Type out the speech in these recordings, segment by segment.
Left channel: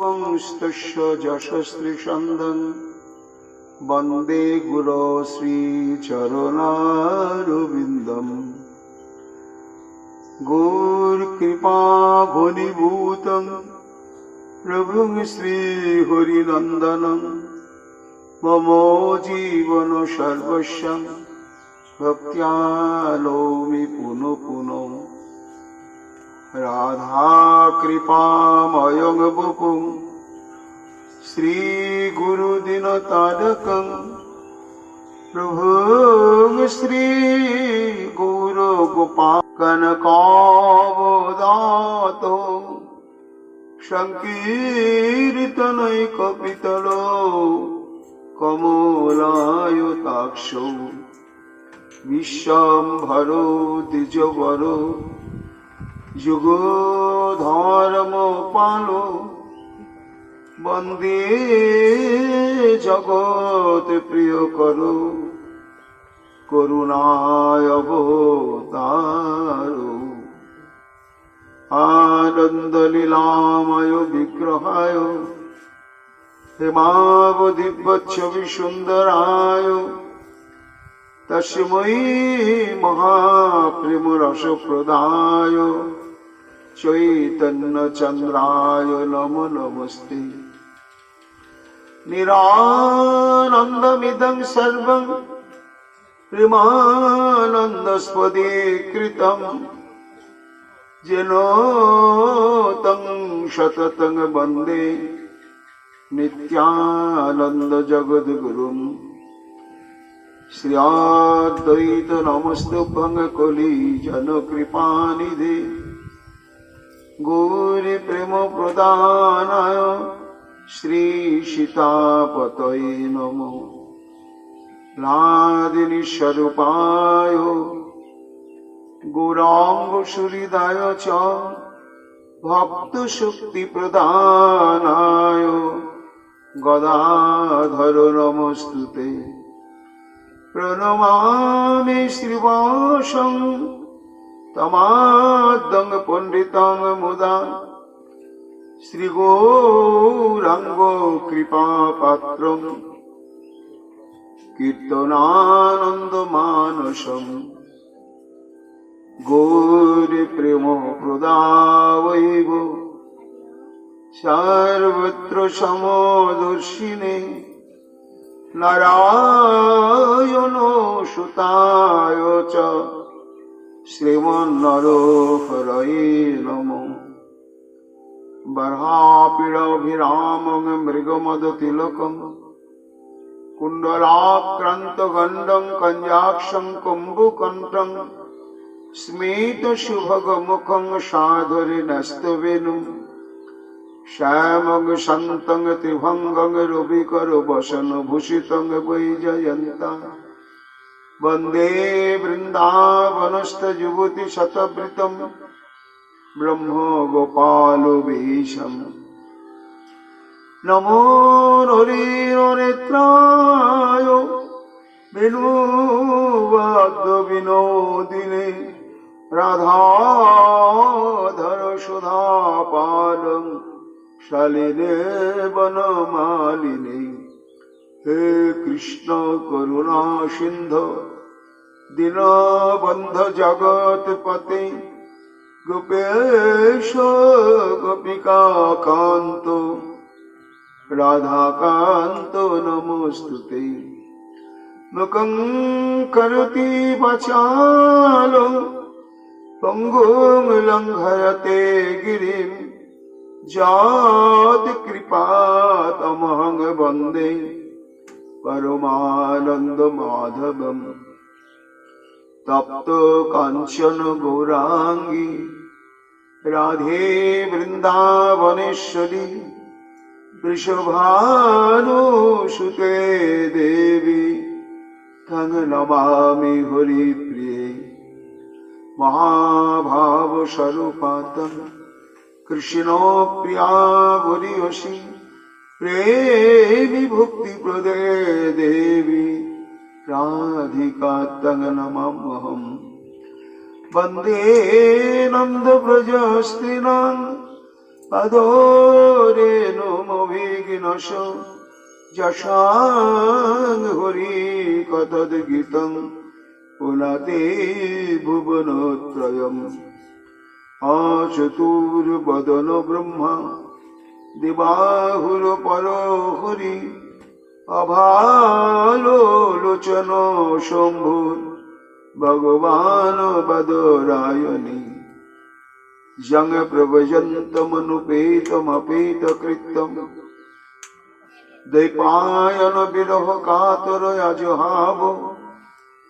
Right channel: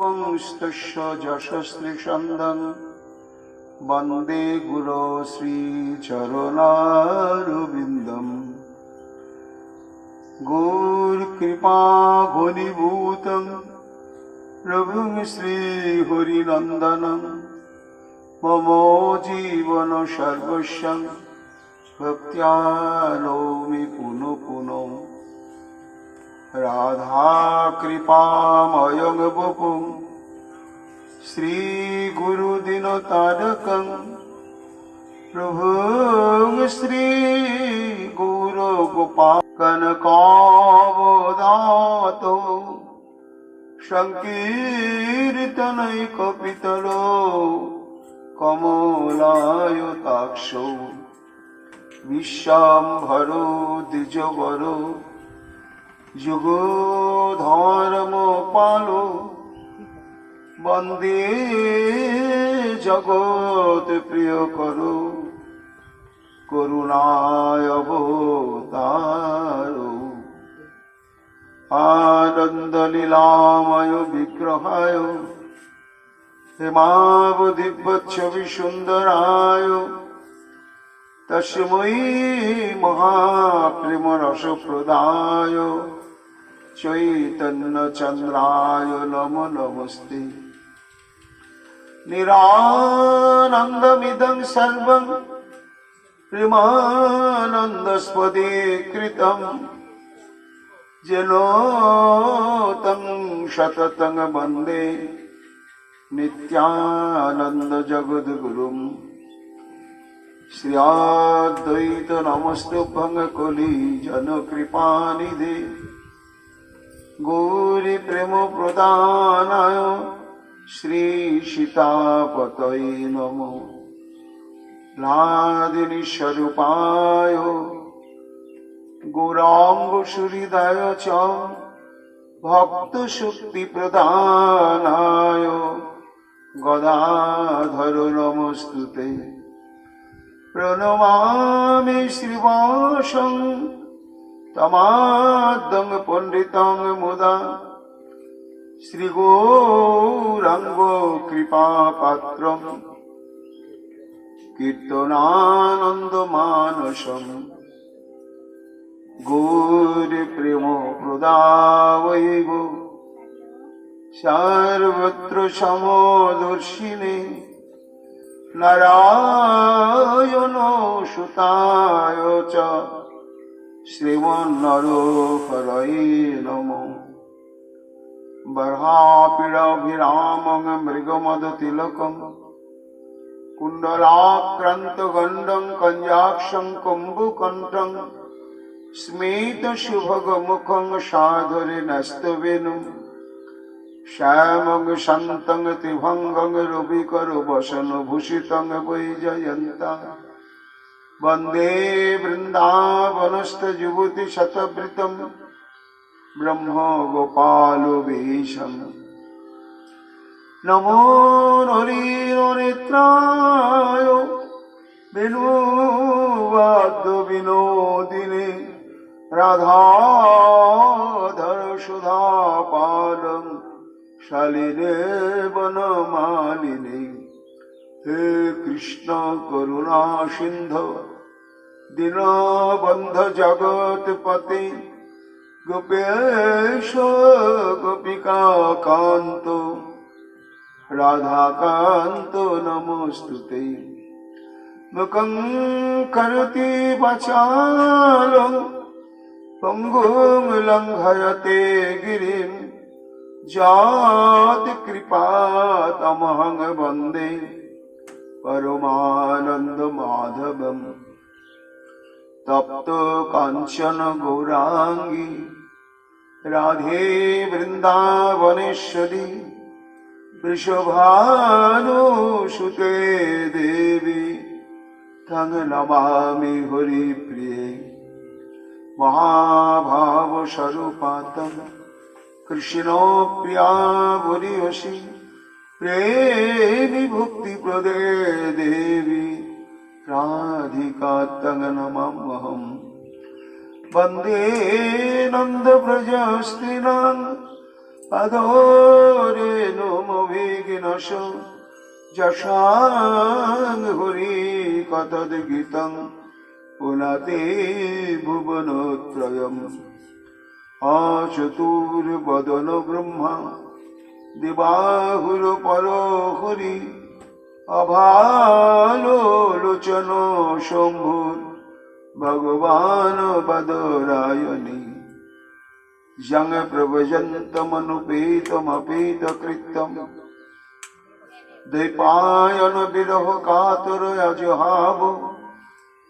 वंस्तस्य यशस्वी वंदे गुरो श्रीचरणारविन्दम् गौरकृपा घनीभूतं प्रभुं श्रीहरिनन्दनं मम जीवन सर्वस्वं भक्त्या नौमि पुनः पुनः राधा कृपामयं वपुं श्रीगुरुदिनतारकं प्रभुं श्रीगौरगोपाल कनकावदातो संकीर्तनैकपितलो कमलायताक्षो विश्वाम्भरो द्विजवरो युगधर्मपालो वंदे जगत प्रियकरो करुणावतारो आनंदलीलामय विग्रहाय हेमावधिवच्छविसुन्दराय तस्मै महाप्रेमरसप्रदाय चैतन्यचन्द्राय नमो नमस्ते। निरानन्दमिदं सर्वं प्रेमानन्दस्पदे कृतं येन तं सततं वन्दे नित्यानन्दजगद्गुरुं श्रीअद्वैत नमस्तुभ्यं कलिजनकृपानिधे गौरी प्रेम प्रदानाय श्री सीतापतये नमो लादिनी स्वरूपाय गौरांग सुहृदाय च भक्त शक्ति प्रदानाय गदाधर नमस्तुते प्रणमामि श्रीवासं तमाद्दं पंडितं मुदा श्रीगौरांगो कृपापात्रं कीर्तनानन्दमानसम् गौरी प्रेम प्रदावैव सर्वत्र समदर्शिने नारायणो सुताय च श्रीमन्नरोहरये नमो बर्हापीडाभिरामं मृगमदतिलकं कुण्डलाक्रान्तगण्डं कञ्जाक्षं कुम्भकण्ठं स्मितशुभगमुखं साधुर्यनस्तवेनुं श्यामं शान्तं त्रिभङ्गं रविकरवसनभूषितं वैजयन्तं वन्दे वृन्दावनस्थयुवतिशतवृतं ब्रह्मगोपालवेशम् नमो नलिननेत्राय वेणुवाद्यविनोदिने राधाधर सुधापानं शालिने वनमालिने हे कृष्ण करुणा सिंधु दीनबन्धु जगत्पते गोपेश गोपिका कांत राधाकांत नमोस्तुते मुखं करोति वाचालं पंगुं लंघयते गिरिं यत्कृपातमहं वन्दे परमानन्दमाधवम् तप्त कांचन गौरांगी राधे वृंदावनेश्वरी वृषभानुसुते देवी तं नमामि हरिप्रिये महाभावस्वरूपातं कृष्णो प्रिया गुरियसी प्रेमी भक्तिप्रदे देवी राधिका तं नमाम्यहम् वन्दे नन्दव्रजस्त्रीणां अधोरेणो বিনশ যশাং হরি কথোদ্গীতং পুনাতে ভুবনত্রয়ম চতুর্বদন ব্রহ্মা দিবাহুর পর হরি অভালোচন শম্ভুর ভগবান বদরায়ণী জং প্রভজন্তমনুপেতমপেত কৃত্যম দ্বৈপায়ন বিরহ কাতর অজহাব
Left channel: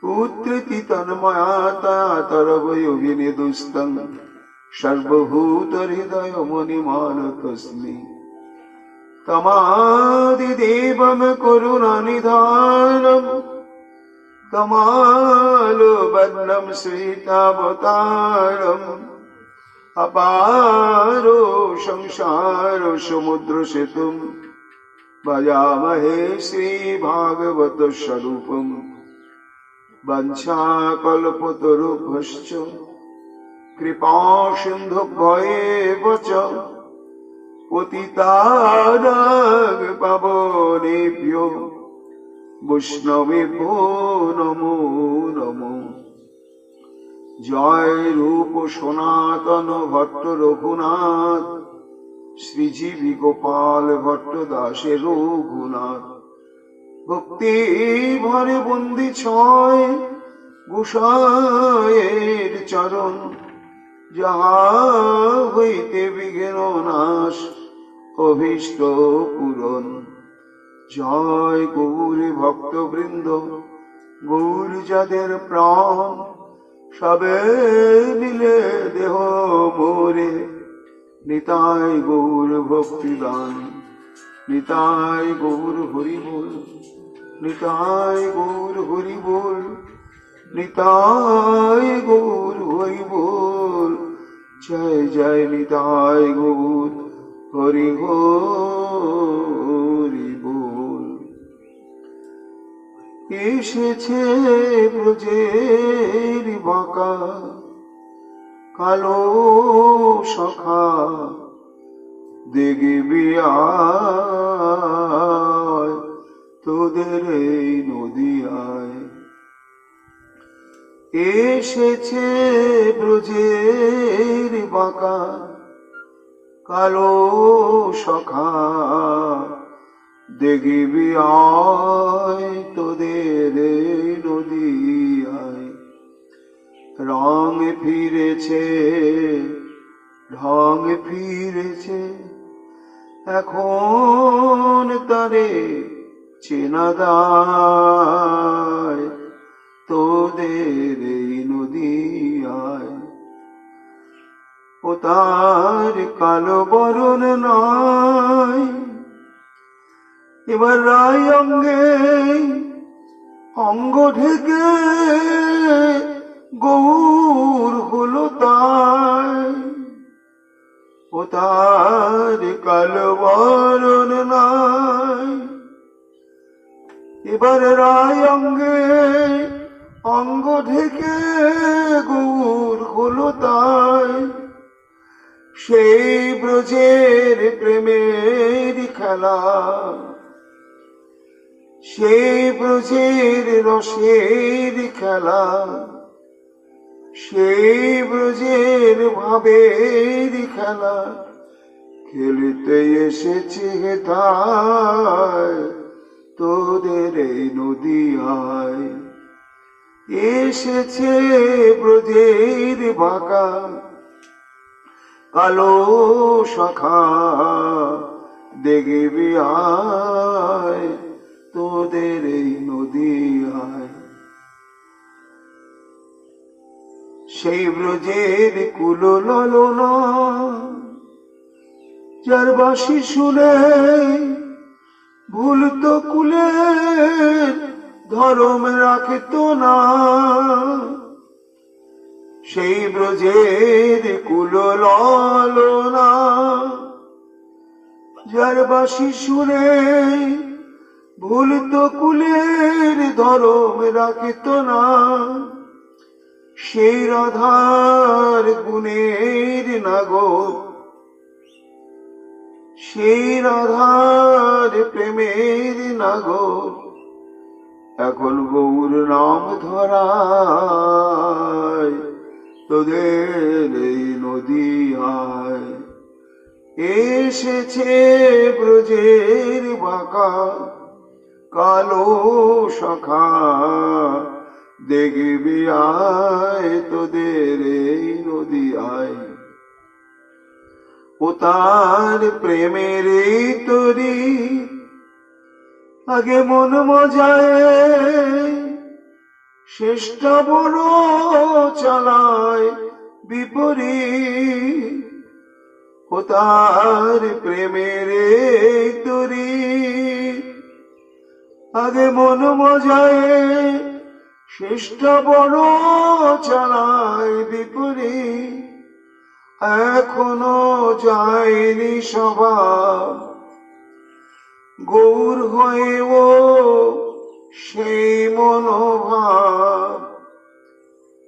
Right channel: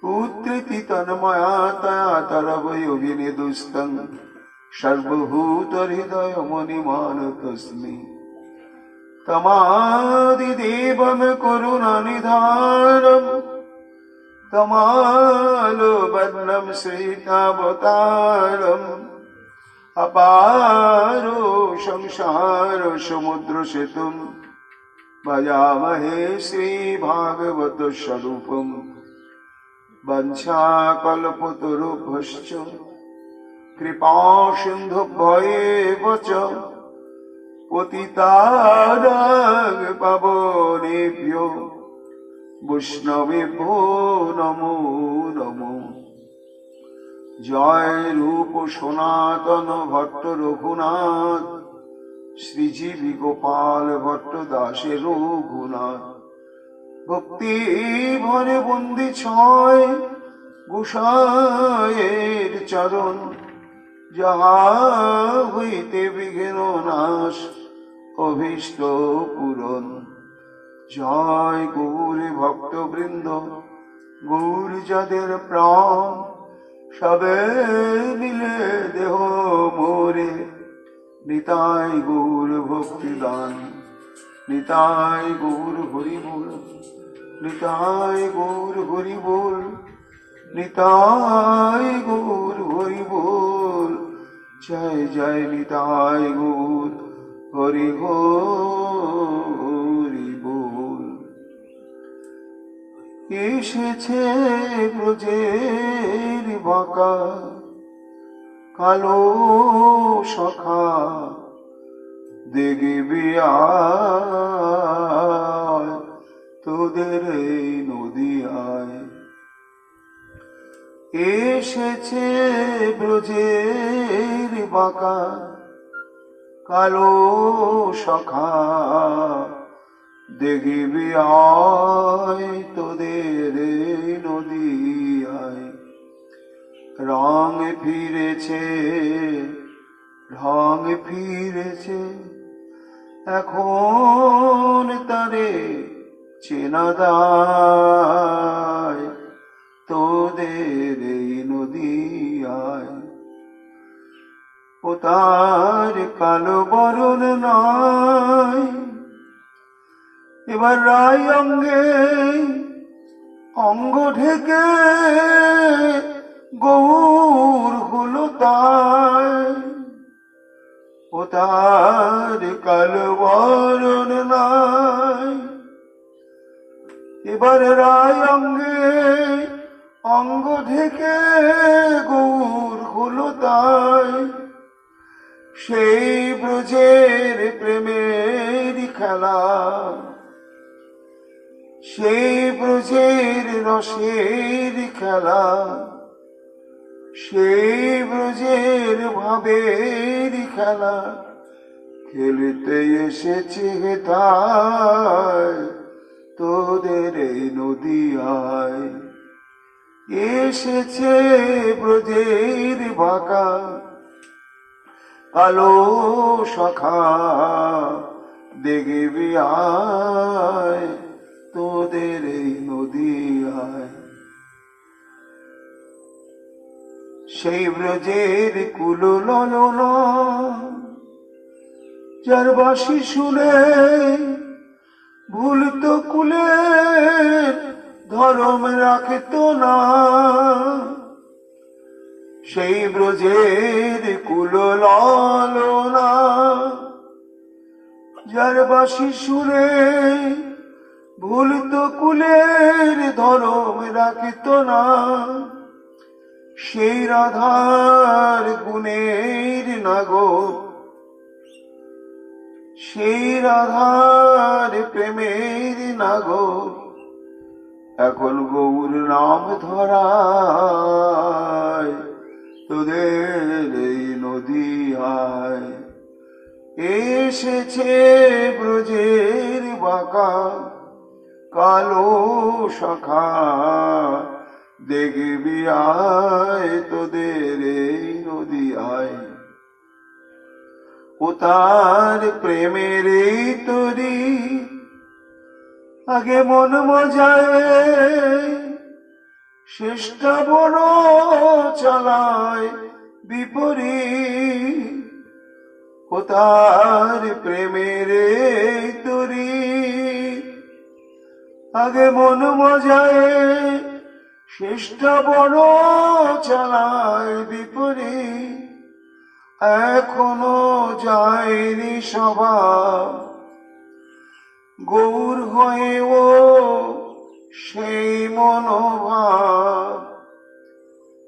পুত্রিতি তন্ময়া তয়া তরবয়োভিনিদুস্তং সর্বভূত হৃদয় মুনিমানতস্মি তমাদিদেবম করুণানিধানম তমালোবন্নম শ্রীতাবতারম अपारो संसार समुद्र सेतुम भजामहे श्री भागवत स्वरूपम वंशाकल्पतरुभ्यश्च कृपा सिन्धुभ्येव च पतितानां पावनेभ्यो वैष्णवेभ्यो नमो नमो। जय रूप सनातन भट्ट रघुनाथ श्रीजीवी गोपाल भट्ट दासे रघुनाथ भक्ति भरे बंदी छय गोसाइर चरण जहा हईते विघ्न नाश अभीष्ट पूरण। जय गौर भक्त वृंद गौर जादेर प्राण सबे मिले देह मोरे निताय गौर भक्ति दान निताय गौर हरि बोल निताय गौर हरि बोल निताय गौर हरि बोल। जय जय निताय गौर हरि हरि बोल। এসেছে ব্রজের বাঁকা কালো সখা দেখবি আয় তোদের এই নদিয়ায়। এসেছে ব্রজের বাঁকা কালো সখা দেখবি আয় তোদের নদিয়ায়। রং ফিরেছে ঢং ফিরেছে এখন তারে চেনা দায় তোদের এই নদিয়ায়। ও তার কালো বরণ নাই এবার রায় অঙ্গে অঙ্গ ঢেকে গৌর হলো তাই। ও তার কালো বরণ নাই এবার রায় অঙ্গে অঙ্গ ঢেকে গৌর হলো তাই। সেই ব্রজের প্রেমের খেলা সেই ব্রজের রসের খেলা সেই ব্রজের ভাবের খেলা খেলতে এসেছে হেথায় তোদের এই নদিয়ায়। এসেছে ব্রজের বাঁকা কালো সখা দেখবি আয় তোদের এই নদিয়ায়। সেই ব্রজের কুল ললনা যার বাঁশি শুনে ভুলত কুলের ধরম রাখত না। সেই ব্রজের কুল ললনা যার বাঁশি শুনে ভুলত কুলের ধরম রাখত না। সেই রাধার গুণের নাগর সেই রাধার প্রেমের নাগর এখন গৌর নাম ধরায় তোদের এই নদীয়ায় এসেছে ব্রজের বাঁকা কালো শাখা দেখবি আয় তোদের এই নদীয়ায় ও তার প্রেমের এই তরি আগে মন মজায় শেষটা বড় চালায় বিপরীত ও তার প্রেমের এই তরি আগে মন মজায় শেষটা বড় চালায় বিপরীত এখনো যায়নি স্বভাব গৌর হয়েও সেই মনোভাব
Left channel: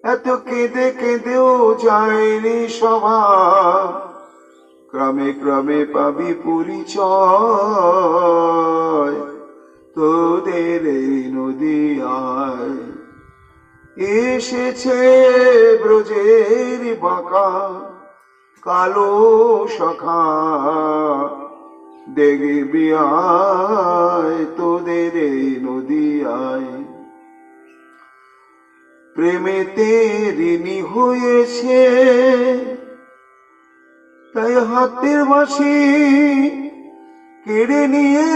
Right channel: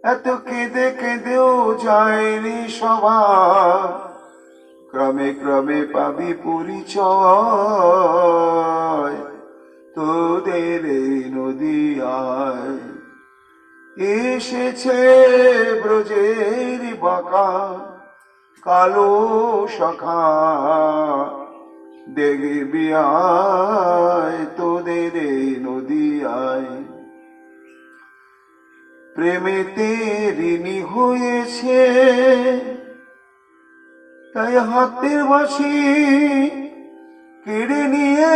এত কেঁদে কেঁদেও যায়নি স্বভাব ক্রমে ক্রমে পাবি পরিচয় তোদের এই নদীয়ায় এসেছে ব্রজের বাঁকা কালো শাখা দেখবি আয় তোদের এই নদীয়ায় প্রেমেতে ঋণী হয়েছে তাই হাতের বাঁশি কেড়ে নিয়ে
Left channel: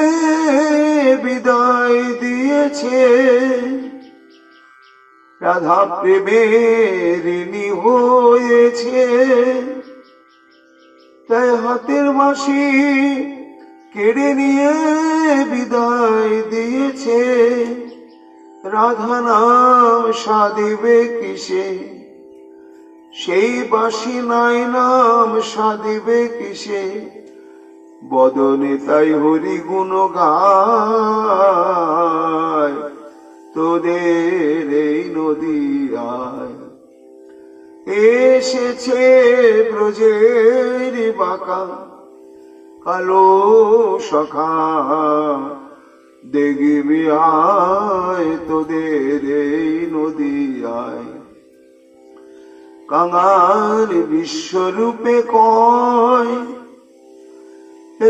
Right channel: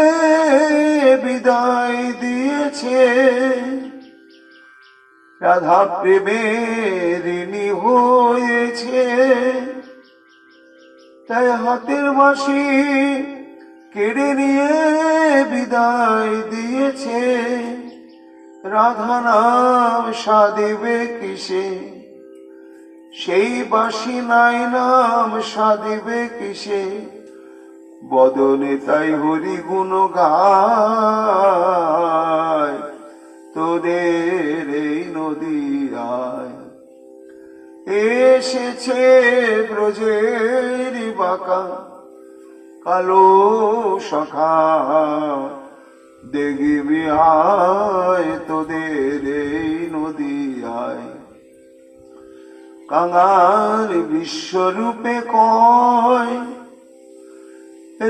বিদায় দিয়েছে রাধা প্রেমের ঋণী হয়েছে তাই হাতের বাঁশি কেড়ে নিয়ে বিদায় দিয়েছে রাধা নাম সাধিবে কিসে সেই বাঁশি নাই নাম সাধিবে কিসে বদনে তাই হরি গুণ গায় তোদের এই নদীয়ায় এসেছে ব্রজের বাঁকা কালো শাখা দেখবি আয় তোদের এই নদীয়ায় কাঙাল বিশ্বরূপে কয়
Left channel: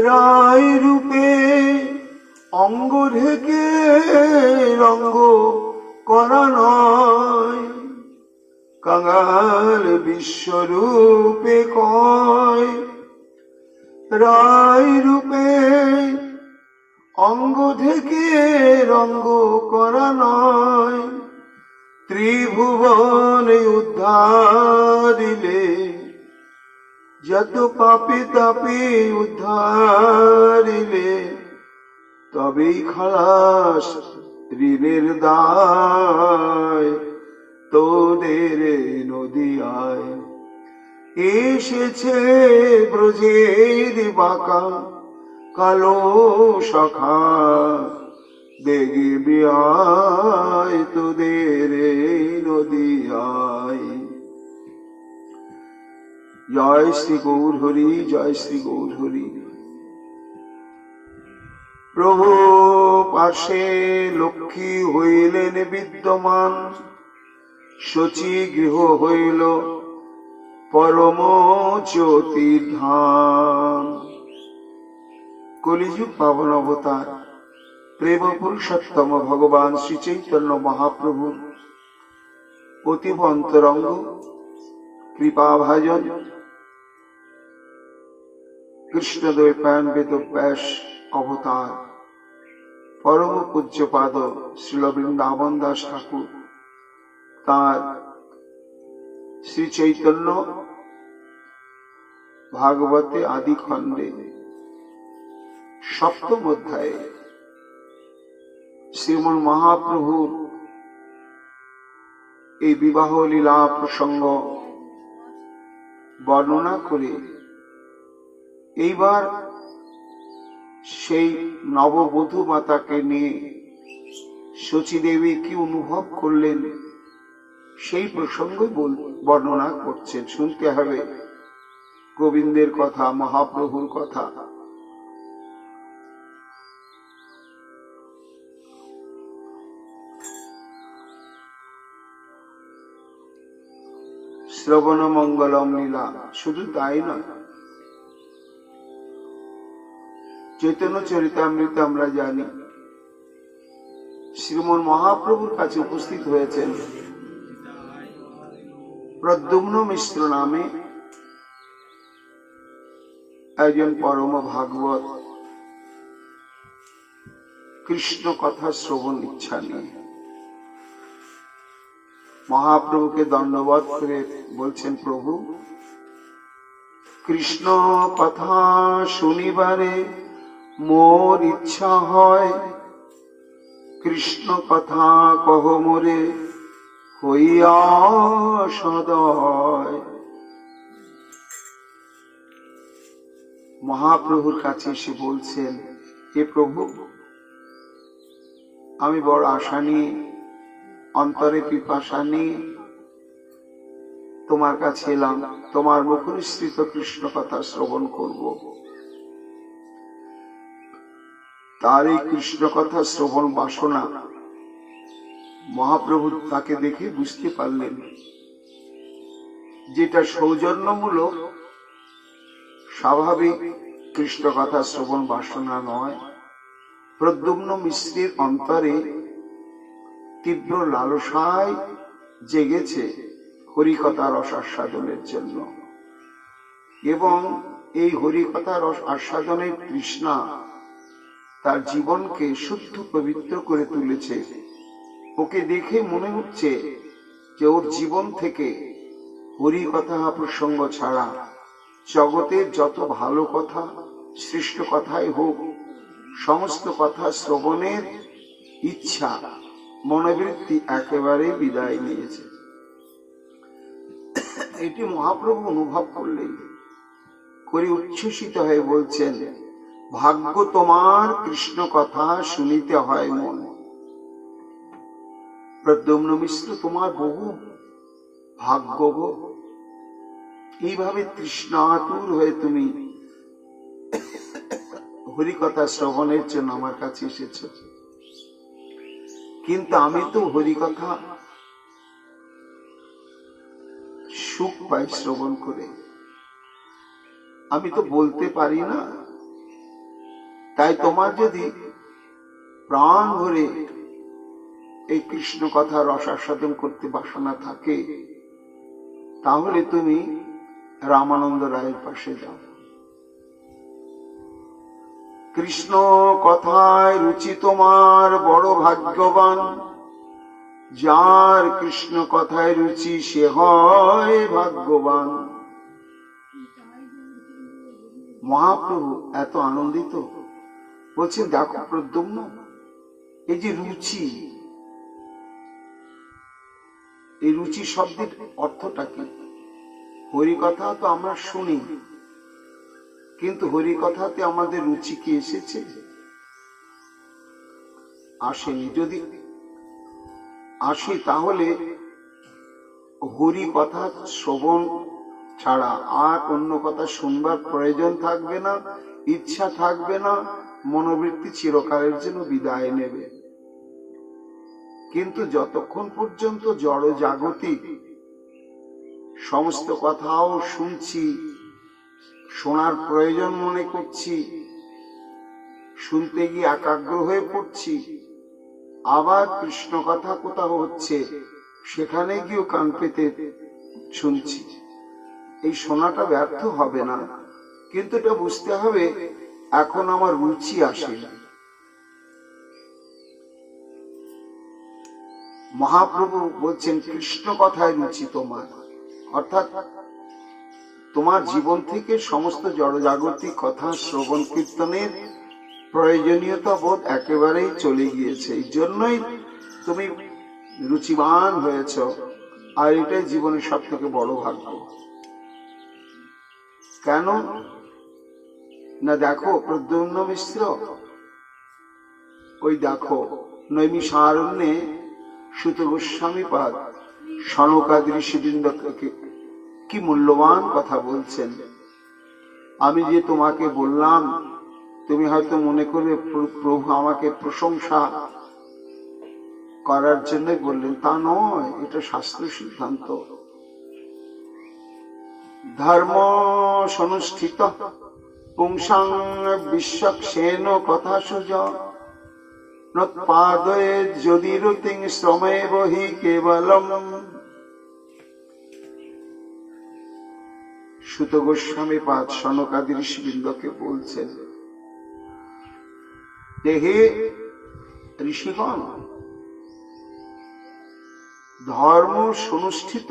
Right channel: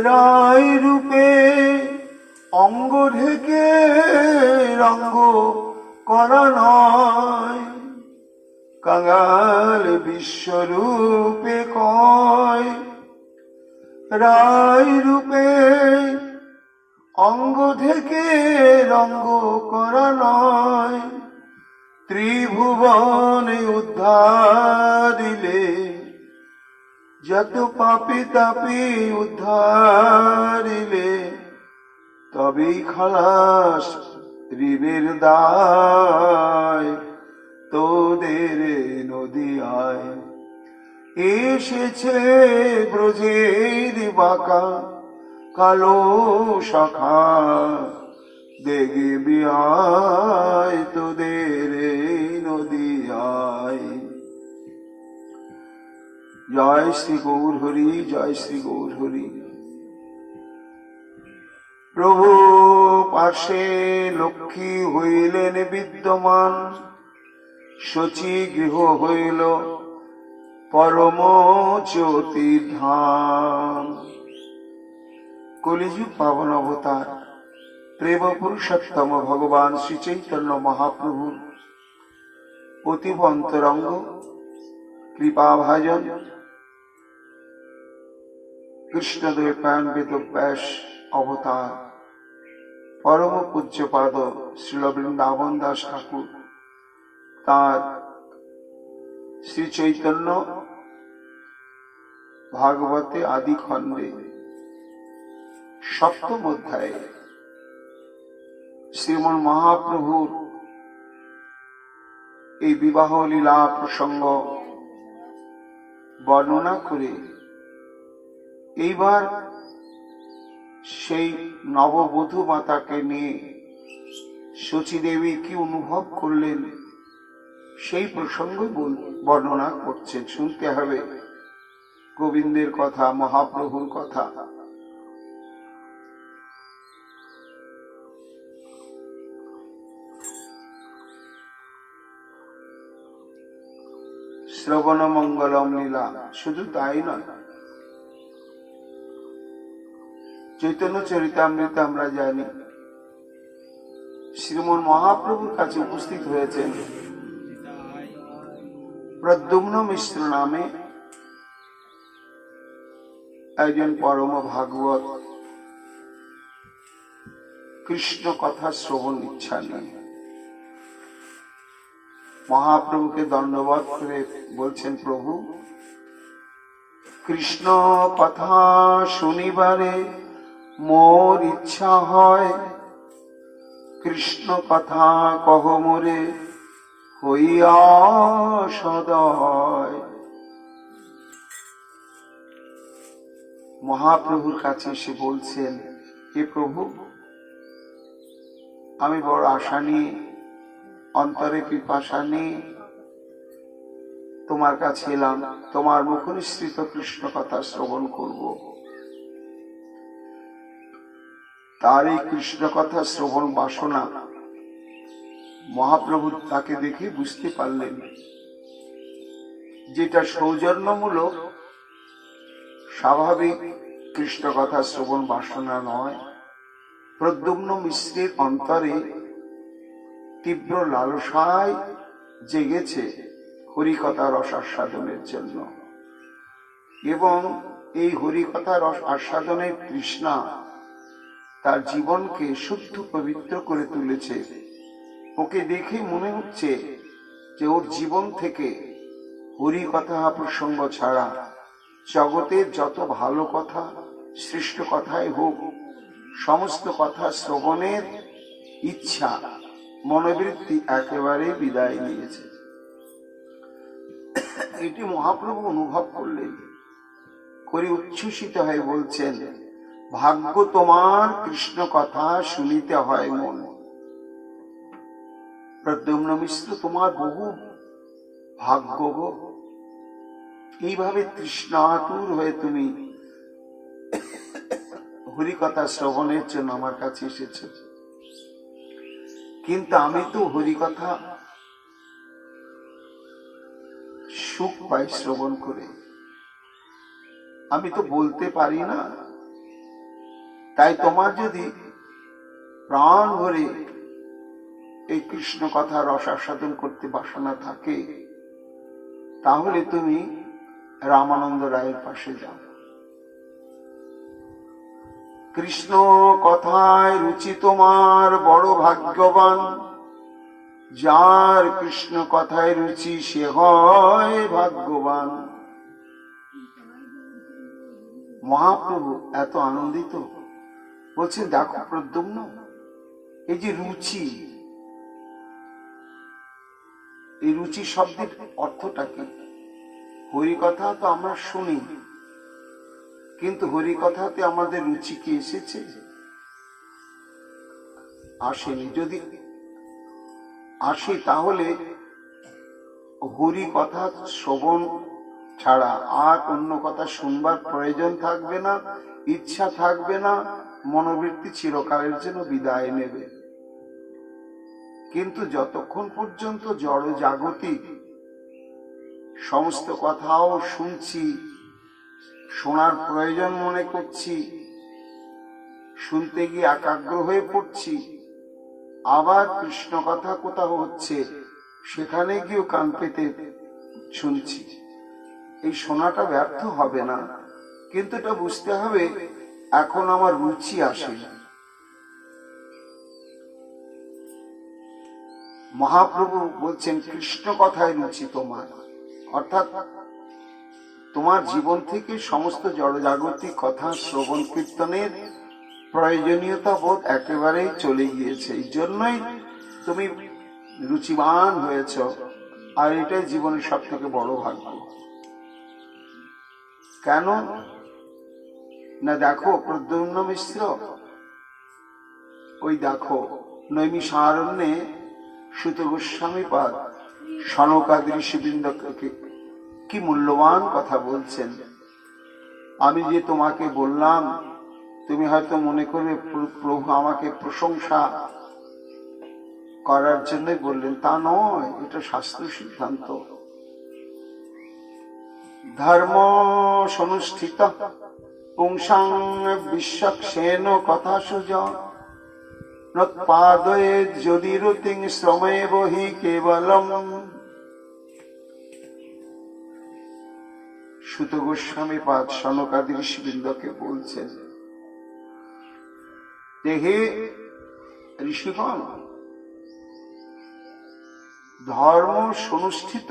রায় রূপে অঙ্গ ঢেকে রঙ্গ করা নয় কাঙাল বিশ্বরূপে কয় রায় রূপে অঙ্গ থেকে রঙ্গ করা নয় ত্রিভুবনে উদ্ধারিলে যত পাপি তাপি উদ্ধারিলে তবেই খালাস ঋণের দায় তোদের নদীয়ায় এসেছে ব্রজের বাঁকা কালো শাখা দেখবি আয় তোদের নদীয়ায় জয় শ্রী গৌর হরি জয় শ্রী গৌর হরি প্রভু পাশে লক্ষ্মী হইলেন বিদ্যমান শচী গৃহ হইল পরম জ্যোতি ধাম কলিযুগ পাবন অবতার প্রেম পুরুষোত্তম ভগবান শ্রী চৈতন্য মহাপ্রভু অতীব অন্তরঙ্গ কৃপাভাজন কৃষ্ণদ্বৈপায়ন বেদব্যাস অবতার পরম পূজ্যপাদ শ্রীল বৃন্দাবন দাস ঠাকুর তার শ্রী চৈতন্য ভাগবতে আদি খণ্ডে সপ্তম অধ্যায়ে শ্রীমন মহাপ্রভুর এই বিবাহ লীলা প্রসঙ্গ বর্ণনা করে এইবার সেই নববধূ মাতাকে নিয়ে শচীদেবী কি অনুভব করলেন সেই প্রসঙ্গ বর্ণনা করছেন। শুনতে হবে গোবিন্দের কথা, মহাপ্রভুর কথা, শ্রবণ মঙ্গলম লীলা। শুধু তাই নয়, চৈতন্য চরিতামৃত আমরা জানি শ্রীমন মহাপ্রভুর কাছে উপস্থিত হয়েছেন প্রদ্যুম্ন মিশ্র নামে একজন পরম ভাগবত, কৃষ্ণ কথা শ্রবণ ইচ্ছা নিয়ে মহাপ্রভুকে দণ্ডবত করে বলছেন, প্রভু কৃষ্ণ কথা শুনিবারে মোর ইচ্ছা হয়, কৃষ্ণ কথা কহ মোরে হইয়া সদয়। মহাপ্রভুর কাছে এসে বলছেন, হে প্রভু, আমি বড় আশা নিয়ে, অন্তরে পিপাসা নিয়ে তোমার কাছে এলাম, তোমার মুখনিসৃত কৃষ্ণ কথা শ্রবণ করব। তার এই কৃষ্ণ কথা শ্রবণ বাসনা মহাপ্রভু তাকে দেখে বুঝতে পারলেন যেটা সৌজন্যমূলক স্বাভাবিক কৃষ্ণ কথা শ্রবণ বাসনা নয়। প্রদ্যুম্ন মিশ্রের অন্তরে তীব্র লালসায় জেগেছে হরিকথা রস আস্বাদনের জন্য, এবং এই হরিকথা রস আস্বাদনের তৃষ্ণা তার জীবনকে শুদ্ধ পবিত্র করে তুলেছে। ওকে দেখে মনে হচ্ছে যে ওর জীবন থেকে হরিকথা প্রসঙ্গ ছাড়া জগতের যত ভালো কথা, সৃষ্ট কথাই হোক, সমস্ত কথা শ্রবণের ইচ্ছা, মনোবৃত্তি একেবারে বিদায় নিয়েছে। এটি মহাপ্রভু অনুভব করলেন, করে উচ্ছ্বসিত হয়ে বলছেন, ভাগ্য তোমার কৃষ্ণ কথা শুনিতে হয় মন। প্রদ্যুম্ন মিশ্র, তোমার বহু ভাগ্য গো, এইভাবে তৃষ্ণাতুর হয়ে তুমি হরিকথা শ্রবণের জন্য আমার কাছে এসেছ। কিন্তু আমি তো হরিকথা সুখ পাই শ্রবণ করে, আমি তো বলতে পারি না। তাই তোমার যদি প্রাণ ভরে এই কৃষ্ণ কথা রস আস্বাদন করতে বাসনা থাকে, তাহলে তুমি রামানন্দ রায়ের পাশে যাও। কৃষ্ণ কথায় রুচি তোমার বড় ভাগ্যবান, যার কৃষ্ণ কথায় রুচি সে হয় ভাগ্যবান। মহাপ্রভু এত আনন্দিত, বলছেন, দেখো প্রদ্যুম্ন, এই যে রুচি, এই রুচি শব্দের অর্থটা কি? হরিকথা তো আমরা শুনি, কিন্তু হরিকথাতে আমাদের রুচি কি এসেছে? আসেনি। যদি আসে তাহলে হরিকথা শ্রবণ ছাড়া আর অন্য কথা শুনবার প্রয়োজন থাকবে না, ইচ্ছা থাকবে না, মনোবৃত্তি চিরকালের জন্য বিদায় নেবে। কিন্তু যতক্ষণ পর্যন্ত জড় জাগতিক সমস্ত কথাও শুনছি, শোনার প্রয়োজন মনে করছি, শুনতে গিয়ে একাগ্র হয়ে পড়ছি, আবার কৃষ্ণ কথা কোথাও হচ্ছে সেখানে গিয়েও কান পেতে শুনছি, এই শোনাটা ব্যর্থ হবে না। কিন্তু এটা বুঝতে হবে, এখন আমার রুচি আসে। মহাপ্রভু বলছেন, কৃষ্ণ কথায় রুচি তোমার, অর্থাৎ তোমার জীবন থেকে সমস্ত জড়জাগতিক কথা শ্রবণ কীর্তনের প্রয়োজনীয়তা বোধ একেবারেই চলে গিয়েছে। এই জন্যই তুমি রুচিবান হয়েছ, আর এটাই জীবনের সব থেকে বড় ভাগ্য। কেন না, দেখো প্রদ্যুম্ন মিশ্র, ওই দেখো নৈমিষারণ্যে সুত গোস্বামী পাদ সনকাদি ঋষিবৃন্দকে কি মূল্যবান কথা বলছেন। আমি যে তোমাকে বললাম, তুমি হয়তো মনে করবে প্রভু আমাকে প্রশংসা করার জন্য বললেন, তা নয়, এটা শাস্ত্র সিদ্ধান্ত। ধর্ম সনুষ্ঠিত পুংসাং বিশ্বক্ষেন কথা সুজ নৎপাদয়ে যদি রুতিং শ্রমে বহি কেবলম। সুত গোস্বামী পাদ সনকাদি ঋষিবৃন্দকে বলছেন যে হে ঋষিগণ, ধর্ম সনুষ্ঠিত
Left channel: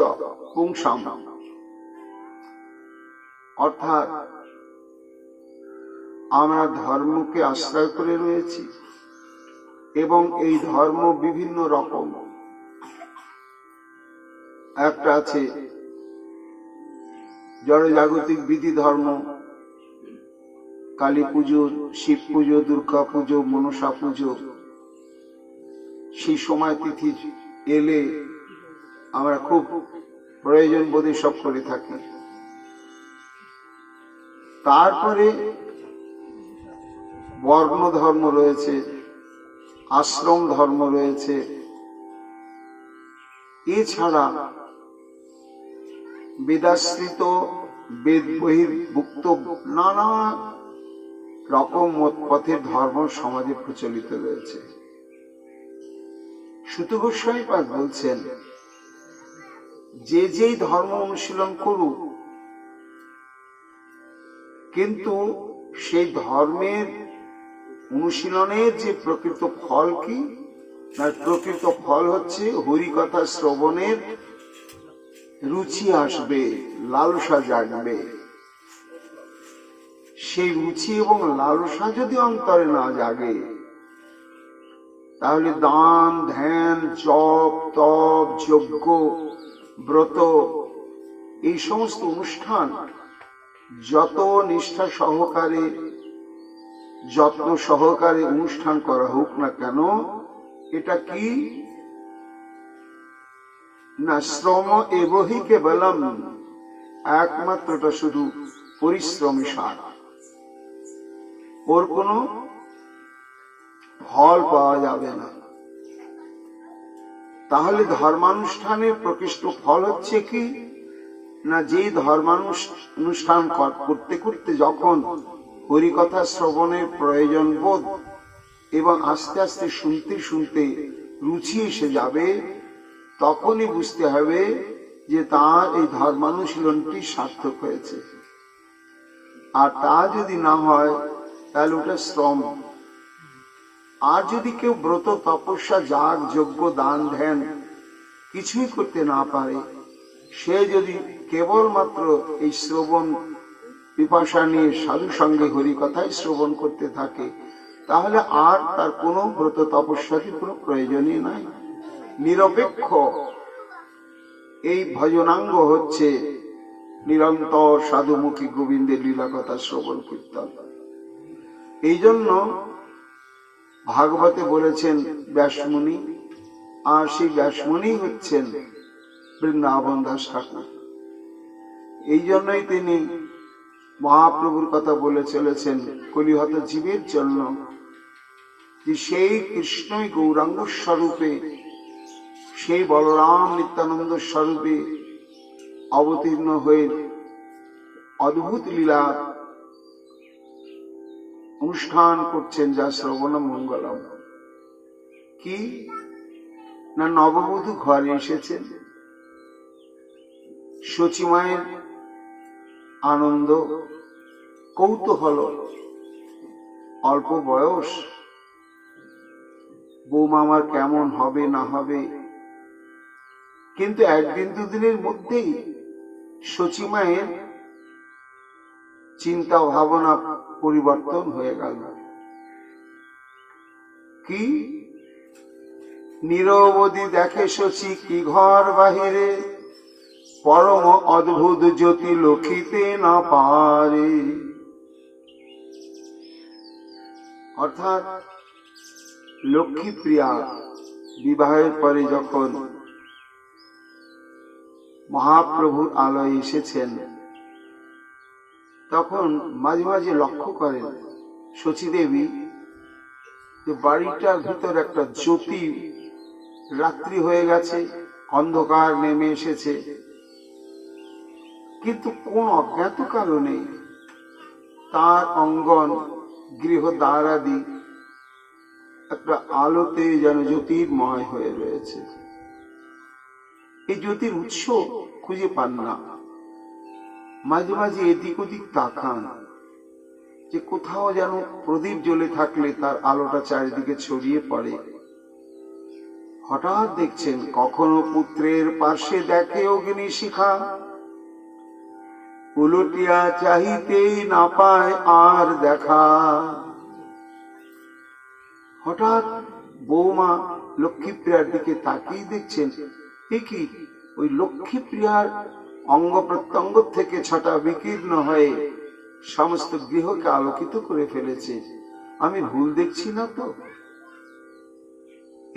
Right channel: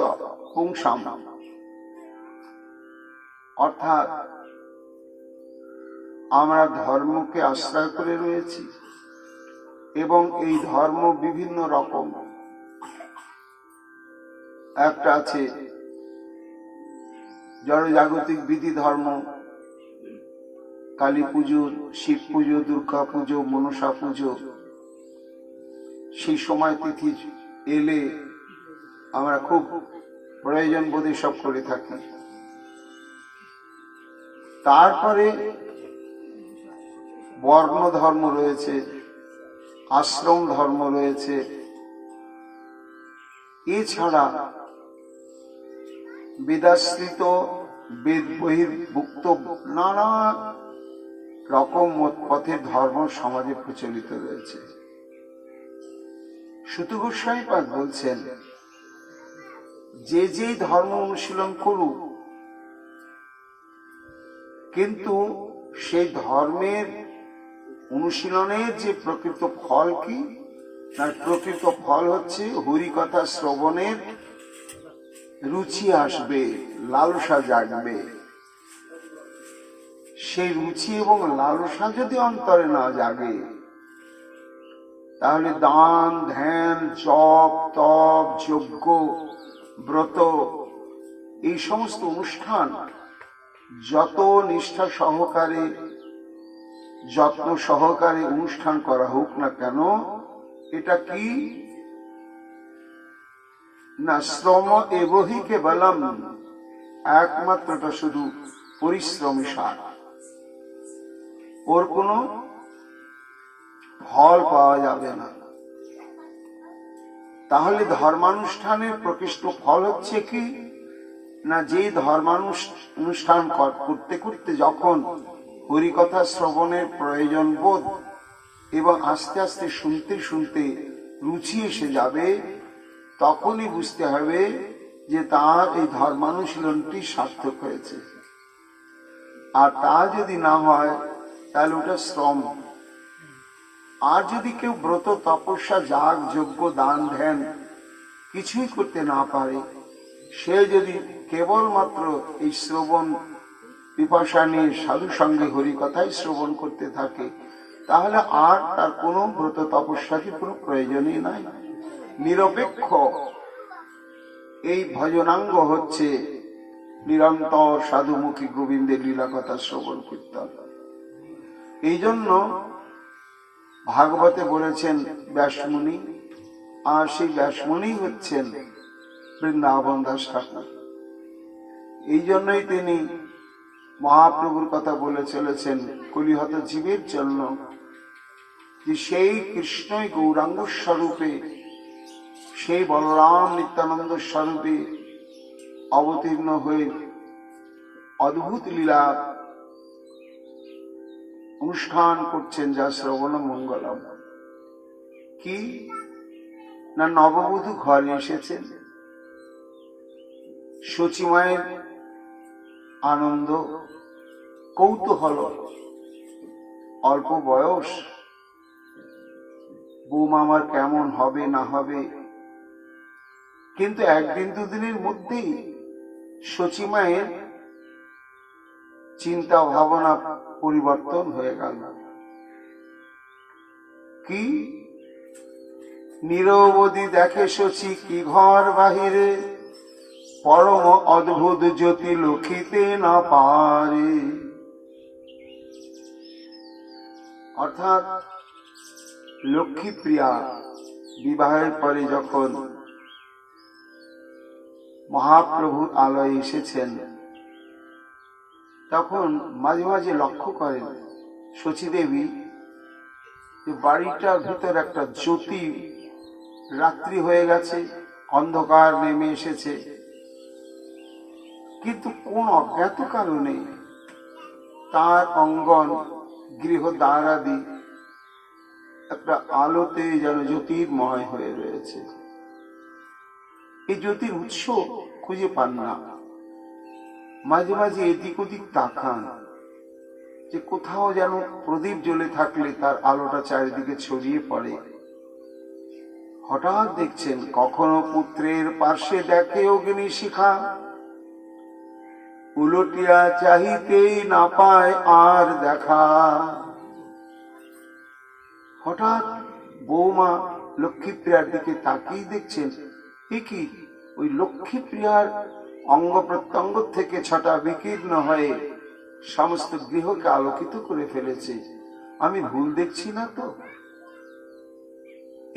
পুংসাম অর্থাৎ আমরা ধর্মকে আশ্রয় করে রয়েছি এবং এই ধর্ম বিভিন্ন রকম। একটা আছে জড়জাগতিক বিধি ধর্ম, কালী পুজো, শিব পুজো, দুর্গা পুজো, মনসা পুজো। সেই সময় তিথি এলে আমরা খুব প্রয়োজন বোধে সব করে থাকি। তারপরে বর্ণ ধর্ম রয়েছে, আশ্রম ধর্ম রয়েছে, এছাড়া বেদাশ্রিত বেদ বহির্ভুক্ত নানা রকম পথের ধর্ম সমাজে প্রচলিত রয়েছে। সুত গোস্বামী পাদ বলছেন যে যেই ধর্ম অনুশীলন করুক, কিন্তু সেই ধর্মের অনুশীলনের যে প্রকৃত ফল কি, তার প্রকৃত ফল হচ্ছে হরিকথা শ্রবণের রুচি আসবে, লালসা জাগবে। সেই রুচি এবং লালসা যদি অন্তরে না জাগে, তাহলে দান, ধ্যান, জপ, তপ, যজ্ঞ, ব্রত, এই সমস্ত অনুষ্ঠান যত নিষ্ঠা সহকারে, যত্ন সহকারে অনুষ্ঠান করা হোক না কেন, এটা কি না শ্রম এবহি কেবলম, একমাত্রটা শুধু পরিশ্রমী সার, ওর কোনো ফল পাওয়া যাবে না। তাহলে ধর্মানুষ্ঠানের প্রকৃষ্ট ফল হচ্ছে কি না, যেই ধর্মানুষ্ঠান করতে করতে যখন হরিকথা শ্রবণের প্রয়োজন বোধ এবং আস্তে আস্তে শুনতে শুনতে রুচি এসে যাবে, তখনই বুঝতে হবে যে তার এই ধর্মানুশীলনটি সার্থক হয়েছে। আর তা যদি না হয় তাহলে ওটা শ্রম। আর যদি কেউ ব্রত, তপস্যা, যাগ, যজ্ঞ, দান, ধ্যান কিছুই করতে না পারে, সে যদি কেবলমাত্র এই শ্রবণ পিপাসা নিয়ে সাধু সঙ্গে হরি কথাই শ্রবণ করতে থাকে, তাহলে আর তার কোনো ব্রত তপস্যা কি কোনো প্রয়োজনই নাই। নিরপেক্ষ এই ভজনাঙ্গ হচ্ছে নিরন্তর সাধুমুখী গোবিন্দের লীলা কথা শ্রবণ কীর্তন। এই জন্য ভাগবতে বলেছেন ব্যাসমুনি, আর সেই ব্যাসমুনি হচ্ছেন বৃন্দাবন দাস ঠাকুর। এই জন্যই তিনি মহাপ্রভুর কথা বলে চলেছেন কলিহত জীবের জন্য, যে সেই কৃষ্ণই গৌরাঙ্গ স্বরূপে, সেই বলরাম নিত্যানন্দ স্বরূপে অবতীর্ণ হয়ে অদ্ভুত লীলা অনুষ্ঠান করছেন, যা শ্রবণ মঙ্গলম। কি না, নববধূ ঘরে এসেছেন, সচিমায়ের আনন্দ, কৌতূহল, অল্প বয়স, বৌমা আমার কেমন হবে না হবে। কিন্তু একদিন দুদিনের মধ্যেই সচিমায়ের চিন্তা ভাবনা পরিবর্তন হয়ে গেল। কি নিরবধি দেখে সচি কি ঘর বাহিরে, পরম অদ্ভুত জ্যোতি লক্ষিতে না পারে। অর্থাৎ লক্ষ্মীপ্রিয়া বিবাহের পরে যখন মহাপ্রভুর আলয়ে এসেছেন, তখন মাঝে মাঝে লক্ষ্য করেন শচীদেবী যে বাড়িটার ভিতর একটা জ্যোতি, রাত্রি হয়ে গেছে, অন্ধকার নেমে এসেছে, কিন্তু কোন অজ্ঞাত কারণে তার অঙ্গন, গৃহ দ্বারাদি একটা আলোতে যেন জ্যোতির্ময় হয়ে রয়েছে। এই জ্যোতির উৎস খুঁজে পান না। মাঝে মাঝে এদিক ওদিক তাকান যে কোথাও যেন প্রদীপ জ্বলে থাকলে তার আলোটা চারিদিকে ছড়িয়ে পড়ে। হঠাৎ দেখছেন কখনো পুত্রের পার্শ্বে দেখে অগ্নিশিখা, উলটিয়া চাহিতেই না পায় আর দেখা। হঠাৎ বৌমা লক্ষ্মীপ্রিয়ার দিকে তাকিয়ে দেখছেন, এ কি, ওই লক্ষ্মীপ্রিয়ার অঙ্গ প্রত্যঙ্গ থেকে ছটা বিকীর্ণ হয়ে সমস্ত গৃহকে আলোকিত করে ফেলেছে। আমি ভুল দেখছি না তো?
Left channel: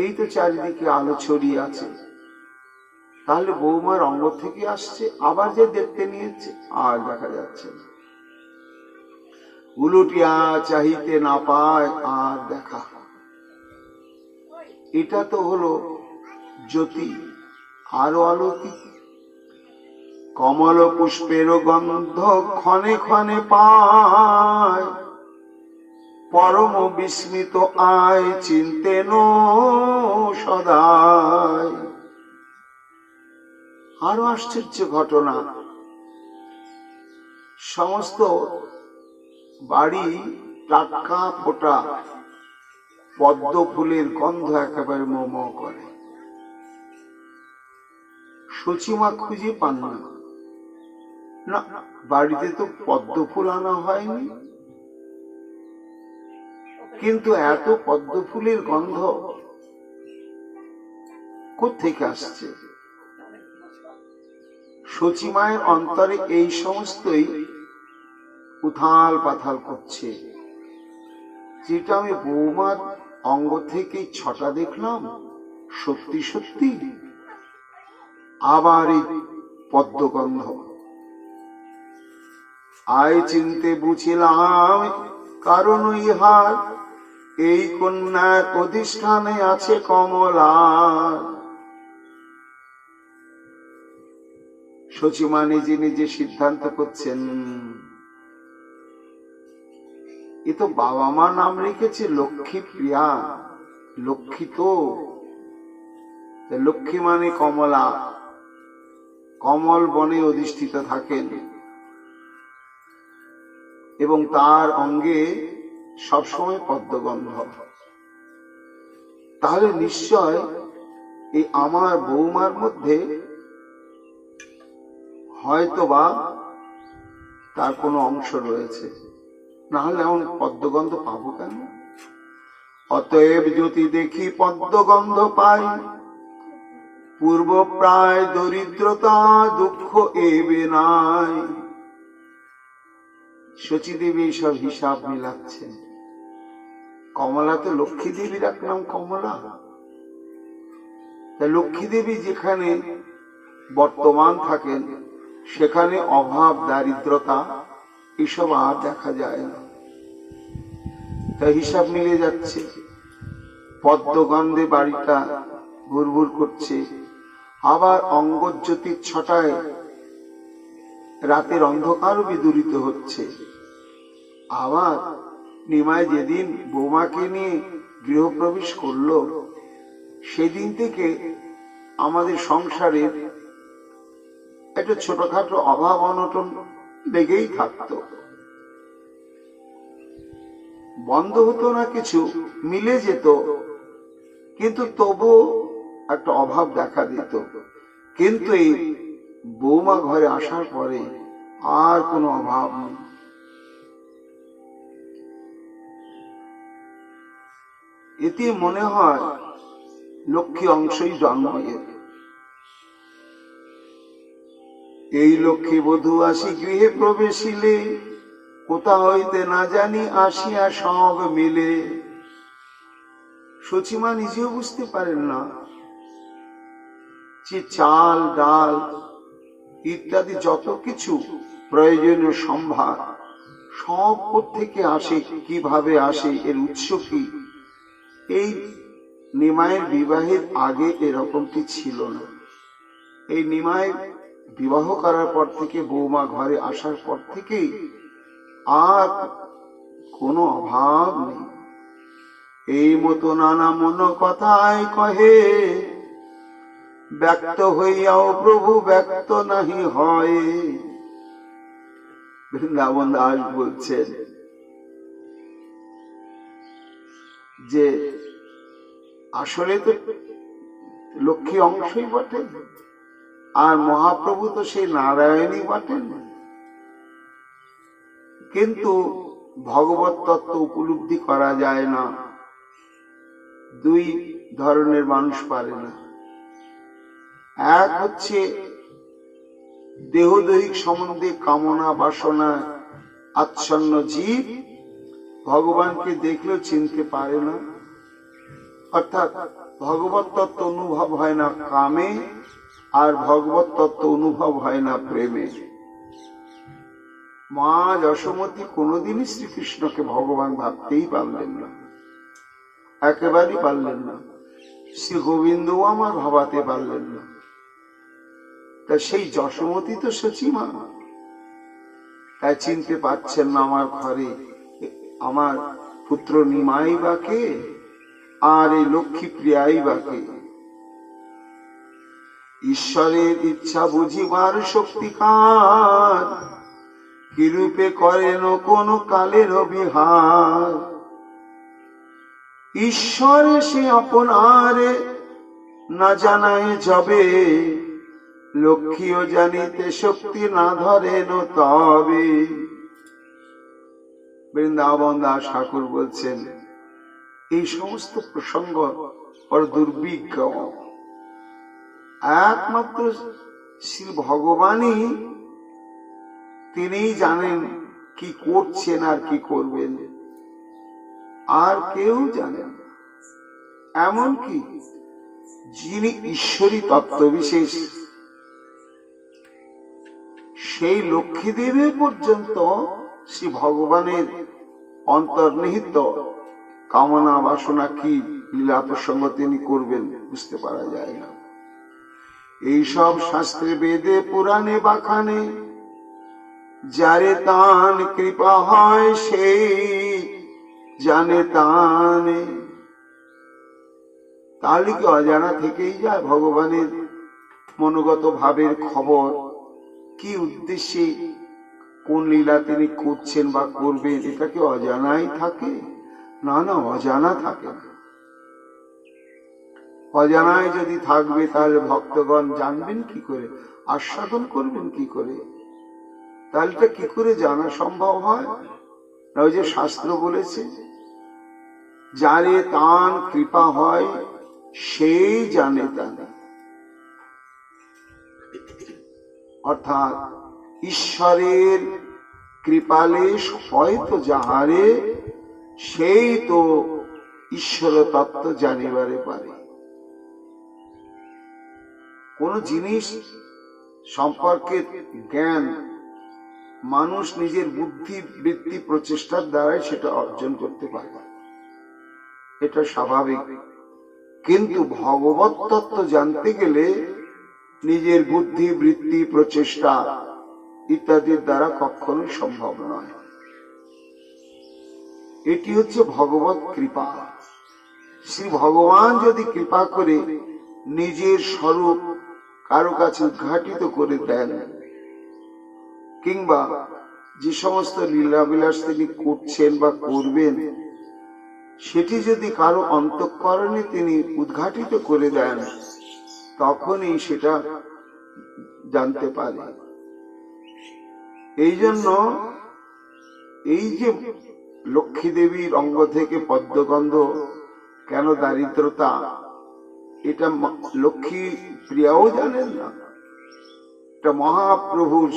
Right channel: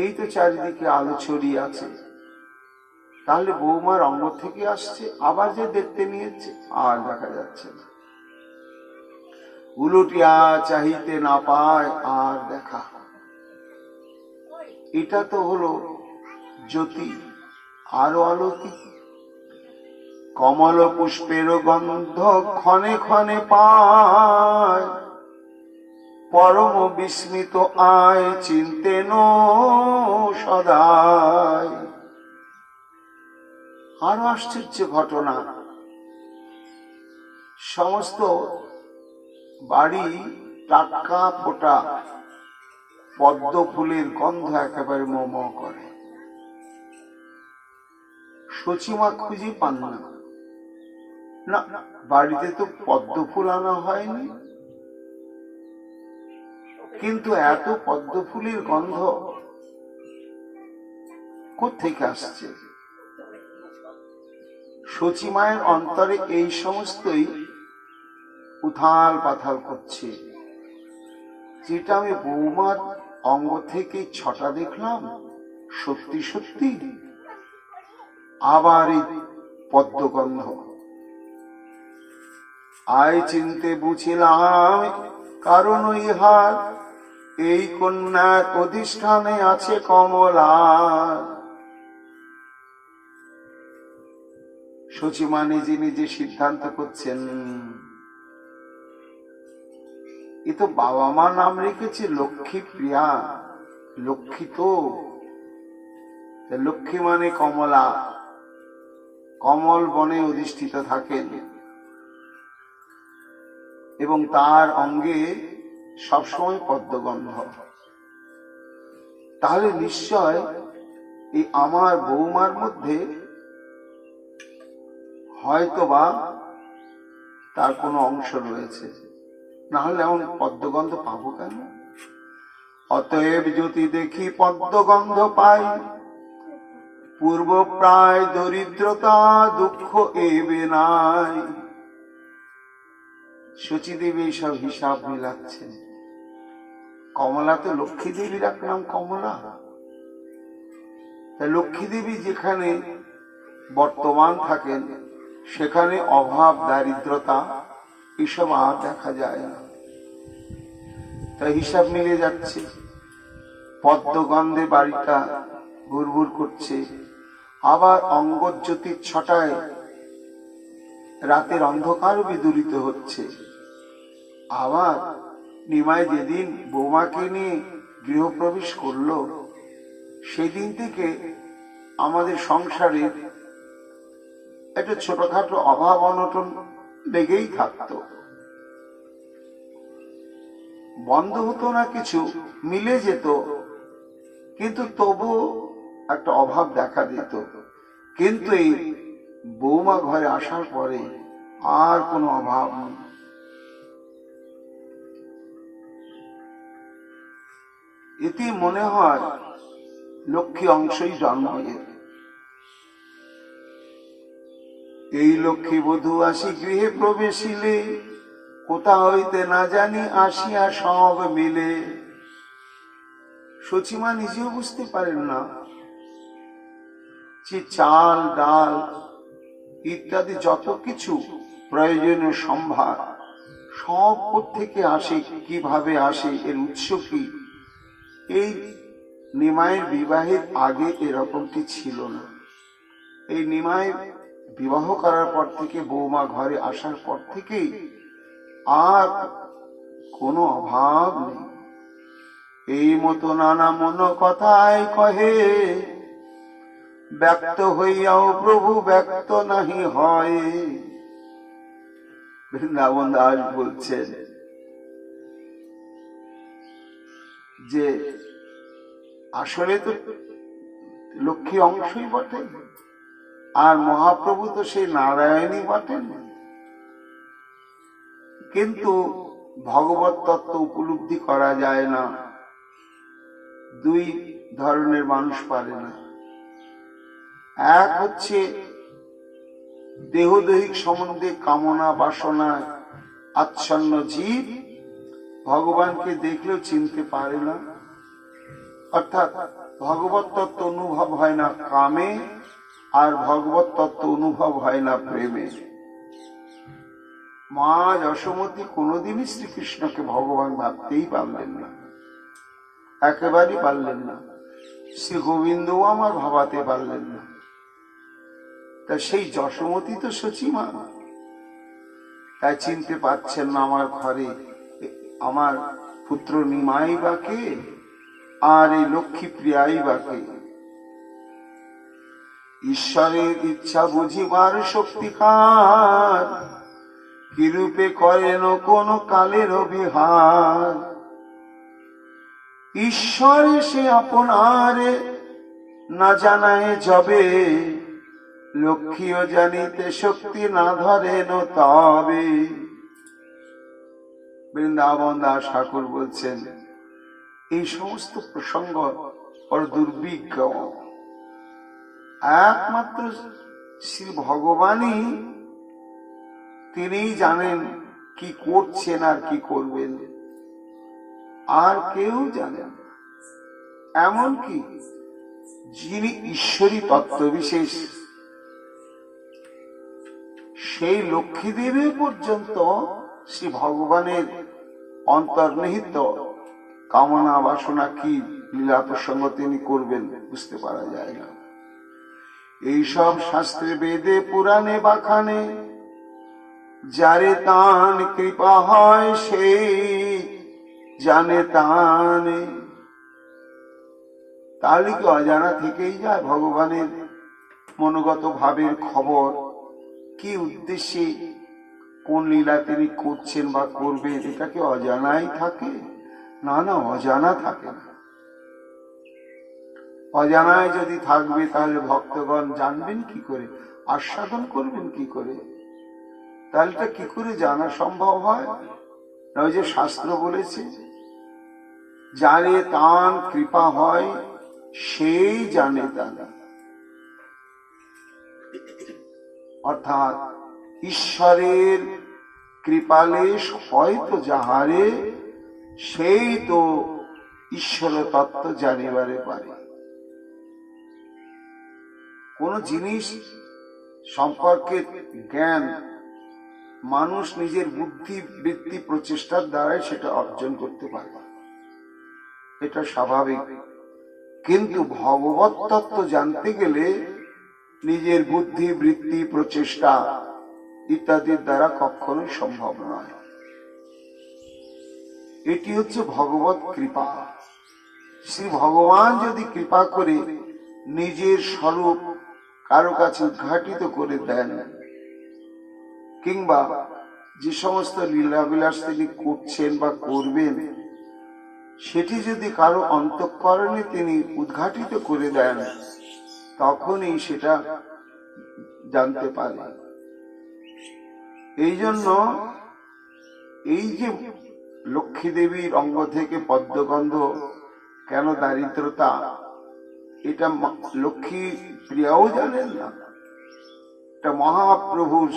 এই তো চারিদিকে আলো ছড়িয়ে আছে। তাহলে বৌমার অঙ্গ থেকে আসছে, আবার যে দেখতে নিয়েছে আর দেখা যাচ্ছে না। উলটিয়া চাহিতে না পায় আর দেখা। এটা তো হলো জ্যোতি, আরো আলোকিত। কমল পুষ্পের গন্ধ ক্ষণে ক্ষণে পায়, পরম বিস্মিত আয় চিন্তেন সদায়। আরো আশ্চর্য ঘটনা, সমস্ত বাড়ি টাটকা ফোটা পদ্ম ফুলের গন্ধ একেবারে মোম করে। সচিমা খুঁজে পান না, না বাড়িতে তো পদ্ম ফুল আনা হয়নি, কিন্তু এত পদ্ম ফুলের গন্ধ কোত্থেকে আসছে? সচিমায়ের অন্তরে এই সমস্তই উথাল পাথাল করছে। যেটা আমি বৌমার অঙ্গ থেকে ছটা দেখলাম, সত্যি সত্যি আবার এই পদ্মগন্ধ। আয় চিনতে বুঝিলাম কারণ ইহার, এই কন্যার অধিষ্ঠানে আছে কমলা। সচিমা নিজে নিজে সিদ্ধান্ত করছেন, এ তো বাবা মা নাম রেখেছে লক্ষ্মীপ্রিয়া, লক্ষ্মী তো। লক্ষ্মী মানে কমলা, কমল বনে অধিষ্ঠিত থাকেন এবং তার অঙ্গে সবসময় পদ্মগন্ধ। তাহলে নিশ্চয় এই আমার বৌমার মধ্যে হয়তোবা তার কোনো অংশ রয়েছে, না হলে এমন পদ্মগন্ধ পাবো কেন? অতএব যদি দেখি পদ্মগন্ধ পাই, পূর্ব প্রায় দরিদ্রতা দুঃখ এবে নাই। সচিদেবী সব হিসাব মিলাচ্ছেন। কমলা তো লক্ষ্মী দেবীর এক নাম কমলা। লক্ষ্মী দেবী যেখানে বর্তমান থাকেন সেখানে অভাব দারিদ্রতা এসব আর দেখা যায় না। তাই হিসাব মিলে যাচ্ছে। পদ্মগন্ধে বাড়িটা ভুরভুর করছে, আবার অঙ্গজ্যোতির ছটায় রাতের অন্ধকারও বিদূরিত হচ্ছে। আবার নিমাই যেদিন বৌমাকে নিয়ে গৃহপ্রবেশ করলো, সেদিন থেকে আমাদের সংসারের একটা ছোটখাটো অভাব অনটন লেগেই থাকতো। বন্ধ হতো না, কিছু মিলে যেত, কিন্তু তবু একটা অভাব দেখা দিত। কিন্তু এই বৌমা ঘরে আসার পরে আর কোনো অভাব নেই। এতে মনে হয় লক্ষ্মী অংশই জন্ম এর। এই লক্ষ্মী বধূ আসি গৃহে প্রবেশিলে, কোথা হইতে না জানি আসিয়া সব মিলে। সচিমা নিজেও বুঝতে পারেন না যে চাল ডাল ইত্যাদি যত কিছু প্রয়োজনীয় সম্ভার সব থেকে আসে, কিভাবে আসে, এর উৎস কি। এই নিমাইয়ের বিবাহের আগে এরকমটি ছিল না। এই নিমাই বিবাহ করার পর থেকে, বৌমা ঘরে আসার পর থেকে আর কোনো অভাব নেই। এই মতো নানা মন কথায় কহে, ব্যক্ত হইয়াও প্রভু ব্যক্ত নাহি হয়। বৃন্দাবন দাস বলছেন যে আসলে তো লক্ষ্মী অংশই বটে, আর মহাপ্রভু তো সেই নারায়ণই বটেন, কিন্তু ভগবত তত্ত্ব উপলব্ধি করা যায় না। দুই ধরনের মানুষ পারে না। এক হচ্ছে দেহদৈহিক সম্বন্ধে কামনা বাসনা আচ্ছন্ন জীব, ভগবানকে দেখলেও চিনতে পারে না, অর্থাৎ ভগবত তত্ত্ব অনুভব হয় না কামে, আর ভগবত তত্ত্ব অনুভব হয় না প্রেমে। মা যশোমতী কোনোদিনই শ্রীকৃষ্ণকে ভগবান ভাবতেই পারলেন না, একেবারেই পারলেন না। শ্রী গোবিন্দও আমার ভাবাতে পারলেন না। তা সেই যশোমতী তো সচিমা, তাই চিনতে পারছেন না আমার ঘরে আমার পুত্র নিমাই বা কে, আর এই লক্ষ্মী প্রিয়াই বা কে। ঈশ্বরের ইচ্ছা বুঝিবার শক্তিকার, কিরূপে করেন কোন কালের বিহার। ঈশ্বরে সে আপনারে না জানায় যবে, লক্ষ্মীও জানিতে শক্তি না ধরেন তবে। বৃন্দাবন দাস ঠাকুর বলছেন এই সমস্ত প্রসঙ্গ বড় দুর্বিজ্ঞ। একমাত্র শ্রী ভগবানই তিনিই জানেন কি করছেন আর কি করবেন, আর কেউ জানেন। এমনকি যিনি ঈশ্বরী তত্ত্ব বিশেষ, সেই লক্ষ্মীদেবী পর্যন্ত শ্রী ভগবানের অন্তর্নিহিত কামনা বাসনা কি লীলা প্রসঙ্গ তিনি করবেন বুঝতে পারা যায় না। এইসব শাস্ত্রে বেদে পুরাণে বাখানে, যারে তান কৃপা হয় সেই জানে তানে। তাহলে কি অজানা থেকেই যায় ভগবানের মনোগত ভাবের খবর, কি উদ্দেশ্যে কোন লীলা তিনি করছেন বা করবেন, এটা কি অজানাই থাকে? না না, অজানা থাকে না। অজানায় যদি থাকবে তাহলে ভক্তগণ জানবেন কি করে, আস্বাদন করবেন কি করে? তাহলে এটা কি করে জানা সম্ভব হয়? ওই যে শাস্ত্র বলেছে, যারে তান কৃপা হয় সেই জানে তানে। অর্থাৎ ঈশ্বরের কৃপালেশ হয়তো যাহারে, সেই তো ঈশ্বর তত্ত্ব জানিবারে পারে। কোন জিনিস সম্পর্কে জ্ঞান মানুষ নিজের বুদ্ধি বৃত্তি প্রচেষ্টার দ্বারাই সেটা অর্জন করতে পারে, এটা স্বাভাবিক। কিন্তু ভগবত তত্ত্ব জানতে গেলে নিজের বুদ্ধি বৃত্তি প্রচেষ্টা ইত্যাদির দ্বারা কখনোই সম্ভব নয়। এটি হচ্ছে ভগবত কৃপা। শ্রী ভগবান যদি কৃপা করে নিজের স্বরূপ কারো কাছে উদ্ঘাটিত করে দেন, কিংবা যে সমস্ত লীলাবিলাস তিনি করছেন বা করবেন, সেটি যদি কারো অন্তঃকরণে তিনি উদ্ঘাটিত করে দেন, তখনই সেটা জানতে পারে। এই জন্য এই যে লক্ষ্মী দেবীর অঙ্গ থেকে পদ্মগন্ধ কেন দারিদ্রতা, এটা লক্ষ্মী প্রিয়াও জানেন না, এটা মহাপ্রভুর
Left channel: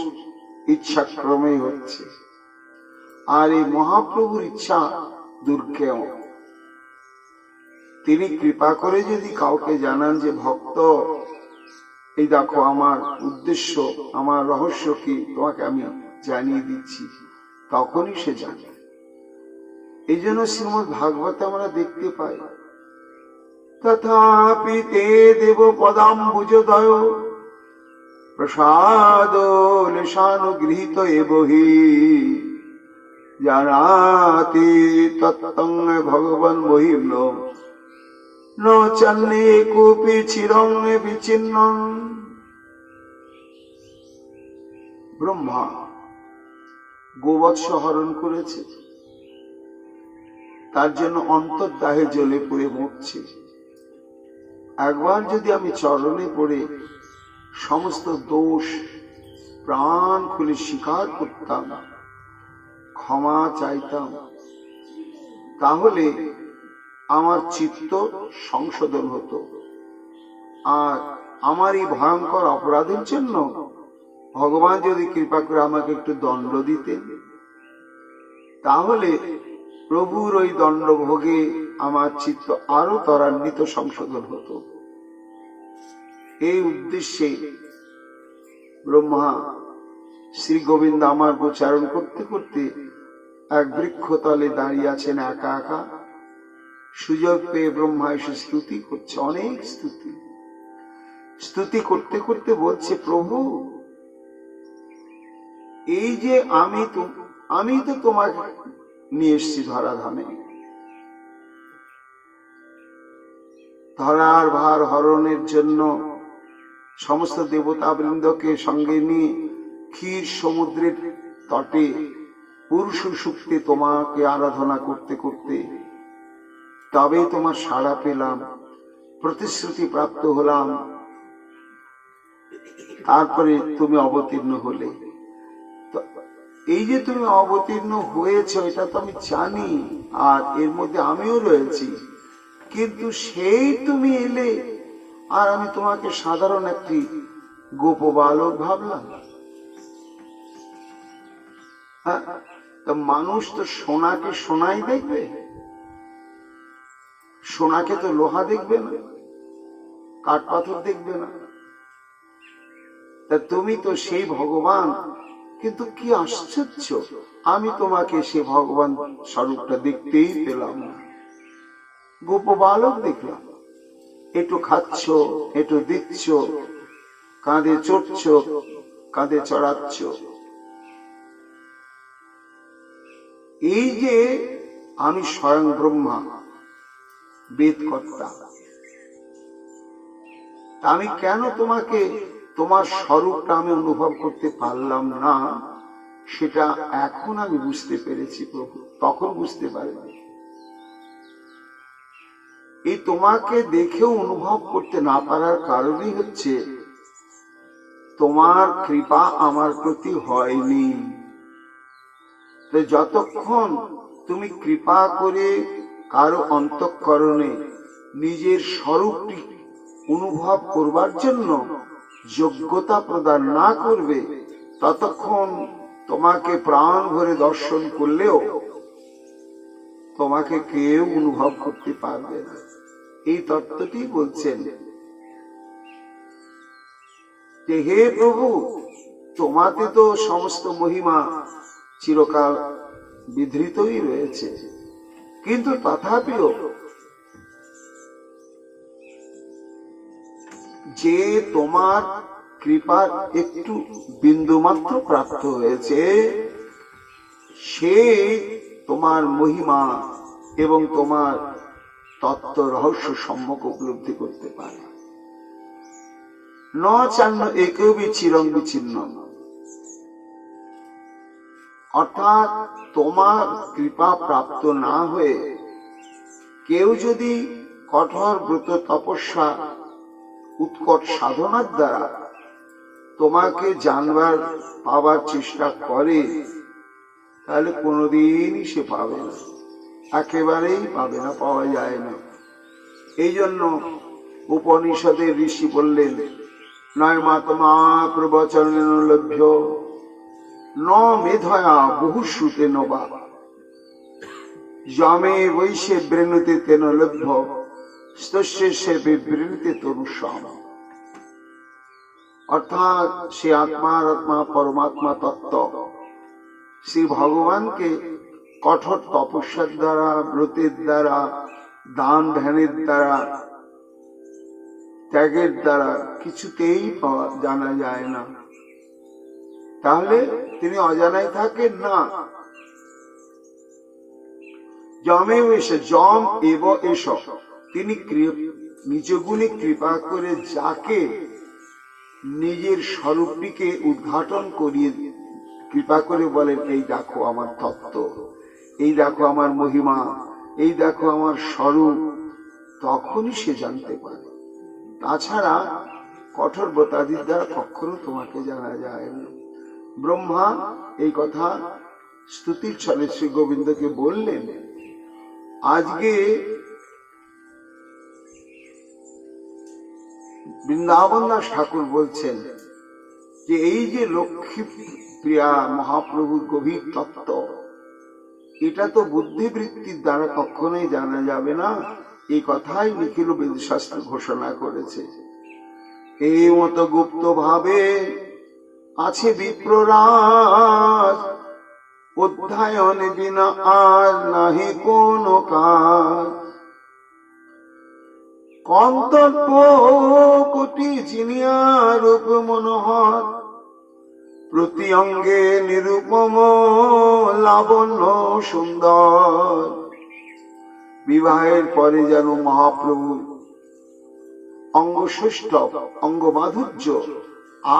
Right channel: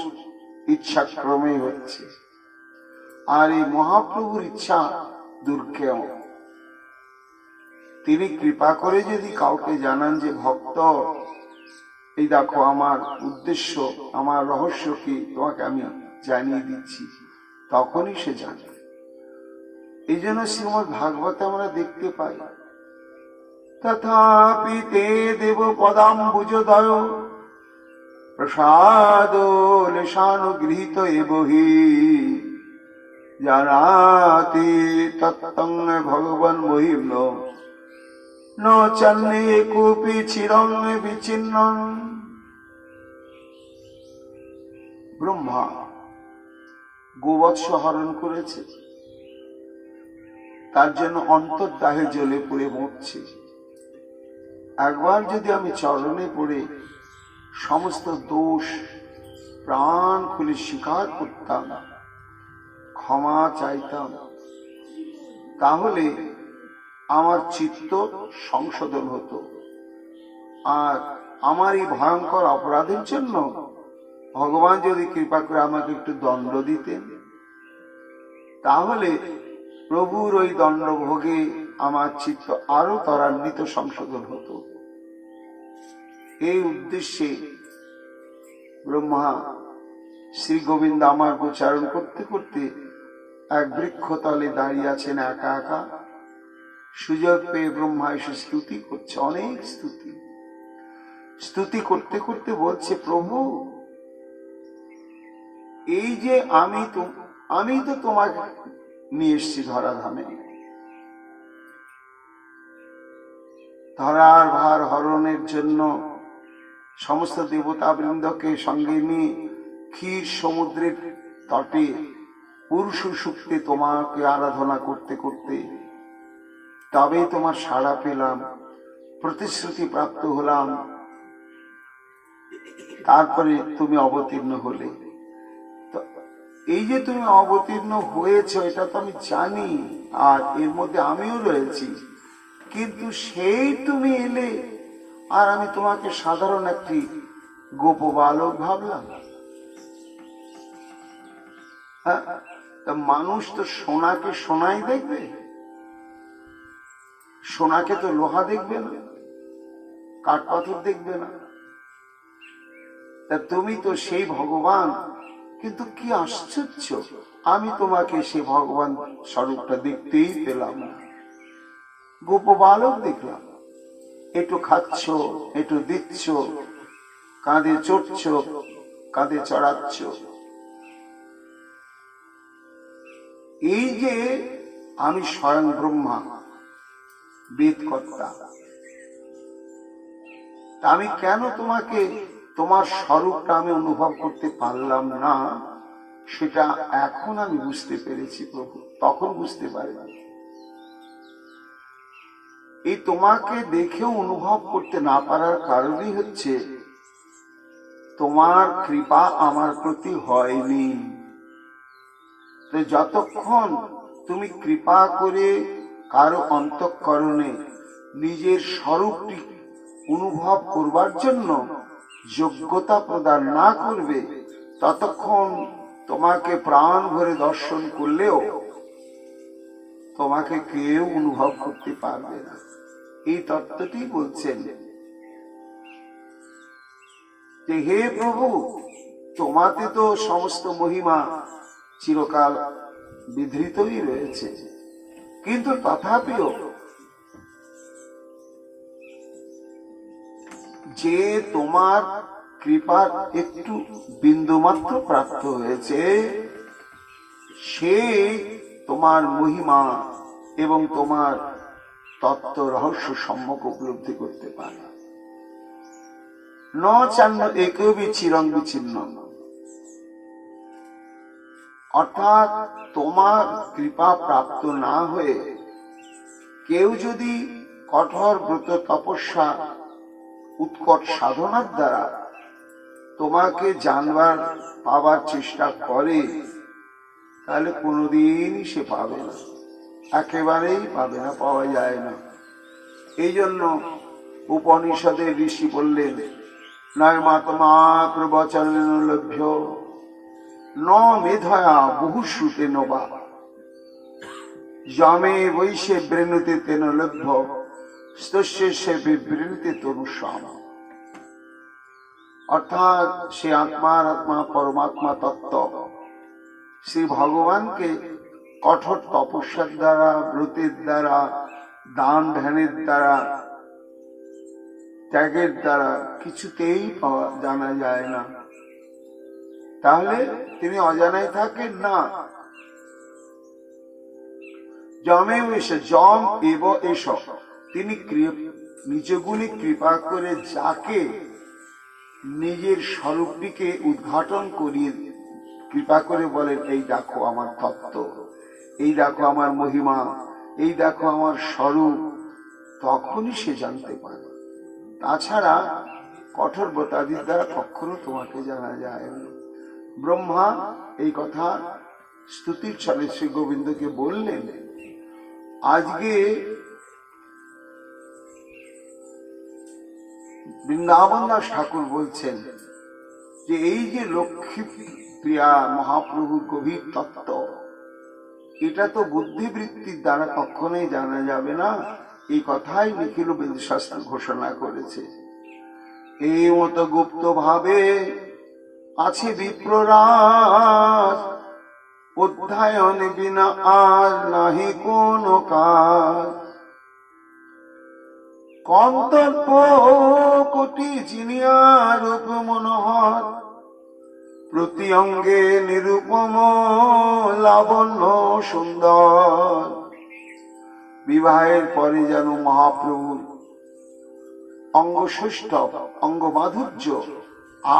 ইচ্ছাক্রমে হচ্ছে। আর এই মহাপ্রভুর ইচ্ছা দুর্গেয়। তিনি কৃপা করে যদি কাউকে জানান যে ভক্ত, এই দেখো আমার উদ্দেশ্য, আমার রহস্য কি, তোমাকে আমি জানিয়ে দিচ্ছি, তখনই সে জানে। এই জন্য শ্রীমদ ভাগবতে আমরা দেখতে পাই, তথাপি তে দেব পদাম্বুজদয় প্রসাদ লেশানুগৃহীত এবহি জানাতি তত্ত্বং ভগবান মহিম্ন ন চান্নে কোপি চিরং বিচ্ছিন্ন। ব্রহ্মা গোবৎস হরণ করেছে, তার জন্য অন্তর্দাহে জ্বলে পুড়ে মরছে। একবার যদি আমি চরণে পড়ে সমস্ত দোষ প্রাণ খুলে স্বীকার করতাম, ক্ষমা চাইতাম, তাহলে আমার চিত্ত সংশোধন হতো। আর আমার এই ভয়ঙ্কর অপরাধের জন্য ভগবান যদি কৃপা করে আমাকে একটু দণ্ড দিতেন, তাহলে প্রভুর ওই দণ্ড ভোগে আমার চিত্ত আরো ত্বরান্বিত সংশোধন হতো। এই উদ্দেশ্যে ব্রহ্মা শ্রী গোবিন্দ আমার গোচারণ করতে করতে এক বৃক্ষতলে দাঁড়িয়ে আছেন একা একা। সুযোগ পেয়ে ব্রহ্মা এসে স্তুতি করছে, অনেক স্তুতি করতে করতে বলছে, প্রভু এই যে আমি তো তোমাকে নিয়ে এসছি ধরাধামে, ধরার ভার হরণের জন্য সমস্ত দেবতা বৃন্দকে সঙ্গে নিয়ে ক্ষীর সমুদ্রের তটে পুরুষ সূক্তে তোমাকে আরাধনা করতে করতে তবে তোমার সাড়া পেলাম, প্রতিশ্রুতি প্রাপ্ত হলাম, তারপরে তুমি অবতীর্ণ হলে। এই যে তুমি অবতীর্ণ হয়েছ এটা তো আমি জানি, আর এর মধ্যে আমিও রয়েছি, কিন্তু সেই তুমি এলে আর আমি তোমাকে সাধারণ একটি গোপ বালক ভাবলাম। হ্যাঁ, মানুষ তো সোনাকে সোনাই দেখবে, সোনাকে তো লোহা দেখবে না, কাঠ পাথর দেখবে না। তা তুমি তো সেই ভগবান, কিন্তু কি আশ্চর্য, আমি তোমাকে সে ভগবান স্বরূপটা দেখতেই পেলাম না, গোপ বালক দেখলাম। একটু খাচ্ছ, একটু দিচ্ছ, কাঁধে চড়ছ, কাঁধে চড়াচ্ছ। এই যে আমি স্বয়ং ব্রহ্মা, বেদকর্তা, আমি কেন তোমাকে তোমার স্বরূপটা আমি অনুভব করতে পারলাম না, সেটা এখন আমি বুঝতে পেরেছি প্রভু, তখন বুঝতে পারিনি। এই তোমাকে দেখেও অনুভব করতে না পারার কারণই হচ্ছে তোমার কৃপা আমার প্রতি হয়নি। তো যতক্ষণ তুমি কৃপা করে কারো অন্তঃকরণে নিজের স্বরূপটি অনুভব করবার জন্য যোগ্যতা প্রদান না করবে, ততক্ষণ তোমাকে প্রাণ ভরে দর্শন করলেও তোমাকে কেউ অনুভব করতে পারবে না। এই তত্ত্বটি বলছেন যে হে প্রভু, তোমাতে তো সমস্ত মহিমা চিরকাল বিধৃতই রয়েছে, কিন্তু তথাপিও যে তোমার কৃপার একটু বিন্দুমাত্র প্রাপ্ত হয়েছে, সে তোমার মহিমা এবং তোমার তত্ত্ব রহস্য সম্যক উপলব্ধি করতে পারে। ন চান্ন একবি চিরং বিচ্ছিন্ন, অর্থাৎ তোমার কৃপা প্রাপ্ত না হয়ে কেউ যদি কঠোর ব্রত তপস্যা উৎকট সাধনার দ্বারা তোমাকে জানবার পাবার চেষ্টা করে, তাহলে কোনোদিনই সে পাবে না, একেবারেই পাবে না, পাওয়া যায় না। এই জন্য উপনিষদের ঋষি বললেন, নয় মাত্মা প্রবচন লভ্য ন মেধয়া বহু শ্রুতে নবা যমে বৈশে বৃণুতে তেন লভ্য স্তস্যে বিবৃণীতে তনুষ্যাম। অর্থাৎ সে আত্মার আত্মা পরমাত্মা তত্ত্ব শ্রী ভগবানকে কঠোর তপস্যার দ্বারা, ব্রতের দ্বারা, দান ধ্যানের দ্বারা ত্যাগের দ্বারা কিছুতেই জানা যায় না। তাহলে তিনি অজানাই থাকেন না। যমেও এসে যম এব এস, তিনি নিজ গুণে কৃপা করে যাকে নিজের স্বরূপটিকে উদ্ঘাটন করিয়ে কৃপা করে বলেন, এই দেখো আমার তত্ত্ব, এই দেখো আমার মহিমা, এই দেখো আমার স্বরূপ, তখনই সে জানতে পারে। তাছাড়া কঠোর ব্রতাদির দ্বারা কখনো তোমাকে জানা যায় না। ব্রহ্মা এই কথা স্তুতির ছলে শ্রী গোবিন্দকে বললেন। আজকে বৃন্দাবন দাস ঠাকুর বলছেন যে এই যে লক্ষ্মী প্রিয়া মহাপ্রভুর গভীর তত্ত্ব, এটা তো বুদ্ধিবৃত্তির দ্বারা কখনোই জানা যাবে না। এই কথাই নিখিল বেদশাস্ত্র ঘোষণা করেছে। এই মতো গুপ্ত ভাবে আছে বিপ্ররাজ, অধ্যায়ন বিনা আর নাহি কোন কাজ। কন্তব্য কোটি চিনিয়া রূপ মনোহর, প্রতি অঙ্গে নিরূপম লাবণ্য সুন্দর। বিবাহের পরে যেন মহাপ্রভুর অঙ্গসৃষ্ট অঙ্গ মাধুর্য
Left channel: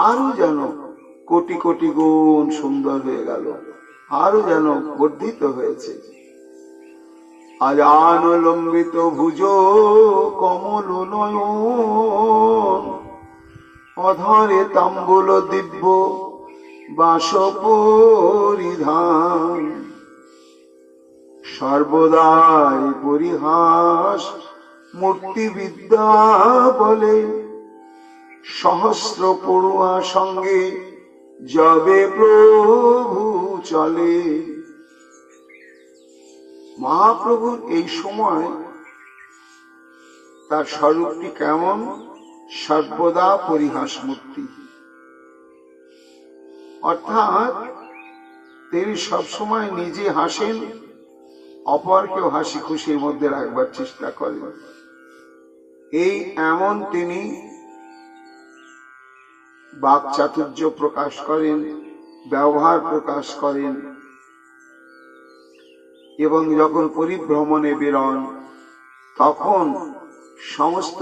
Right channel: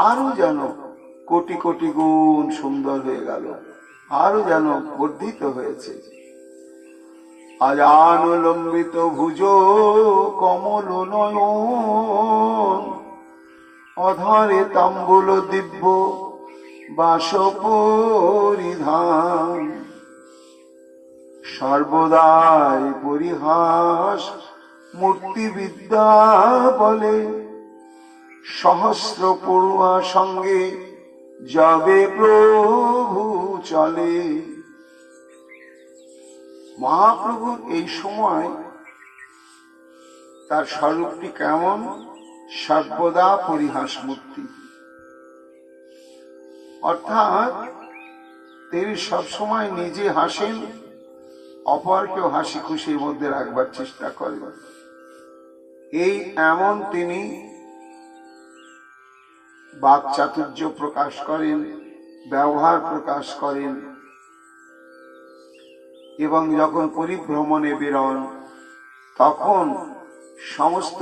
আরো যেন কোটি কোটি গুণ সুন্দর হয়ে গেল, আরো যেন বর্ধিত হয়েছে। আজান লম্বিত ভুজ কমল নয়ন, অধরে তাম্বুল দিব্য বাস পরিধান। সর্বদাই পরিহাস মূর্তি বিদ্যা বলে, সহস্র পড়ুয়া সঙ্গে যাবে প্রভু চলে। মহাপ্রভুর এই সময় তার স্বরূপটি কেমন? সর্বদা পরিহাস মূর্তি, অর্থাৎ তিনি সবসময় নিজে হাসেন, অপরকেও হাসি খুশির মধ্যে রাখবার চেষ্টা করেন। এই এমন তিনি বাক চাতুর্য প্রকাশ করেন, ব্যবহার প্রকাশ করেন, এবং যখন পরিভ্রমণে বেরোন তখন সমস্ত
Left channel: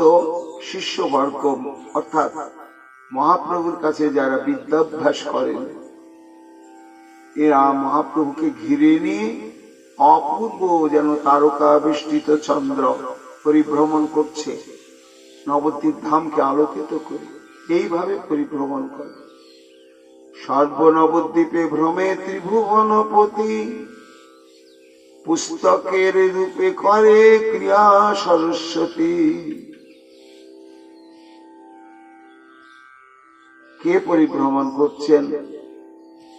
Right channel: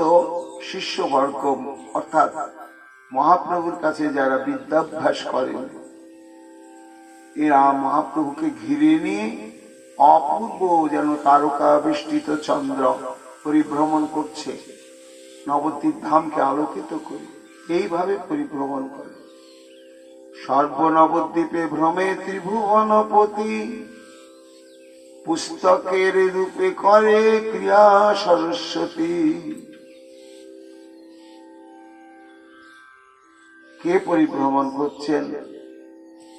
শিষ্যবর্গ অর্থাৎ মহাপ্রভুর কাছে যারা বিদ্যাভ্যাস করেন, এরা মহাপ্রভুকে ঘিরে নিয়ে অপূর্ব যেন তারকা বেষ্টিত চন্দ্র পরিভ্রমণ করছে, নবদ্বীপ ধামকে আলোকিত করে এইভাবে পরিভ্রমণ করে। সর্বনবদ্বীপে ভ্রমে ত্রিভুবনপতি, পুস্তকের রূপে করে ক্রিয়া সরস্বতী। কে পরিভ্রমণ করছেন?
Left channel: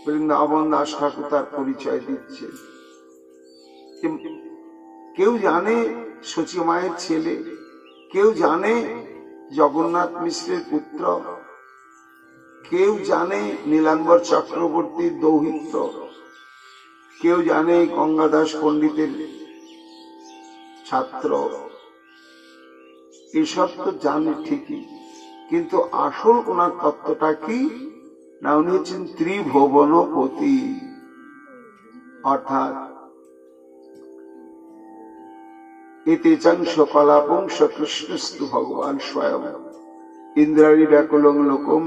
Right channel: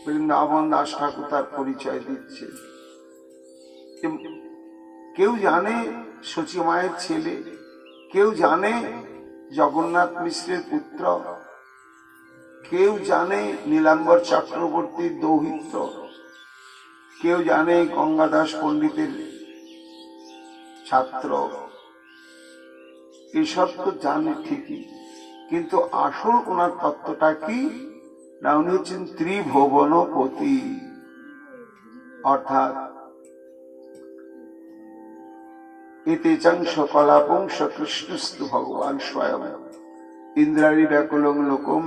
বৃন্দাবন দাস ঠাকুর তার পরিচয় দিচ্ছেন। কেউ জানে সচী মায়ের ছেলে, কেউ জানে জগন্নাথ মিশ্রের পুত্র, কেউ জানে নীলাম্বর চক্রবর্তীর দৌহিত্র, কেউ জানে গঙ্গাদাস পণ্ডিতের ছাত্র। এসব তো জানে ঠিকই, কিন্তু আসল ওনার তত্ত্বটা কি না, উনি হচ্ছেন ত্রিভুবনপতি, অর্থাৎ এতে চাংশ কলাপংশ কৃষ্ণস্তু ভগবান স্বয়ং ইন্দ্রাণী ব্যাকুলং লোকম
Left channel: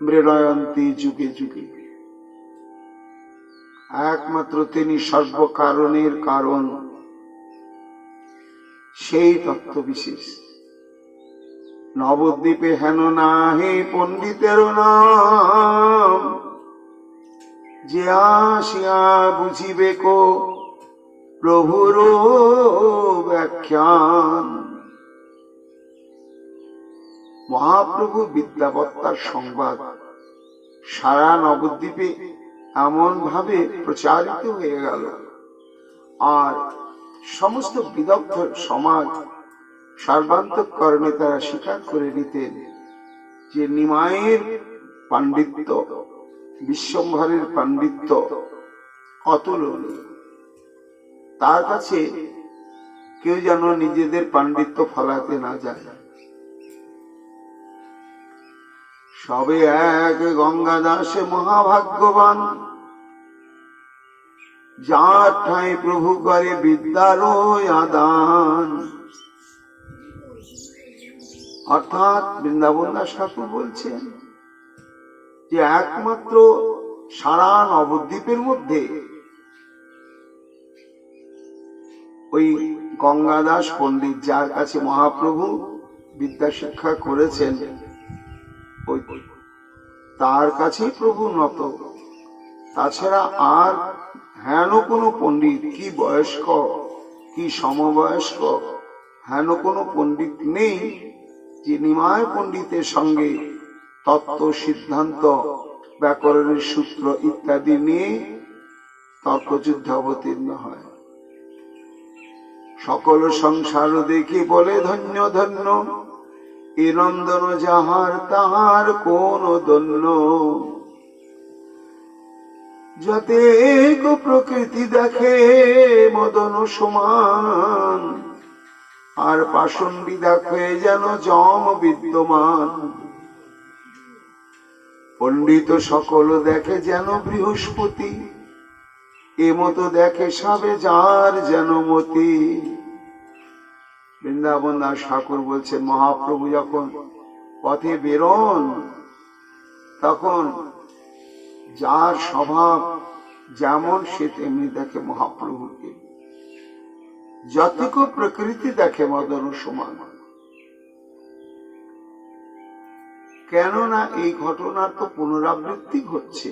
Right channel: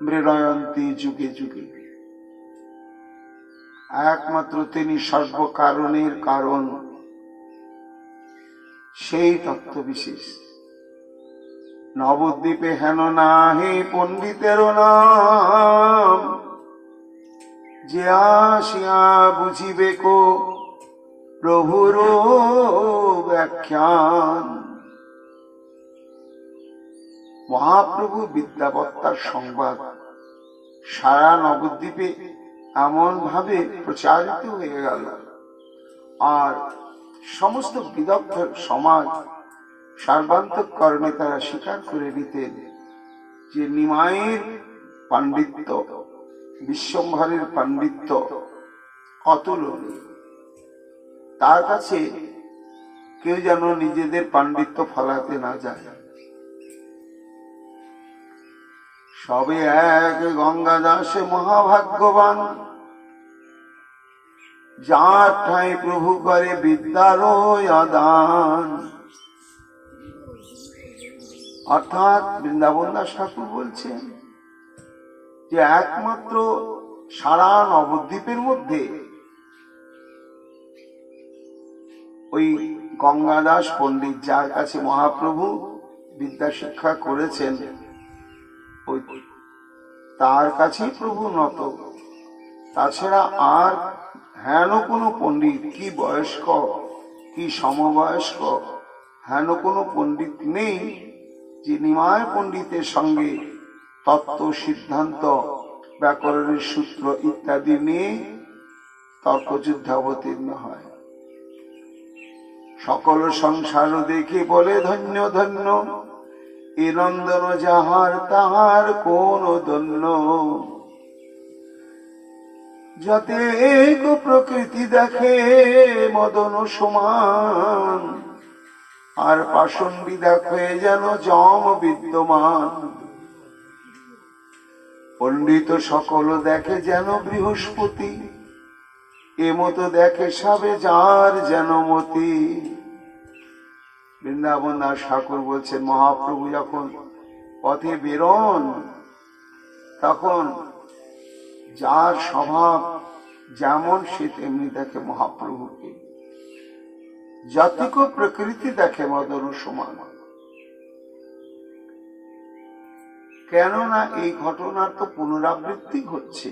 মৃণয়ন্তী যুগে যুগে। একমাত্র তিনি সর্বকারণের কারণ, সেই তত্ত্ব বিশেষ। নবদ্বীপে হেন নাহি পণ্ডিতের নাম, যে আসিয়া বুঝিবে কো প্রভুর ব্যাখ্যান। মহাপ্রভু বিদ্যাবত্তার সংবাদ সারা নবদ্বীপে এমন ভাবে প্রচারিত হয়ে গেল, আর সমস্ত বিদগ্ধ সমাজ সর্বান্তঃকরণে তারা স্বীকার করে নিতেন যে নিমাইয়ের পাণ্ডিত্য, বিশ্বম্ভরের পাণ্ডিত্য অতুলনীয়। তার কাছে কেউ যেন নিজেদের পাণ্ডিত্য ফলাতে না যায়। সবে এক গঙ্গা দাসে মহাভাগ্যবান, যার ঠাঁই প্রভু করে বিদ্যার আদান। অর্থাৎ বৃন্দাবন দাস ঠাকুর বলছেন যে একমাত্র সারা নবদ্বীপের মধ্যে ওই গঙ্গাদাস পণ্ডিত, যার কাছে মহাপ্রভু বিদ্যা শিক্ষা করেছেন, ওই তার কাছেই প্রভু নত। তাছাড়া আর হেন কোনো পণ্ডিত, কি বয়স্ক কি সমবয়স্ক, হেন কোনো পণ্ডিত নেই যে নিমায় পণ্ডিতের সঙ্গে তত্ত্ব, সিদ্ধান্ত, ব্যাকরণের সূত্র ইত্যাদি নিয়ে তর্কযুদ্ধে অবতীর্ণ হয়। সকল সংসার দেখে বলে ধন্য ধন্য, এ নন্দন যাহার তাহার কোন দন্য। যাতে এক প্রকৃতি দেখে মদন সমান, আর পাষণ্ডী দেখে যেন যম বিদ্যমান। পণ্ডিত সকল দেখে যেন বৃহস্পতি, এ মতো দেখে সবে যার যেন মতি। বৃন্দাবন দাস ঠাকুর বলছেন, মহাপ্রভু যখন পথে বেরোন তখন যার স্বভাব যেমন সে তেমনি দেখে মহাপ্রভুকে। যতটুকু প্রকৃতি দেখে মদন সমান। কেননা এই ঘটনার তো পুনরাবৃত্তি ঘটছে।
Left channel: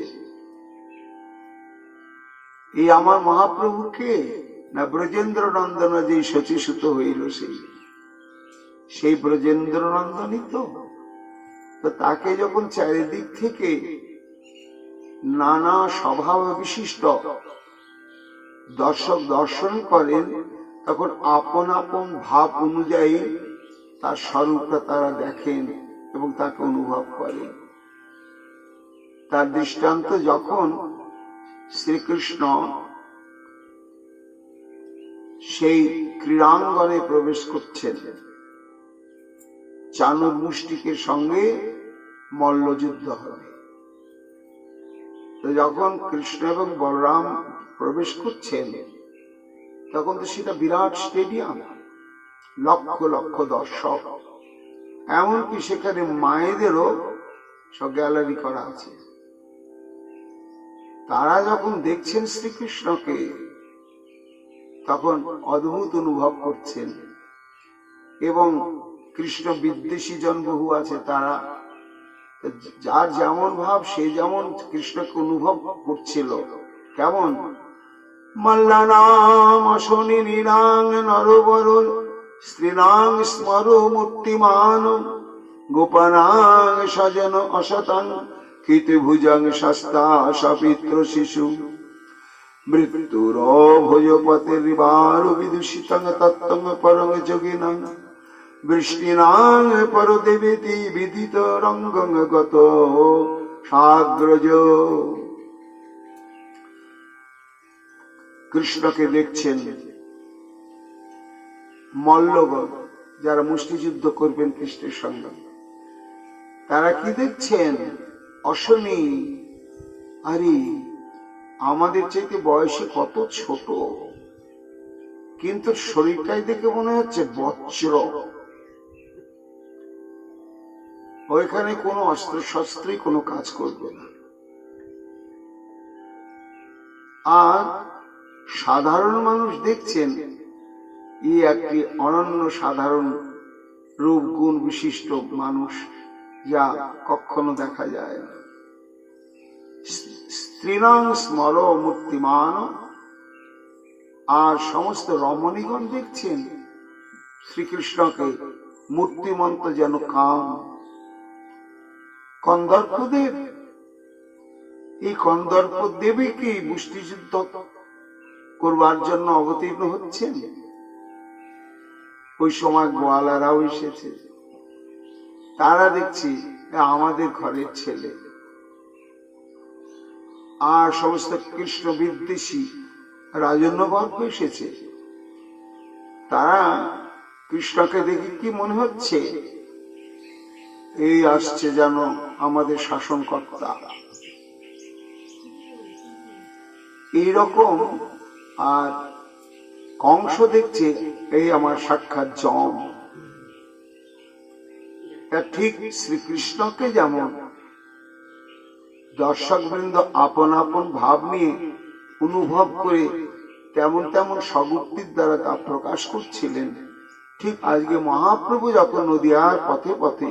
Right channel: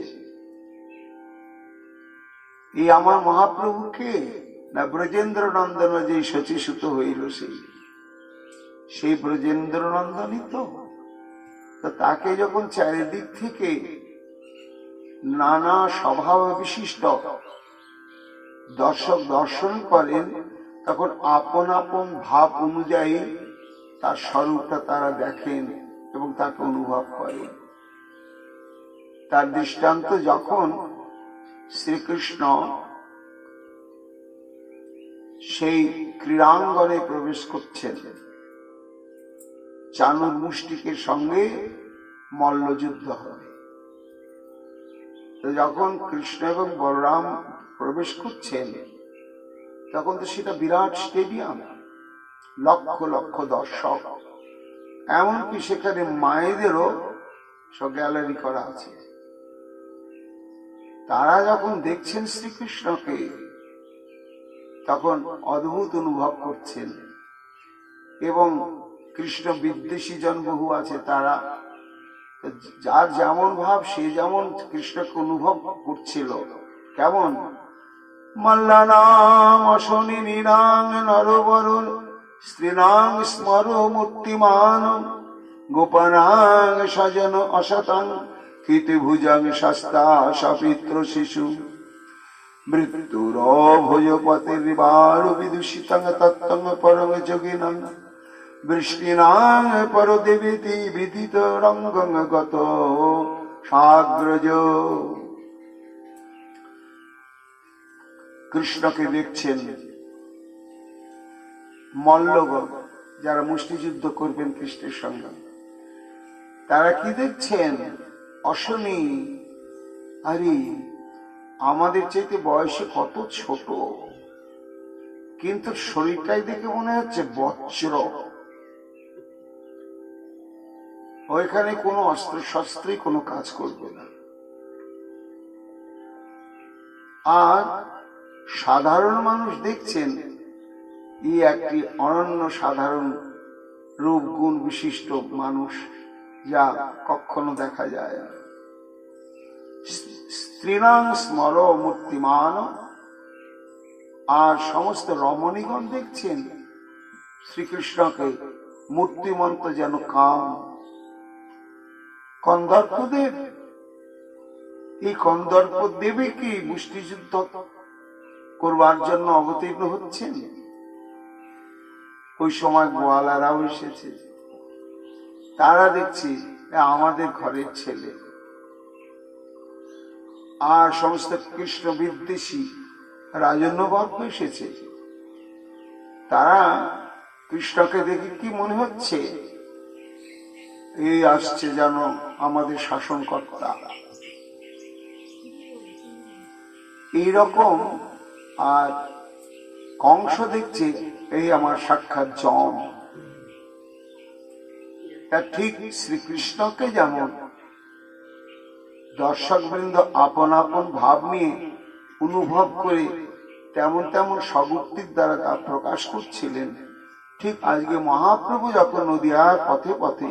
এই আমার মহাপ্রভুকে না ব্রজেন্দ্র নন্দন যে শচীসূত হইল, সেই ব্রজেন্দ্র নন্দনই তো। তাকে যখন চারিদিক থেকে নানা স্বভাব বিশিষ্ট দর্শক দর্শন করেন, তখন আপন আপন ভাব অনুযায়ী তার স্বরূপটা তারা দেখেন এবং তাকে অনুভব করেন। তার দৃষ্টান্ত যখন শ্রীকৃষ্ণ সেই ক্রীড়াঙ্গনে প্রবেশ করছেন, চানুর মুষ্টিকের সঙ্গে মল্লযুদ্ধ হবে। তো যখন কৃষ্ণ এবং বলরাম প্রবেশ করছেন, তখন তো সেটা বিরাট স্টেডিয়াম, লক্ষ লক্ষ দর্শক, এমনকি সেখানে মায়েদেরও সব গ্যালারি করা আছে। তারা যখন দেখছেন শ্রীকৃষ্ণকে, তখন অদ্ভুত অনুভব করছেন। এবং কৃষ্ণ বিদ্বেষী জন বহু আছে, তারা যার যেমন ভাব সে যেমন কৃষ্ণকে অনুভব করছিল। কেমন? মল্লানাং অশনি নীরাং নরবর স্ত্রীনাং স্মর মূর্তিমান, গোপানাং সজন অসতাং কীর্তিভুজাং শাস্তা সপিত্র শিশু, মৃত্যুর ভোজপতির বার বিদূষিতং তত্ত্বং পরং যোগিনাং, বৃষ্টিনাং পরদেবেতি বিদিত রঙ্গং গত সাগ্রজ। কৃষ্ণকে দেখছেন মল্লগণ, যারা মুষ্টিযুদ্ধ করবেন কৃষ্ণের সঙ্গে, তারা কি দেখছেন? অশনি, আরে আমাদের চাইতে বয়সে কত ছোট, কিন্তু শরীরটাই দেখে মনে হচ্ছে বজ্র। ওইখানে কোনো অস্ত্র শস্ত্রই কোনো কাজ করবে না। আর সাধারণ মানুষ দেখছেন এই একটি অনন্য সাধারণ রূপ গুণ বিশিষ্ট মানুষ, যা কখনো দেখা যায় না। স্ত্রীনাং স্মর মূর্তিমান, আর সমস্ত রমণীগণ দেখছেন শ্রীকৃষ্ণকে মূর্তিমন্ত যেন কাম। কন্দর্পদেব, এই কন্দর্পদেবী কি মুষ্টিযুদ্ধ করবার জন্য অবতীর্ণ হচ্ছেন? ওই সময় গোয়ালারাও এসেছে, তারা দেখছি আমাদের ঘরের ছেলে। আর সমস্ত কৃষ্ণ বিদ্বেষী রাজন্যবর্গ এসেছে। তারা কৃষ্ণকে দেখে কি মনে হচ্ছে? এই আসছে যেন আমাদের শাসনকর্তা। এইরকম। আর কংস দেখছে এই আমার সাক্ষাৎ যম। তা ঠিক শ্রীকৃষ্ণকে যেমন দর্শকবৃন্দ আপন আপন ভাব নিয়ে অনুভব করে তেমন তেমন স্বগুক্তির দ্বারা তা প্রকাশ করছিলেন, ঠিক আজকে মহাপ্রভু যখন নদিয়ার পথে পথে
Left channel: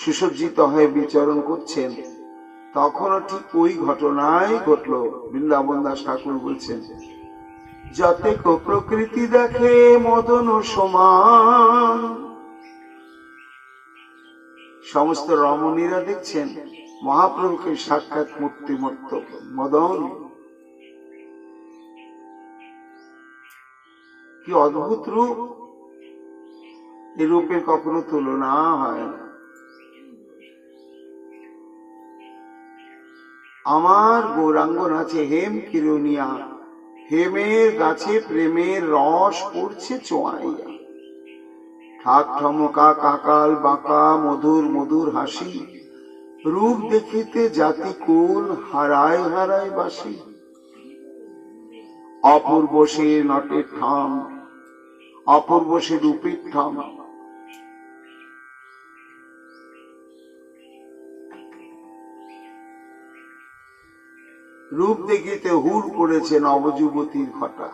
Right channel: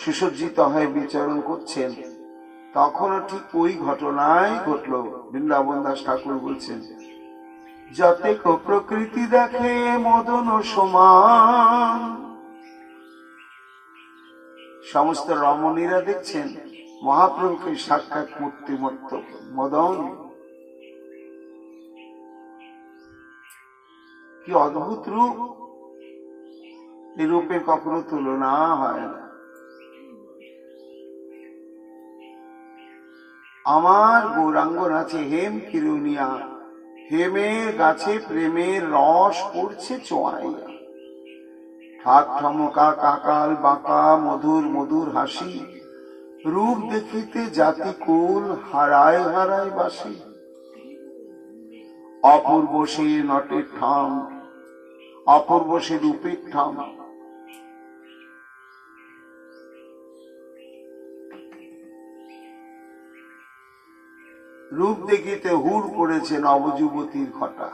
সুসজ্জিত হয়ে বিচরণ করছেন, তখনও ঠিক ওই ঘটনাই ঘটল। বৃন্দাবন দাস ঠাকুর বলছেন, যতেক প্রকৃতি দেখে মদন সমান। সমস্ত রমণীরা দেখছেন মহাপ্রভুকে সাক্ষাৎ মূর্তিমত্ত মদন। কি অদ্ভুত রূপ! এই রূপের কখনো তুলনা হয় না। আমার গৌরাঙ্গ নাচে হেম কিরণিয়া, হেমের গাছে প্রেমের রস পড়ছে চোয়াইয়া। ঠাক ঠমকা কাকাল বাঁকা মধুর মধুর হাসি, রূপ দেখিতে জাতি কুল হারায় হারায় বাসি। অপূর্ব সে নটের ঠাম, অপূর্ব সে রূপের ঠাম। রূপ দেখিতে হুড় করেছে নবযুবতীর ঘটা।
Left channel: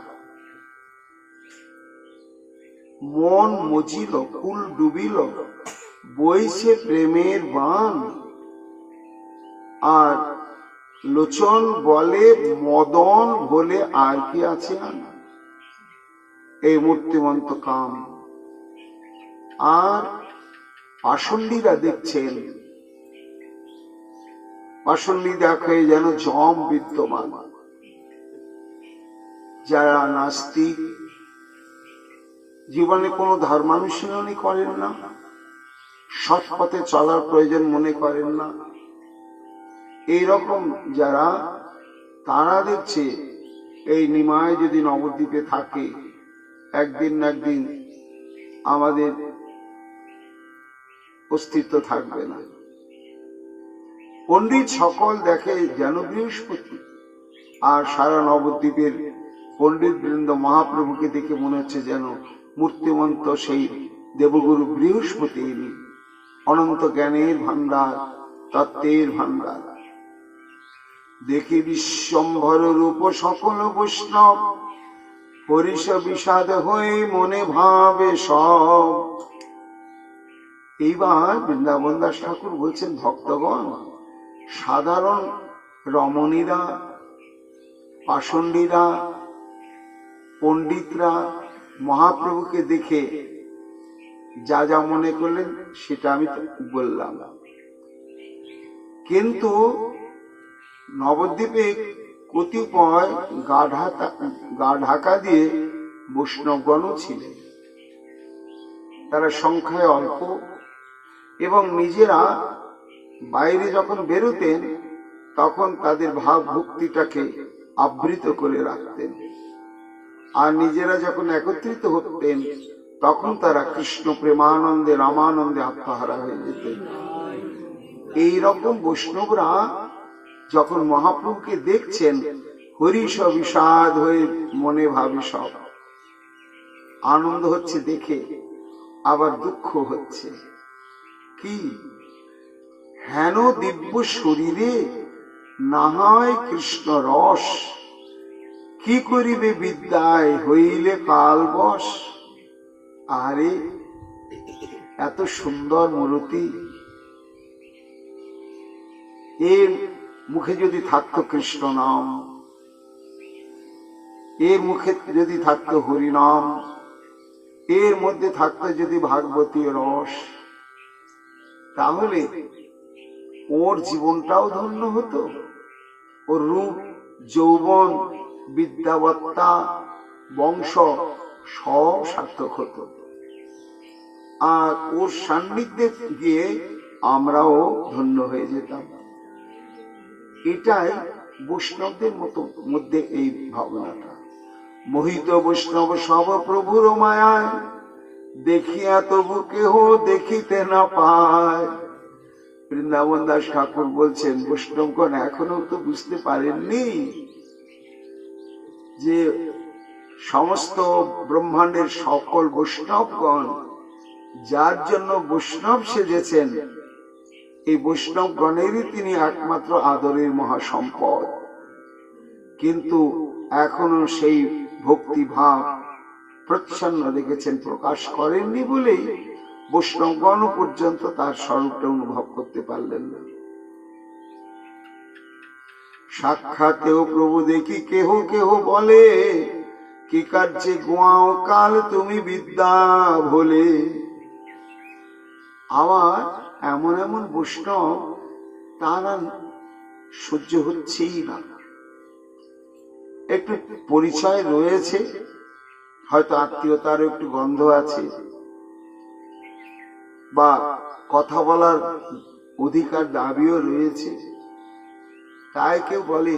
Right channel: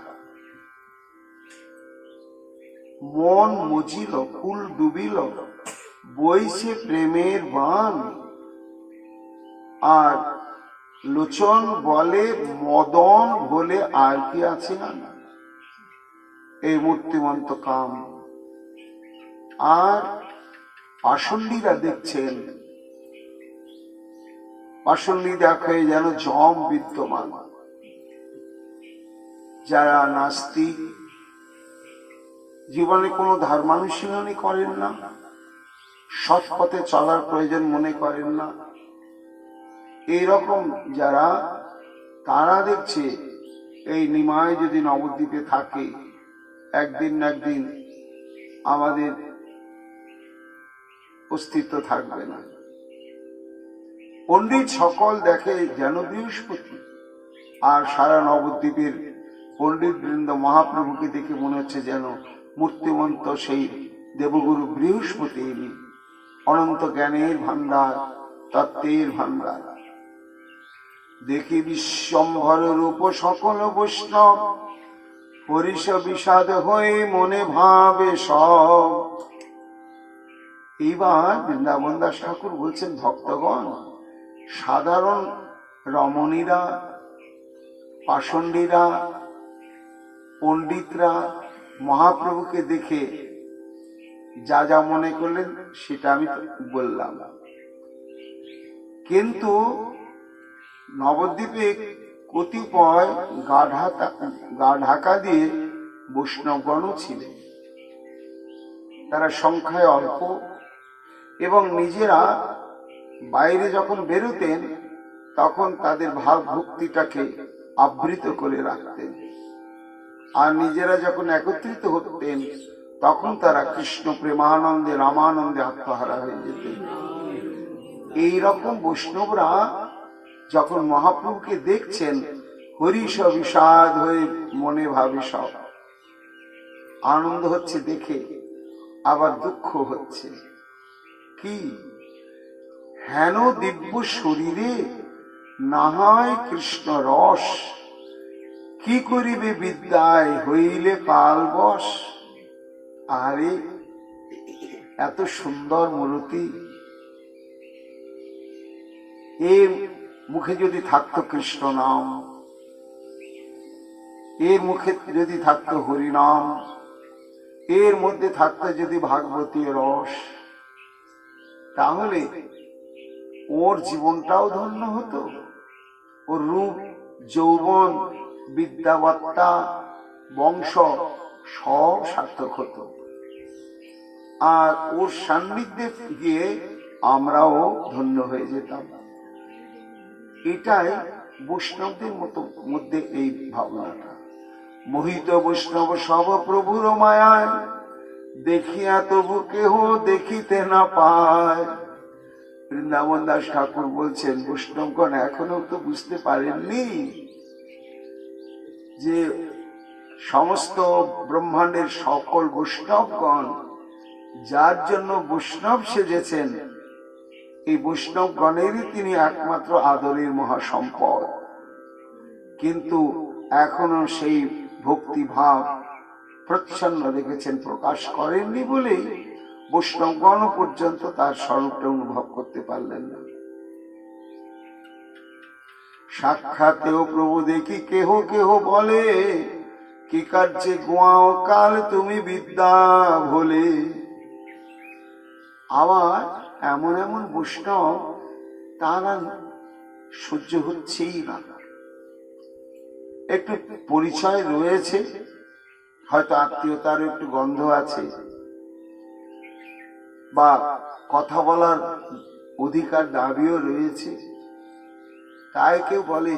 মন মজিল, কুল ডুবিল, বইছে প্রেমের বান। আর লোচন বলে মদন বলে আর কি আছে এই মূর্তিমন্ত কাম। আর পাষণ্ডীরা দেখছেন, পাষণ্ডী দেখে যেন যম বিদ্যমান। যারা নাস্তিক, জীবনে কোনো ধর্মানুশীলনই করেন না, সৎ পথে চলার প্রয়োজন মনে করেন না, এইরকম যারা, তারা দেখছে এই নিমায় যদি নবদ্বীপে থাকে, একদিন না একদিন আমাদের অস্তিত্ব থাকবে না। পণ্ডিত সকল দেখে যেন বৃহস্পতি, আর সারা নবদ্বীপের পণ্ডিত বৃন্দ মহাপ্রভুকে দেখে মনে হচ্ছে যেন মূর্তিমন্ত সেই দেবগুরু বৃহস্পতি, অনন্ত জ্ঞানের ভান্ডার, তত্ত্বের ভান্ডার। দেখি বিশ্বম্ভর রূপ সকল বৈষ্ণব, হরিষ বিষাদ হয়ে মনে ভাবে সব। এইবার বৃন্দাবন দাস ঠাকুর বলছেন, ভক্তগণ, সাধারণ রমণীরা, পাষণ্ডীরা, পণ্ডিতরা মহাপ্রভুকে দেখে যা যা মনে করলেন সেটা আমি বললাম। কিন্তু নবদ্বীপে কতিপয় গা ঢাকা দিয়ে বৈষ্ণবগণও ছিলেন। তারা সংখ্যায় অল্প এবং নিজেরা বাইরে যখন বেরোতেন তখন তাদের ভাব ভক্তিটাকে আবৃত করে রাখতেন, আর নিজেরা যখন একত্রিত হতেন তখন তারা কৃষ্ণ প্রেমানন্দে রামানন্দে আত্মহারা হয়ে যেতেন। এইরকম বৈষ্ণবরা যখন মহাপ্রভুকে দেখছেন, হরিষ বিষাদ হয়ে মনে ভাবে সব। আনন্দ হচ্ছে দেখে, আবার দুঃখ হচ্ছে। কি হেন দিব্য শরীরে না হয় কৃষ্ণ রস, কি করিবে বিদ্যায় হইলে কাল বশ। আরে এত সুন্দর মূর্তি, এর মুখে যদি থাকতো কৃষ্ণ নাম, এর মুখে যদি থাকতো হরিনাম, এর মধ্যে থাকতো যদি ভাগবতী রস, তাহলে ওর জীবনটাও ধন্য হতো। ওর রূপ, যৌবন, বিদ্যাবত্তা, বংশ সব সার্থক হতো। আর ওর সান্নিধ্যে গিয়ে আমরাও ধন্য হয়ে যেতাম। এটাই বৈষ্ণবদের মধ্যে এই ভাবনাটা। মোহিত বৈষ্ণব সব প্রভুর মায়ায়, দেখিয়া তবু কেহ দেখিতে না পায়। বৃন্দাবন দাস ঠাকুর বলছেন, বৈষ্ণবগণ এখনো তো বুঝতে পারেননি যে সমস্ত ব্রহ্মাণ্ডের সকল বৈষ্ণবগণ যার জন্য বৈষ্ণব সেজেছেন, এই বৈষ্ণবগণেরই তিনি একমাত্র আদরের মহাসম্পদ। কিন্তু এখনো সেই ভক্তিভাব প্রচ্ছন্ন রেখেছেন, প্রকাশ করেননি বলেই বৈষ্ণবগণ পর্যন্ত তার স্বরূপটা অনুভব করতে পারলেন না। সাক্ষাতেও প্রভু দেখি কেহ কেহ বলে, কি কার্যে গোয়াও কাল তুমি বিদ্যা ভোলে। আবার এমন এমন বৈষ্ণব তারা সহ্য হচ্ছেই না। একটু পরিচয় রয়েছে, হয়তো আত্মীয়তারও একটু গন্ধ আছে, বা কথা বলার অধিকার দাবিও রয়েছে, তাই কেউ বলে,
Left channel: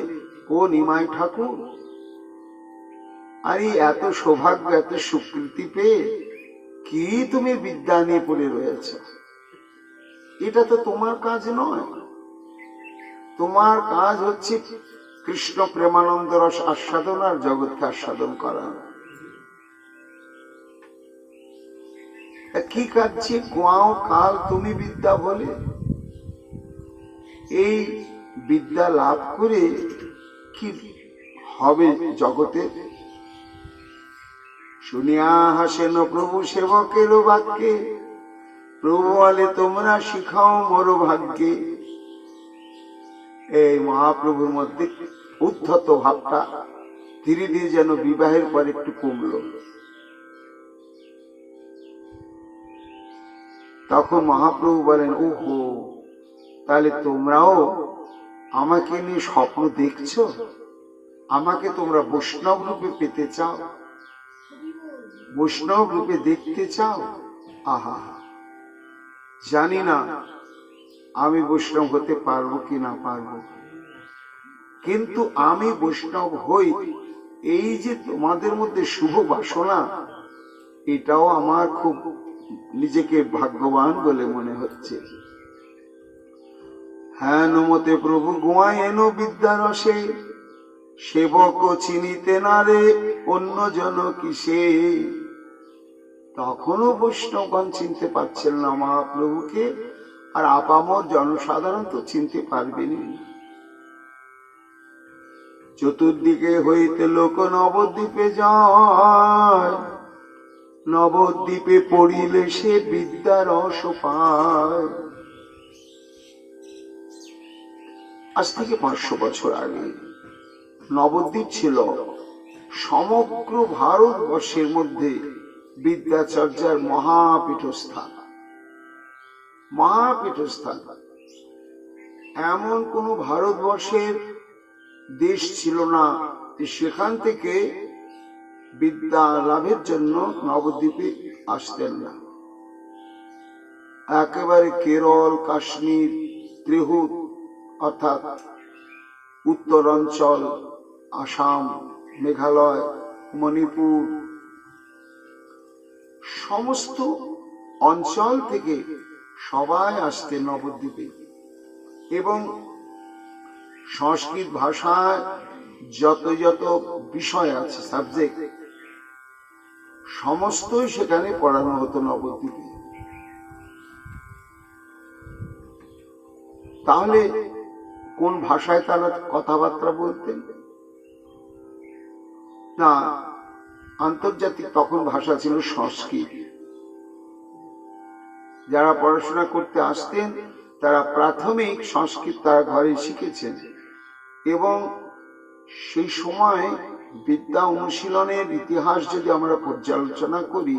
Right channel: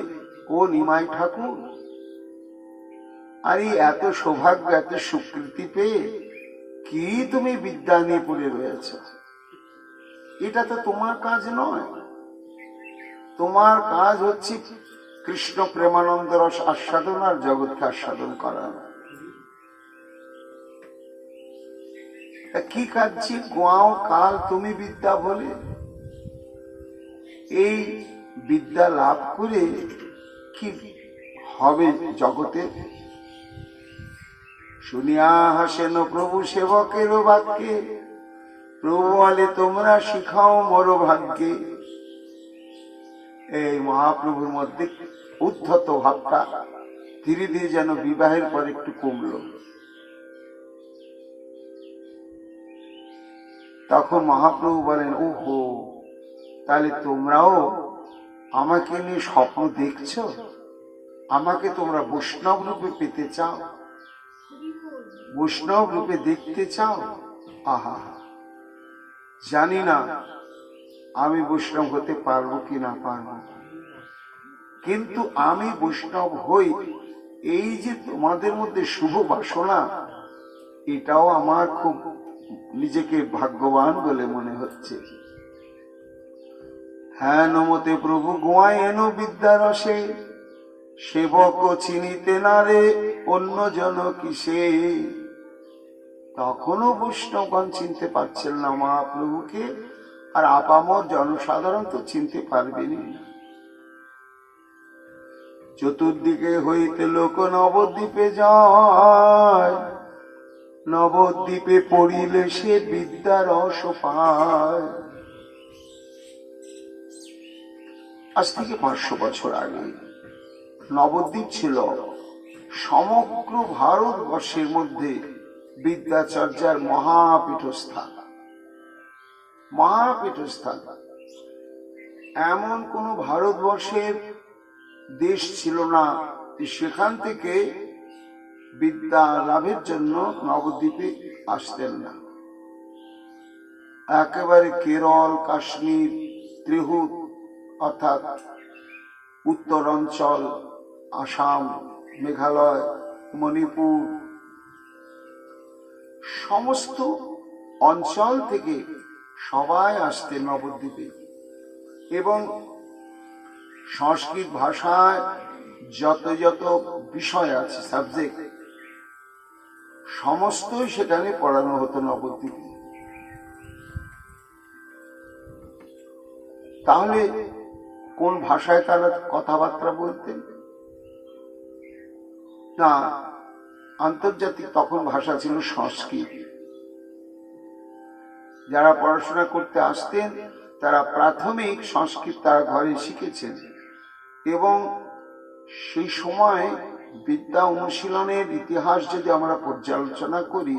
ও নিমাই ঠাকুর, আরে এত সৌভাগ্য এত স্বীকৃতি পেয়ে কি তুমি বিদ্যা নিয়ে পড়ে রয়েছ? এটা তো তোমার কাজ নয়। তোমার কাজ হচ্ছে কৃষ্ণ প্রেমানন্দ রস আস্বাদন আর জগৎকে আস্বাদন করা। কি কাজে গোয়াও কাল তুমি বিদ্যা বলে? এই বিদ্যা লাভ করে কি হবে জগতে? শুনিয়া হাসেন প্রভু সেবকের বাক্যে, প্রভু বলে তোমরা শিখাও মর ভাগ্যে। এই মহাপ্রভুর মধ্যে উদ্ধত ভাবটা ধীরে ধীরে যেন বিবাহের পর একটু কমল। তখন মহাপ্রভু বলেন, ওহো, তাহলে তোমরাও আমাকে নিয়ে স্বপ্ন দেখছো? আমাকে তোমরা বৈষ্ণব রূপে পেতে চাও, বৈষ্ণব রূপে দেখতে চাও? আহা, জানি না আমি বৈষ্ণব হতে পারবো কি না পারবো, কিন্তু আমি বৈষ্ণব হই, এই যে তোমাদের মধ্যে শুভ বাসনা, এটাও আমার খুব নিজেকে ভাগ্যবান বলে মনে হচ্ছে। হ্যাঁ নমতে প্রভু গোয়ায়েন বিদ্যারসে, সেবক চিনিতে না রে অন্য জন কিসে। তখনও বৈষ্ণবগণ চিনতে পারছেন না মহাপ্রভুকে, আর আপামর জনসাধারণ তো চিনতে পারবেনি। চতুর্দিকে হইতে লোক নবদ্বীপে যায়, নবদ্বীপে পড়িলে সে বিদ্যার রস পায়। আজ থেকে 500 বছর আগে নবদ্বীপ ছিল সমগ্র ভারতবর্ষের মধ্যে বিদ্যাচর্যার মহাপীঠস্থান। মহাপীঠস্থান, এমন কোন ভারতবর্ষের দেশ ছিল না সেখান থেকে বিদ্যা লাভের জন্য নবদ্বীপে আসতেন না। একেবারে কেরল, কাশ্মীর, ত্রিহুত অর্থাৎ উত্তরাঞ্চল, আসাম, মেঘালয়, মণিপুর, সমস্ত অঞ্চল থেকে সবাই আসতে নবদ্বীপে। এবং সংস্কৃত ভাষায় যত যত বিষয় আছে, সাবজেক্ট, সমস্তই সেখানে পড়ানো হতো নবদ্বীপে। তাহলে কোন ভাষায় তারা কথাবার্তা বলতেন? না, আন্তর্জাতিক তখন ভাষা ছিল সংস্কৃত। যারা পড়াশোনা করতে আসতেন তারা প্রাথমিক সংস্কৃত তারা ঘরে শিখেছেন, এবং সেই সময় বিদ্যা অনুশীলনের ইতিহাস যদি আমরা পর্যালোচনা করি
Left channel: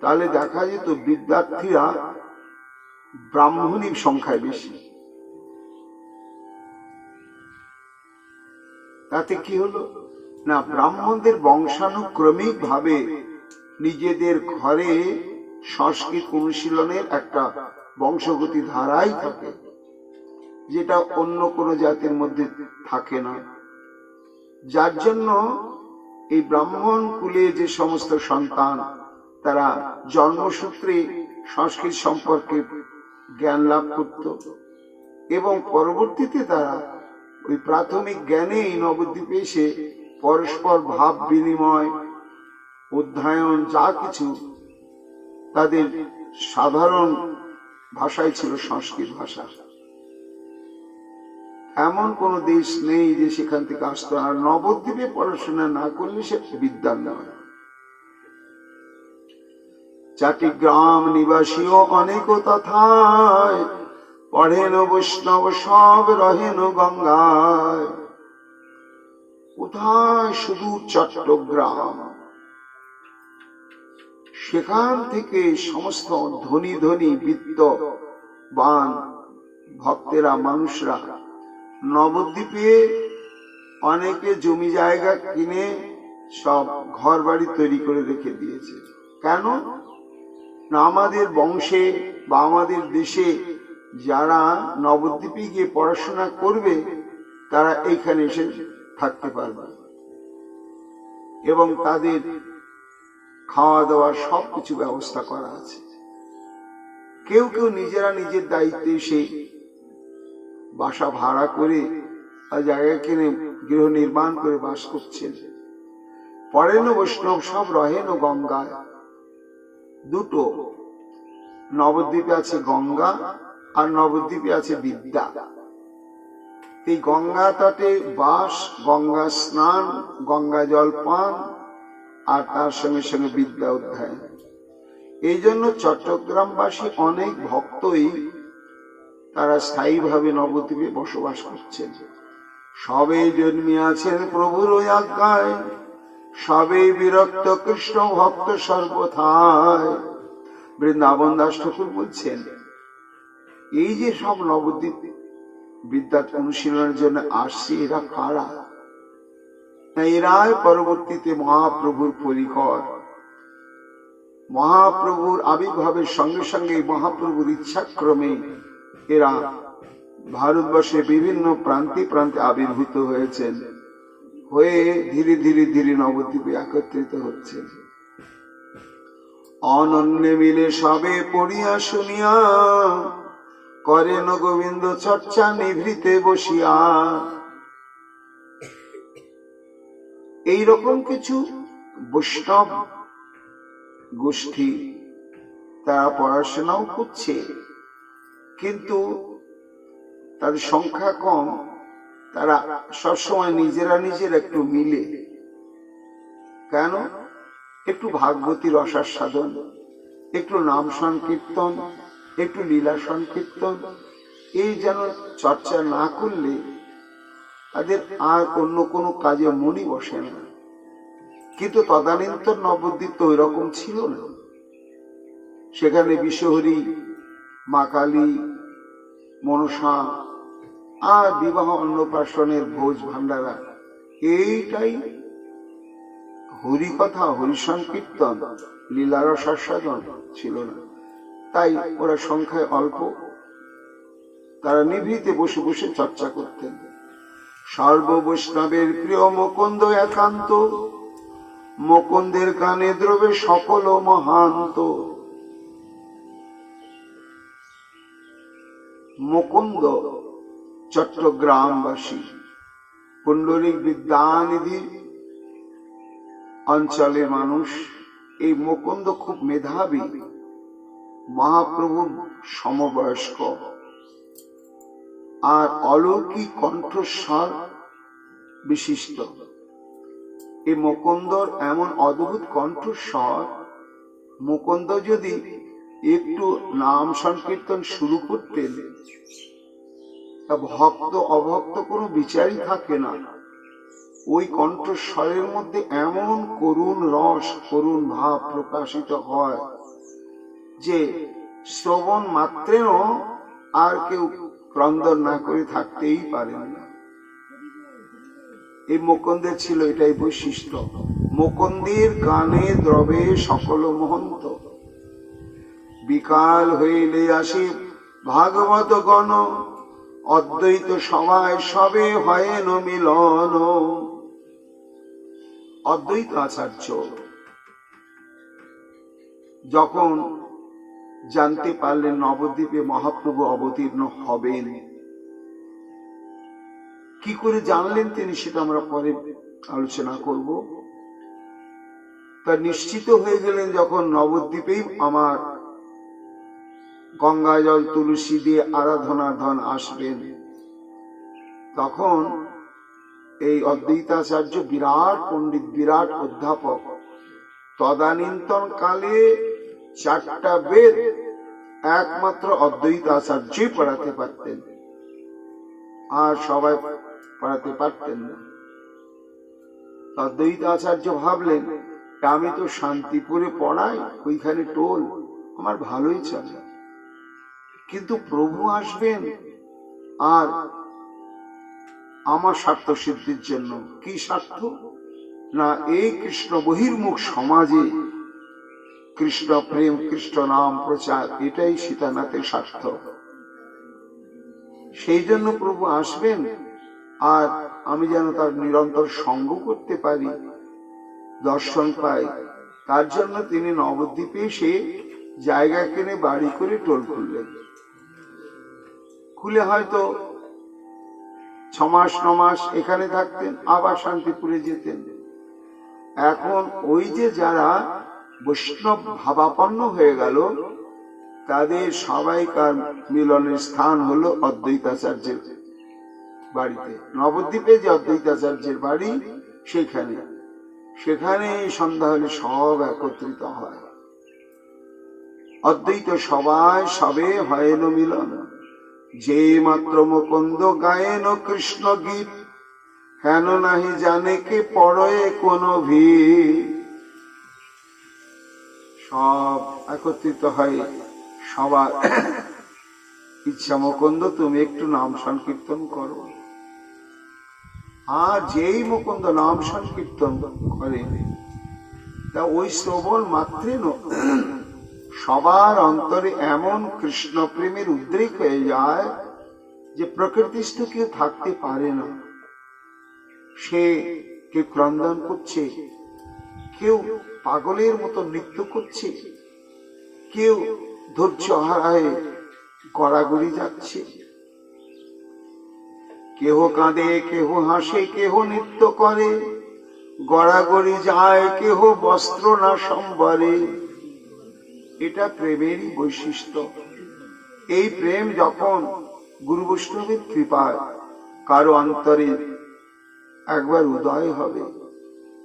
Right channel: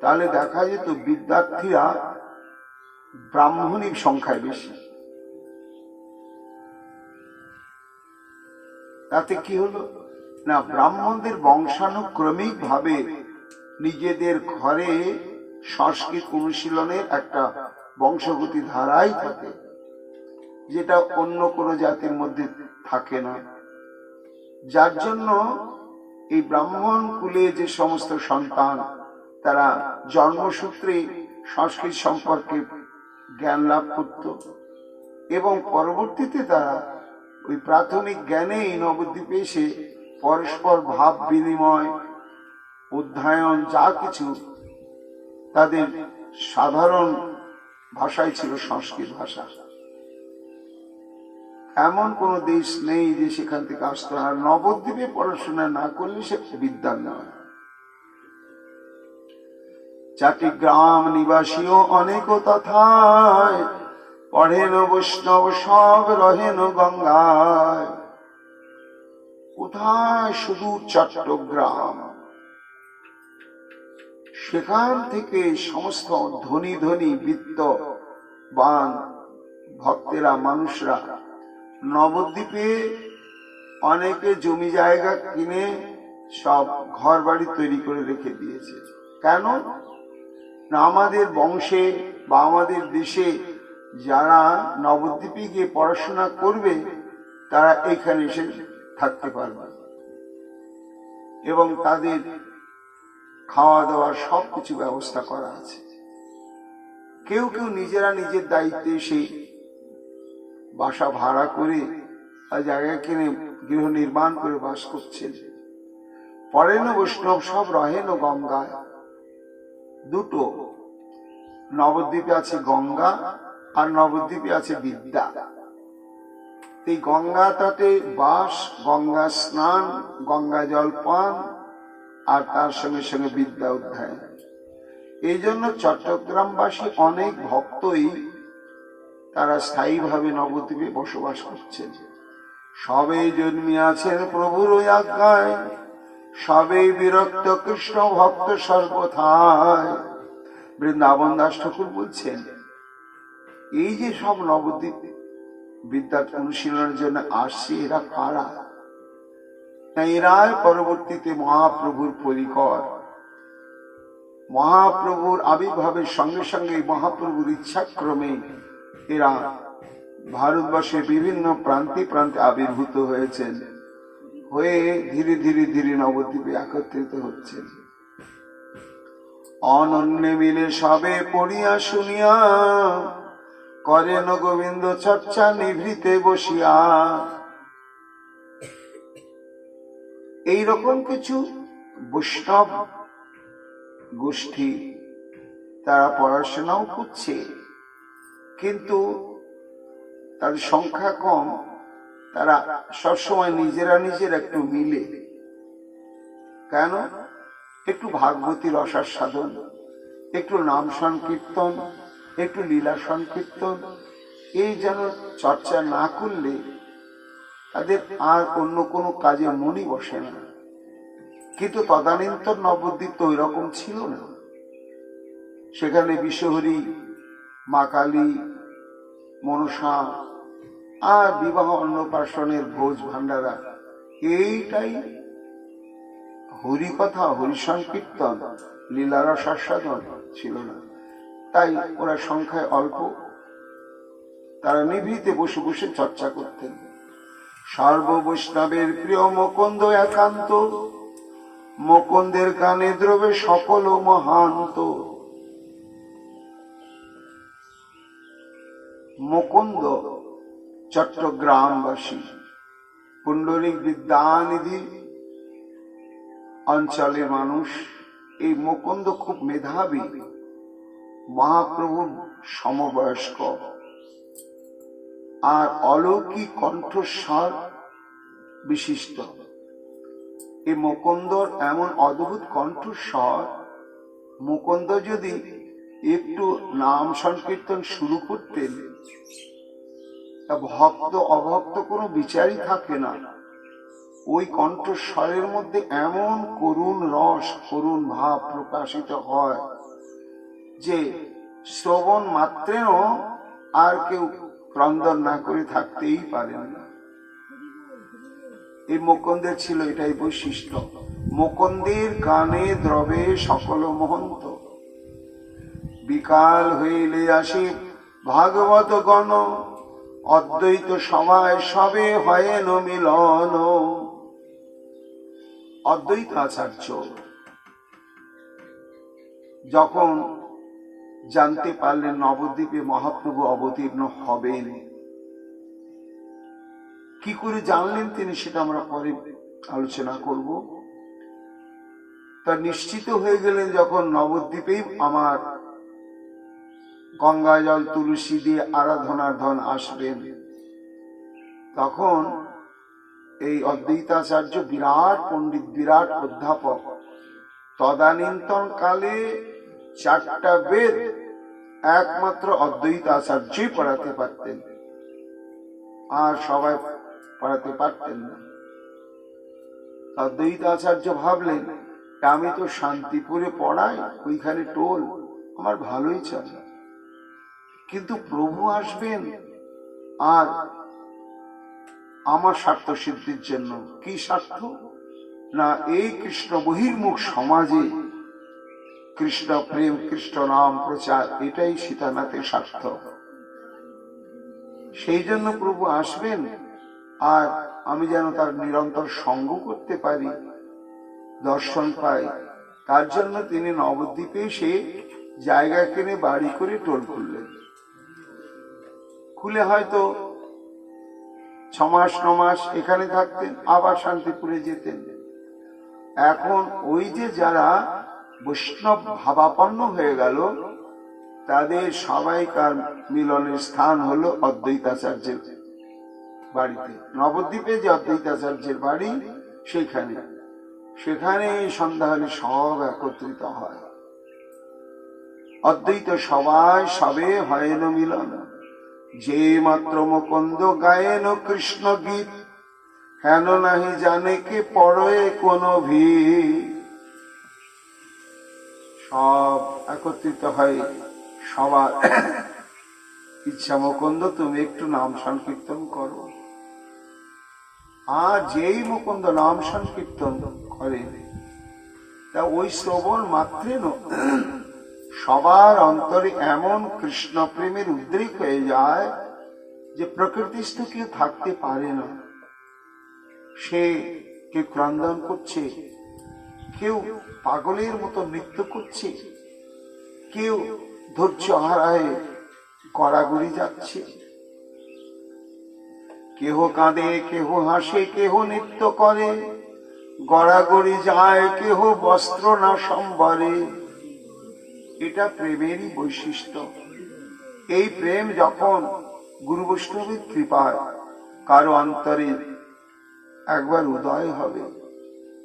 তাহলে দেখা যেত বিদ্যার্থীরা ব্রাহ্মণীর সংখ্যায় বেশি। তাতে কি হলো না, ব্রাহ্মণদের বংশানুক্রমিক ভাবে নিজেদের ঘরে সংস্কৃত অনুশীলনের একটা বংশগতি ধারাই থাকে, যেটা অন্য কোনো জাতির মধ্যে থাকে না। যার জন্য এই ব্রাহ্মণ কুলে যে সমস্ত সন্তান তারা জন্মসূত্রে সংস্কৃত সম্পর্কে জ্ঞান লাভ করত এবং পরবর্তীতে তারা ওই প্রাথমিক জ্ঞানেই নবদ্বীপে এসে পরস্পর ভাব বিনিময়, অধ্যয়ন যা কিছু তাদের সাধারণ ভাষায় ছিল সংস্কৃত ভাষা। এমন কোন দেশ নেই যে সেখান থেকে আসতো না। নবদ্বীপে পড়াশোনা না করলে সে বিদ্যার নয়। চারটি গ্রাম নিবাসীও অনেক তথায়, পড়েন বৈষ্ণব সব রহেন গঙ্গায়। কোথায়? শুধু চট্টগ্রাম। সেখান থেকে সমস্ত ধনী ধনী বিত্তবান ভক্তেরা, মানুষরা নবদ্বীপে অনেকে জমি জায়গা কিনে সব ঘর বাড়ি তৈরি করে রেখে দিয়েছে। কেন না? আমাদের বংশে বা আমাদের দেশে যারা নবদ্বীপে গিয়ে পড়াশোনা করবে তারা এইখানে এসে থাকতে পারবে এবং তাদের খাওয়া দাওয়ার সবকিছু ব্যবস্থা করা আছে। কেউ কেউ নিজেরা নিজের দায়িত্বে এসে বাসা ভাড়া করে জায়গা কিনে গৃহ নির্মাণ করে বাস করছেন। পড়েন বৈষ্ণব সব রহেন গঙ্গায়। দুটো, নবদ্বীপে আছে গঙ্গা আর নবদ্বীপে আছে বিদ্যা। এই গঙ্গা তটে বাস, গঙ্গা স্নান, গঙ্গা জল পান আর তার সঙ্গে সঙ্গে বিদ্যা অধ্যয়ন। এই জন্য চট্টগ্রামবাসী অনেক ভক্তই তারা স্থায়ীভাবে নবদ্বীপে বসবাস করছেন। সবেই জন্মিয়াছেন প্রভুর আজ্ঞায়, সবেই বিরক্ত কৃষ্ণ ভক্ত সর্বথায়। বৃন্দাবন দাস ঠাকুর বলছেন, এই যে সব নবদ্বীপ বিদ্যা অনুশীলনের জন্য আসছে, এরা কারা? এরাই পরবর্তীতে মহাপ্রভুর পরিকর। মহাপ্রভুর আবির্ভাবের সঙ্গে সঙ্গে মহাপ্রভুর ইচ্ছাক্রমে এরা ভারতবর্ষের বিভিন্ন প্রান্তে প্রান্তে আবির্ভূত হয়েছেন, হয়ে ধীরে ধীরে ধীরে নবদ্বীপে একত্রিত হচ্ছেন। অনন্যে মিলে সবে পড়িয়া শুনিয়া, করেন গোবিন্দ চর্চা নিভৃতে বসিয়া। এইরকম কিছু বৈষ্ণব গোষ্ঠী তারা পড়াশোনাও করছে, কিন্তু তাদের সংখ্যা কম। তারা সবসময় নিজেরা নিজেরা একটু মিলে। কেন? একটু ভাগবতী রসার সাধন, একটু নাম সংকীর্তন, একটু লীলা সংকীর্তন, এই যেন চর্চা না করলে তাদের আর অন্য কোনো কাজে মনই বসে না। কিন্তু তদানীন্তন নবদ্বীপ তো ওই রকম ছিল না। সেখানে বিশ্বহরি, মা কালী, মনসা আর বিবাহ অন্নপ্রাশনের ভোজ ভান্ডারা, এইটাই হরিকথা, হরিসংকীর্তন, লীলারসাস্বাদন ছিল না। তাই ওরা সংখ্যায় অল্প, তারা নিভৃতে বসে বসে চর্চা করতেন। সর্ববৈষ্ণবের প্রিয় মুকুন্দ একান্ত, মুকুন্দের গানে দ্রবে সকল মহান্ত। মুকুন্দ চট্টগ্রামবাসী, পুণ্ডরিক বিদ্যানিধি অঞ্চলের মানুষ। এই মুকুন্দ খুব মেধাবী, মহাপ্রভুর সমবয়স্ক আর অলৌকিক কণ্ঠস্বর বিশিষ্ট। এই মুকুন্দর এমন অদ্ভুত কণ্ঠস্বর, মুকুন্দ যদি একটু নাম সংকীর্তন শুরু করতেন, তা ভক্ত অভক্ত কোনো বিচারই থাকে না। ওই কণ্ঠস্বরের মধ্যে এমন করুণ রস, করুণ ভাব প্রকাশিত হয় যে শ্রবণ মাত্রেও আর কেউ ক্রন্দন না করে থাকতেই পারেন না। এই মুকুন্দের ছিল এটাই বৈশিষ্ট্য। মুকুন্দের গানে দ্রবে সকল মহন্ত। বিকাল হইলে আসি ভাগবত গণ, অদ্বৈত সভায় সবে হয়েন মিলন। অদ্বৈত আচার্য যখন জানতে পারলেন নবদ্বীপে মহাপ্রভু অবতীর্ণ হবেন, কি করে জানলেন তিনি সেটা আমরা পরে আলোচনা করব। তা নিশ্চিত হয়ে গেলেন যখন নবদ্বীপেই আমার গঙ্গা জল তুলসী দিয়ে আরাধনার ধন আসবেন, তখন এই অদ্বৈতাচার্য বিরাট পণ্ডিত, বিরাট অধ্যাপক, তদানীন্তন কালে 4টা বেদ একমাত্র অদ্বৈতাচার্যই পড়াতে পারতেন, আর সবাই পড়াতে পারতেন না। অদ্বৈতাচার্য ভাবলেন আমি তো শান্তিপুরে পড়াই, ওইখানে টোল, আমার ভালোই চলে, কিন্তু প্রভু আসবেন আর আমার স্বার্থ সিদ্ধির জন্য। কি স্বার্থ? না এই কৃষ্ণ বহির্মুখ সমাজে কৃষ্ণ প্রেম, কৃষ্ণ নাম প্রচার, এটাই সীতানাথের স্বার্থ। সেই জন্য প্রভু আসবেন আর আমি যেন তার নিরন্তর সঙ্গ করতে পারি, দর্শন পাই, তার জন্য তিনি নবদ্বীপে সে জায়গা কিনে বাড়ি করে টোল খুললেন। খুলে হয়তো 6 মাস 9 মাস এখানে থাকতেন, আবার শান্তিপুরে যেতেন। এখন ওই যে যারা বৈষ্ণব ভাবাপন্ন হয়ে গেল, তাদের সবাইকার মিলনের স্থান হলো অদ্বৈতাচার্যের বাড়িতে। নবদ্বীপে যে অদ্বৈতাচার্যের বাড়ি, সেখানে সন্ধ্যা হলে সব একত্রিত হয়। অদ্বৈত সবাই সবে হয়েন মিলন, যে মাত্র মুকুন্দ গায়েন কৃষ্ণ গীত, হেন নাহি জানে কে পড়ে কোন ভি। সব একত্রিত হয়, সবার ইচ্ছা মুকুন্দ তুমি একটু নাম সংকীর্তন করো। আর যেই মুকুন্দ নাম সংকীর্তন করে, তা ওই শ্রবণ মাত্রে সবার অন্তরে এমন কৃষ্ণ প্রেমের উদ্রেক হয়ে যায় যে প্রকৃতিস্থ কেউ থাকতে পারে না। সে কেউ ক্রন্দন করছে, কেউ পাগলের মতো নৃত্য করছে, কেউ ধৈর্য হারায় গড়াগড়ি যাচ্ছে, কেহ কাঁদে, কেহ হাসে, কেহ নৃত্য করে, গড়াগড়ি যায়, কেহ বস্ত্র না সম্বরে। এটা প্রেমেরই বৈশিষ্ট্য। এই প্রেম যখন গুরু বৈষ্ণবের কৃপায় কারো অন্তরে একবার উদয় হবে,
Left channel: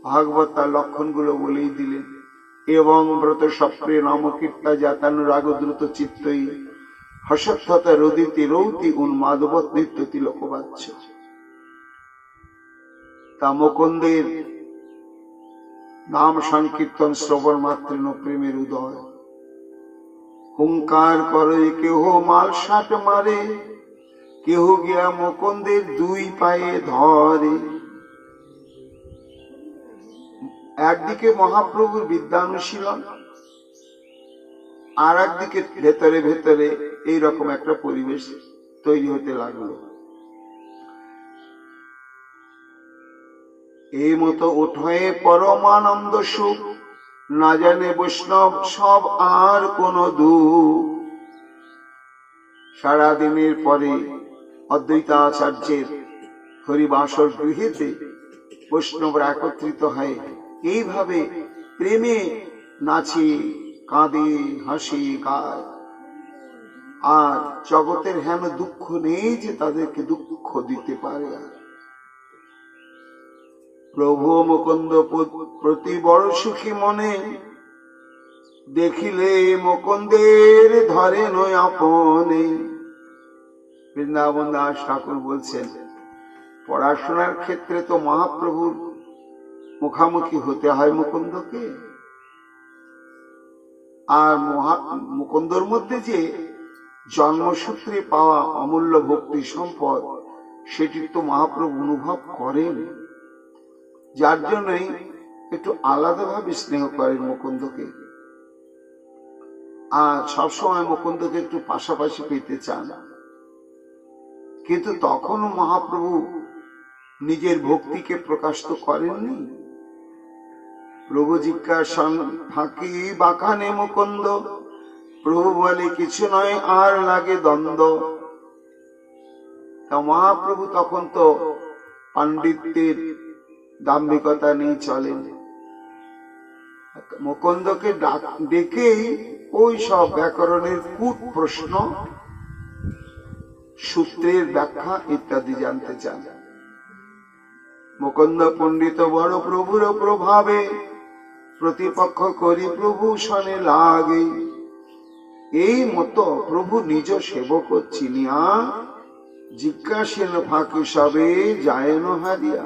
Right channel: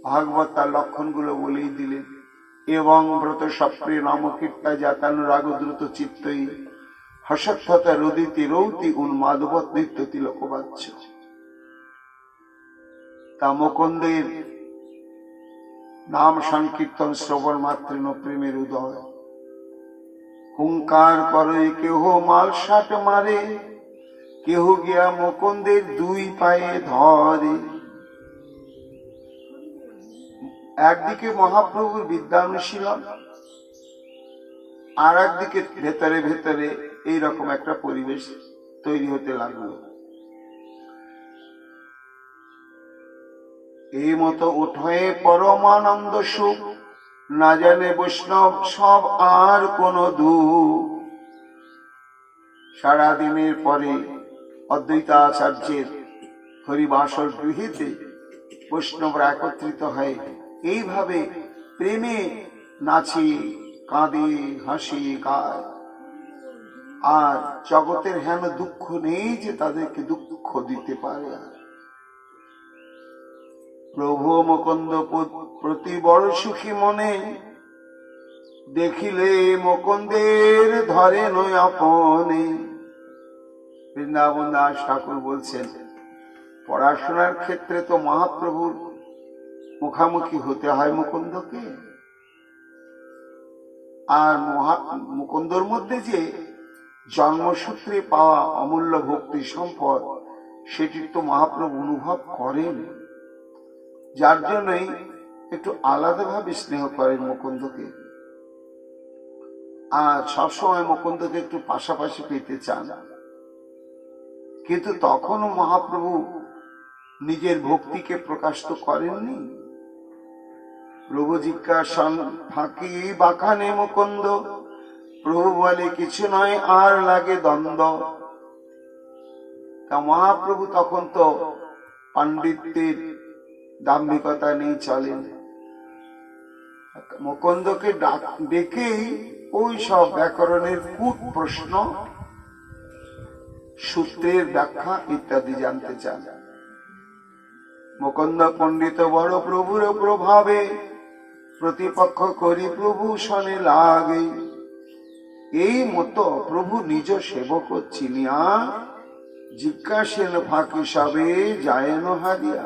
ভাগবত তার লক্ষণগুলো বলেই দিলেন। এবং ব্রত সপ্রে নামকীর্তা জাতানুরাগ দ্রুত চিত্তই, হসত্যতা রদিতি রৌতি উন্মাদবৎ নৃত্যতি লোকবাচ্য। তা মুকুন্দের নাম সংকীর্তন শ্রবণ মাত্র প্রেমের উদয়। হুঙ্কার করে কেহ মালসাট মারে, কেহ গিয়া মুকুন্দের 2 পায়ে ধরে। একদিকে মহাপ্রভুর বিদ্যানুশীলন, আর একদিকে ভেতরে ভেতরে এইরকম একটা পরিবেশ তৈরি হতে লাগলো। এই মতো উঠয়ে পরমানন্দ সুখ, না জানে বৈষ্ণব সব আর কোন দুঃখ। সারাদিনের পরে অদ্বৈতাচার্যের হরিবাসর গৃহেতে বৈষ্ণবরা একত্রিত হয়, এইভাবে প্রেমে নাচে, কাঁদে, হাসি, গায়। আর জগতের হেন দুঃখ নেই যে তাদেরকে দুঃখ দিতে পারে। প্রভু মুকুন্দ প্রতি বড় সুখী মনে, দেখিলে মুকুন্দের ধরে নয় আপনে। বৃন্দাবন দাস ঠাকুর বলছেন, পড়াশোনার ক্ষেত্রে তো মহাপ্রভুর মুখামুখি হতে হয় মুকুন্দকে, আর মুকুন্দর মধ্যে যে জন্মসূত্রে পাওয়া অমূল্য ভক্তি সম্পদ, সেটি তো মহাপ্রভু অনুভব করেন, যার জন্যই একটু আলাদাভাবে স্নেহ করেন মুকুন্দকে। আর সবসময় মুকুন্দকে একটু পাশাপাশি পেতে চান। কিন্তু তখনও মহাপ্রভু নিজের ভক্তিকে প্রকাশ তো করেননি। প্রভু জিজ্ঞাসন ফাঁকি বাখানে মুকুন্দ, প্রভু বলে কিছু নয় আর লাগে দ্বন্দ্ব। তা মহাপ্রভু তখন তো পাণ্ডিত্যের দাম্ভিকতা নিয়ে চলেন, মুকুন্দকে ডেকেই ওই সব ব্যাকরণের কূট প্রশ্ন, সূত্রের ব্যাখ্যা ইত্যাদি জানতে চান। মুকুন্দ পণ্ডিত বড় প্রভুর প্রভাবে, প্রতিপক্ষ করি প্রভু শনে লাগে। এই মতো প্রভু নিজ সেবক চিনিয়া, জিজ্ঞাসেন ফাঁকি সবে যায়ন হারিয়া।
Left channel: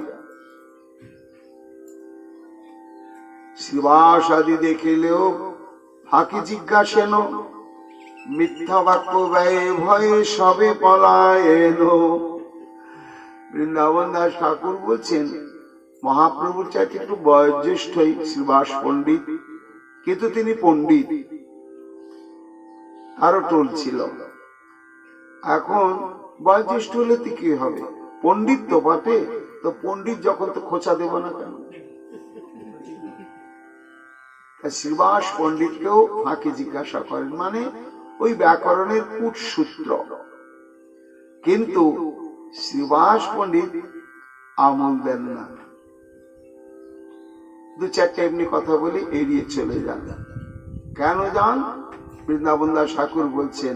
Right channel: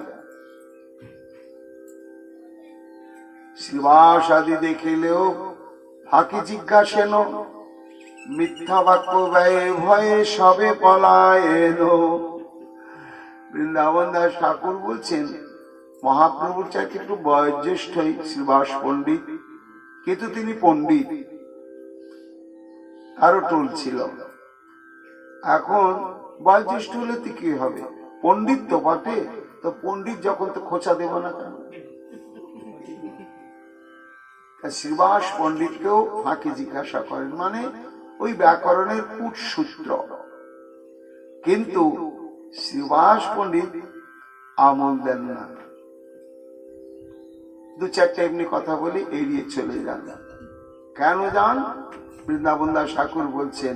শ্রীবাস আদি দেখিলেও ফাঁকি জিজ্ঞাসেন, মিথ্যা বাক্য ব্যয়ে ভয়ে সবে পলায়েন। বৃন্দাবন দাস ঠাকুর বলছেন, মহাপ্রভুর চাইতে একটু বয়োজ্যেষ্ঠই শ্রীবাস পণ্ডিত, কিন্তু তিনি পণ্ডিত, আরো টোল ছিল। এখন বয়োজ্যেষ্ঠ হলে কি হবে, পণ্ডিত তো বটে, তো পণ্ডিত যখন তো খোঁচা দেব না কেন? শ্রীবাস পণ্ডিতকেও ফাঁকি জিজ্ঞাসা করেন, মানে ওই ব্যাকরণের কূটসূত্র। কিন্তু শ্রীবাস পণ্ডিত আমল দেন না, দু চারটা এমনি কথা বলে এড়িয়ে চলে যান। কেন যান? বৃন্দাবন দাস ঠাকুর বলছেন,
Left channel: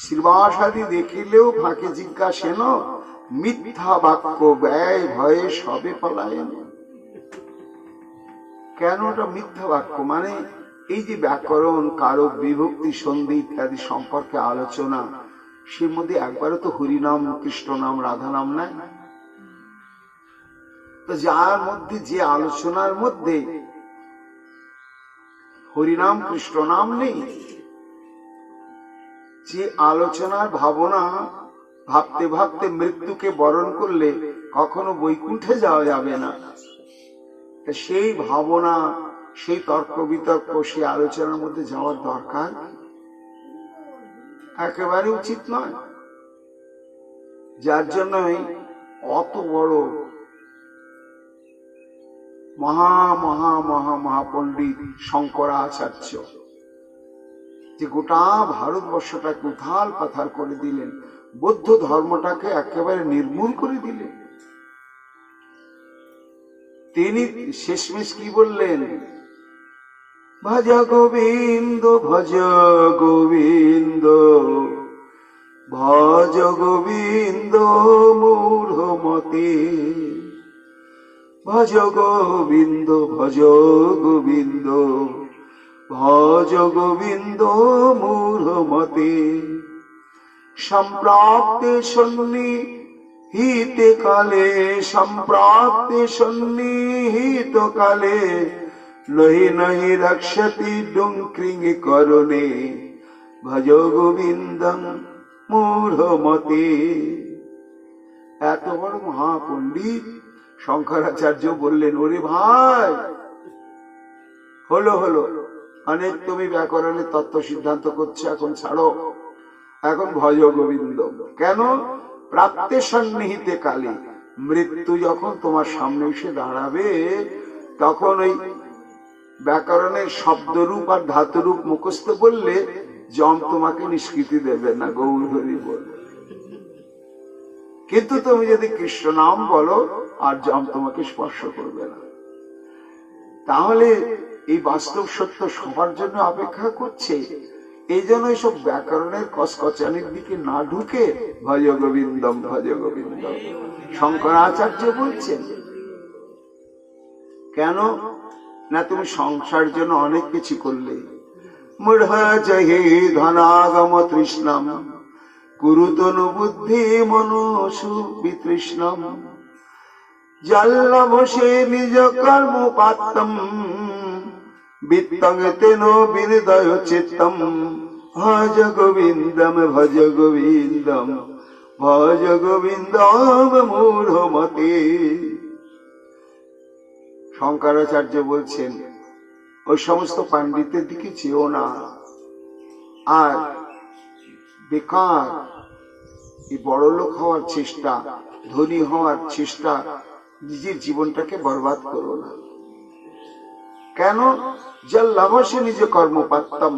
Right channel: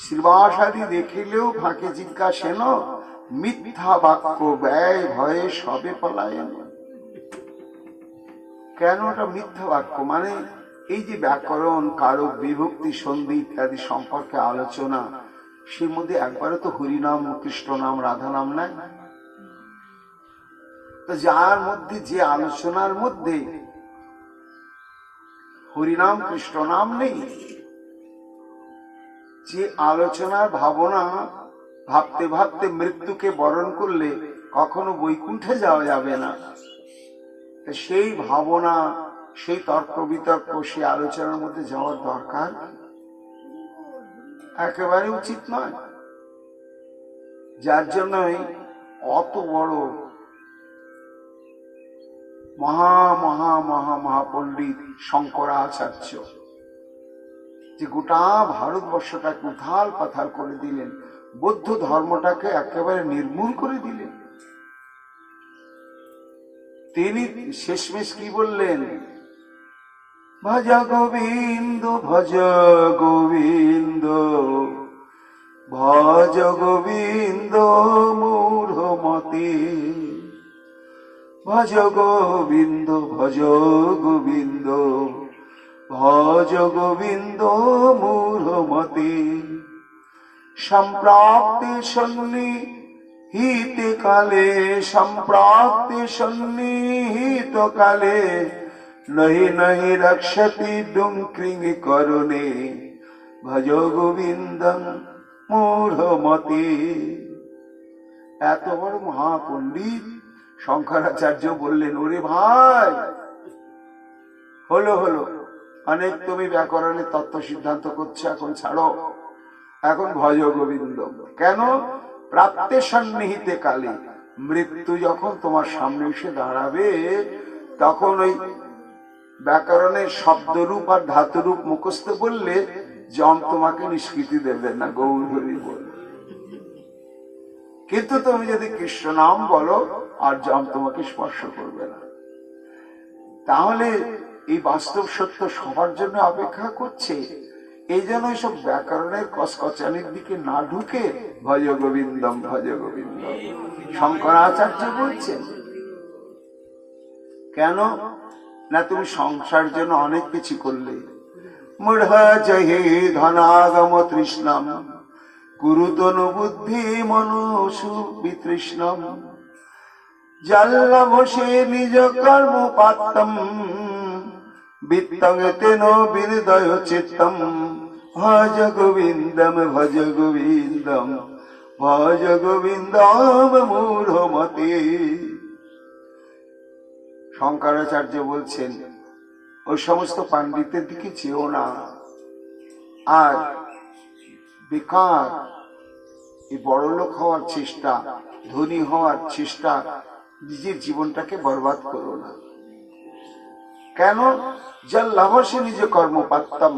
শ্রীবাস আদি দেখিলেও ফাঁকে জিজ্ঞাসেন, মিথ্যা বাক্য ব্যয় ভয়ে সবে পলায়েন। কেন ওটা মিথ্যা বাক্য? মানে এই যে ব্যাকরণ, কারক, বিভক্তি, সন্ধি ইত্যাদি সম্পর্কে আলোচনা, সেই মধ্যে একবারও তো হরিনাম, কৃষ্ণ নাম, রাধা নাম নাই। তো যার মধ্যে, যে আলোচনার মধ্যে হরিনাম কৃষ্ণ নাম নেই, যে আলোচনার ভাবনা ভাবতে ভাবতে মৃত্যুকে বরণ করলে কখনো বৈকুণ্ঠে যাওয়া যাবে না, সেই ভাবনা, সেই তর্ক বিতর্ক, সেই আলোচনার মধ্যে যাওয়ার দরকার একেবারে উচিত নয়। যার জন্যই অত বড় মহা মহা মহা মহাপণ্ডিত শঙ্করাচার্য, যে গোটা ভারতবর্ষটাকে উথাল পাথাল করে দিলেন, বৌদ্ধ ধর্মটাকে একেবারে নির্মূল করে দিলেন, তিনি শেষমেশ কি বললেন? ভজ গোবিন্দ, ভজ গোবিন্দ, ভজ গোবিন্দ মূঢ় মতে। ভজ গোবিন্দ, ভজ গোবিন্দ, ভজ গোবিন্দ মূঢ় মতে। সম্প্রাপ্তে সন্নিহিতে কালে, সম্প্রাপ্তে সন্নিহিত কালে, নহি নহি রক্ষতি ডুঙ্ক্রিং করণে। ভজ গোবিন্দং মূঢ় মতে। এত বড় মহাপণ্ডিত শঙ্করাচার্য বললেন, ওরে ভাই, হলো হলো, অনেক তুমি ব্যাকরণের তত্ত্ব সিদ্ধান্ত করছো, এখন ছাড়ো, এখন ভজ গোবিন্দ। কেন? প্রাপ্তে সন্নিহিতে কালে, মৃত্যু যখন তোমার সামনে এসে দাঁড়াবে, তখন ওই ব্যাকরণের শব্দরূপ আর ধাতুরূপ মুখস্থ বললে যম তোমাকে নিষ্কৃতি দেবে না, গৌর হরি বল। কিন্তু তুমি যদি কৃষ্ণ নাম বলো, আর যম তোমাকে স্পর্শ করবে না। তাহলে এই বাস্তব সত্য সবার জন্য অপেক্ষা করছে। এই জন্য এইসব ব্যাকরণের কসকচানির দিকে না ঢুকে ভজ গোবিন্দম, ভজ গোবিন্দম শঙ্করাচার্য বলছেন। কেন না? তুমি সংসার জন্য অনেক কিছু করলে। মূঢ় জহি ধনাগম তৃষ্ণম, কুরুতনু বুদ্ধি মনুষু বিতৃষ্ণম। জল্লভসে নিজ কর্ম পাত্তম, বিত্তং তেন বিহৃদয় চিত্তম। ভজ গোবিন্দম, ভজ গোবিন্দম, ভজ গোবিন্দম মূঢ় মতে। শঙ্করাচার্য বলছেন, ওই সমস্ত পাণ্ডিতের দিকে চেয়েও না। আর বেকার এই বড় লোক হওয়ার চেষ্টা, ধনী হওয়ার চেষ্টা, নিজের জীবনটাকে বরবাদ করো না। কেন? যার লাভসে নিজ কর্ম পারতাম।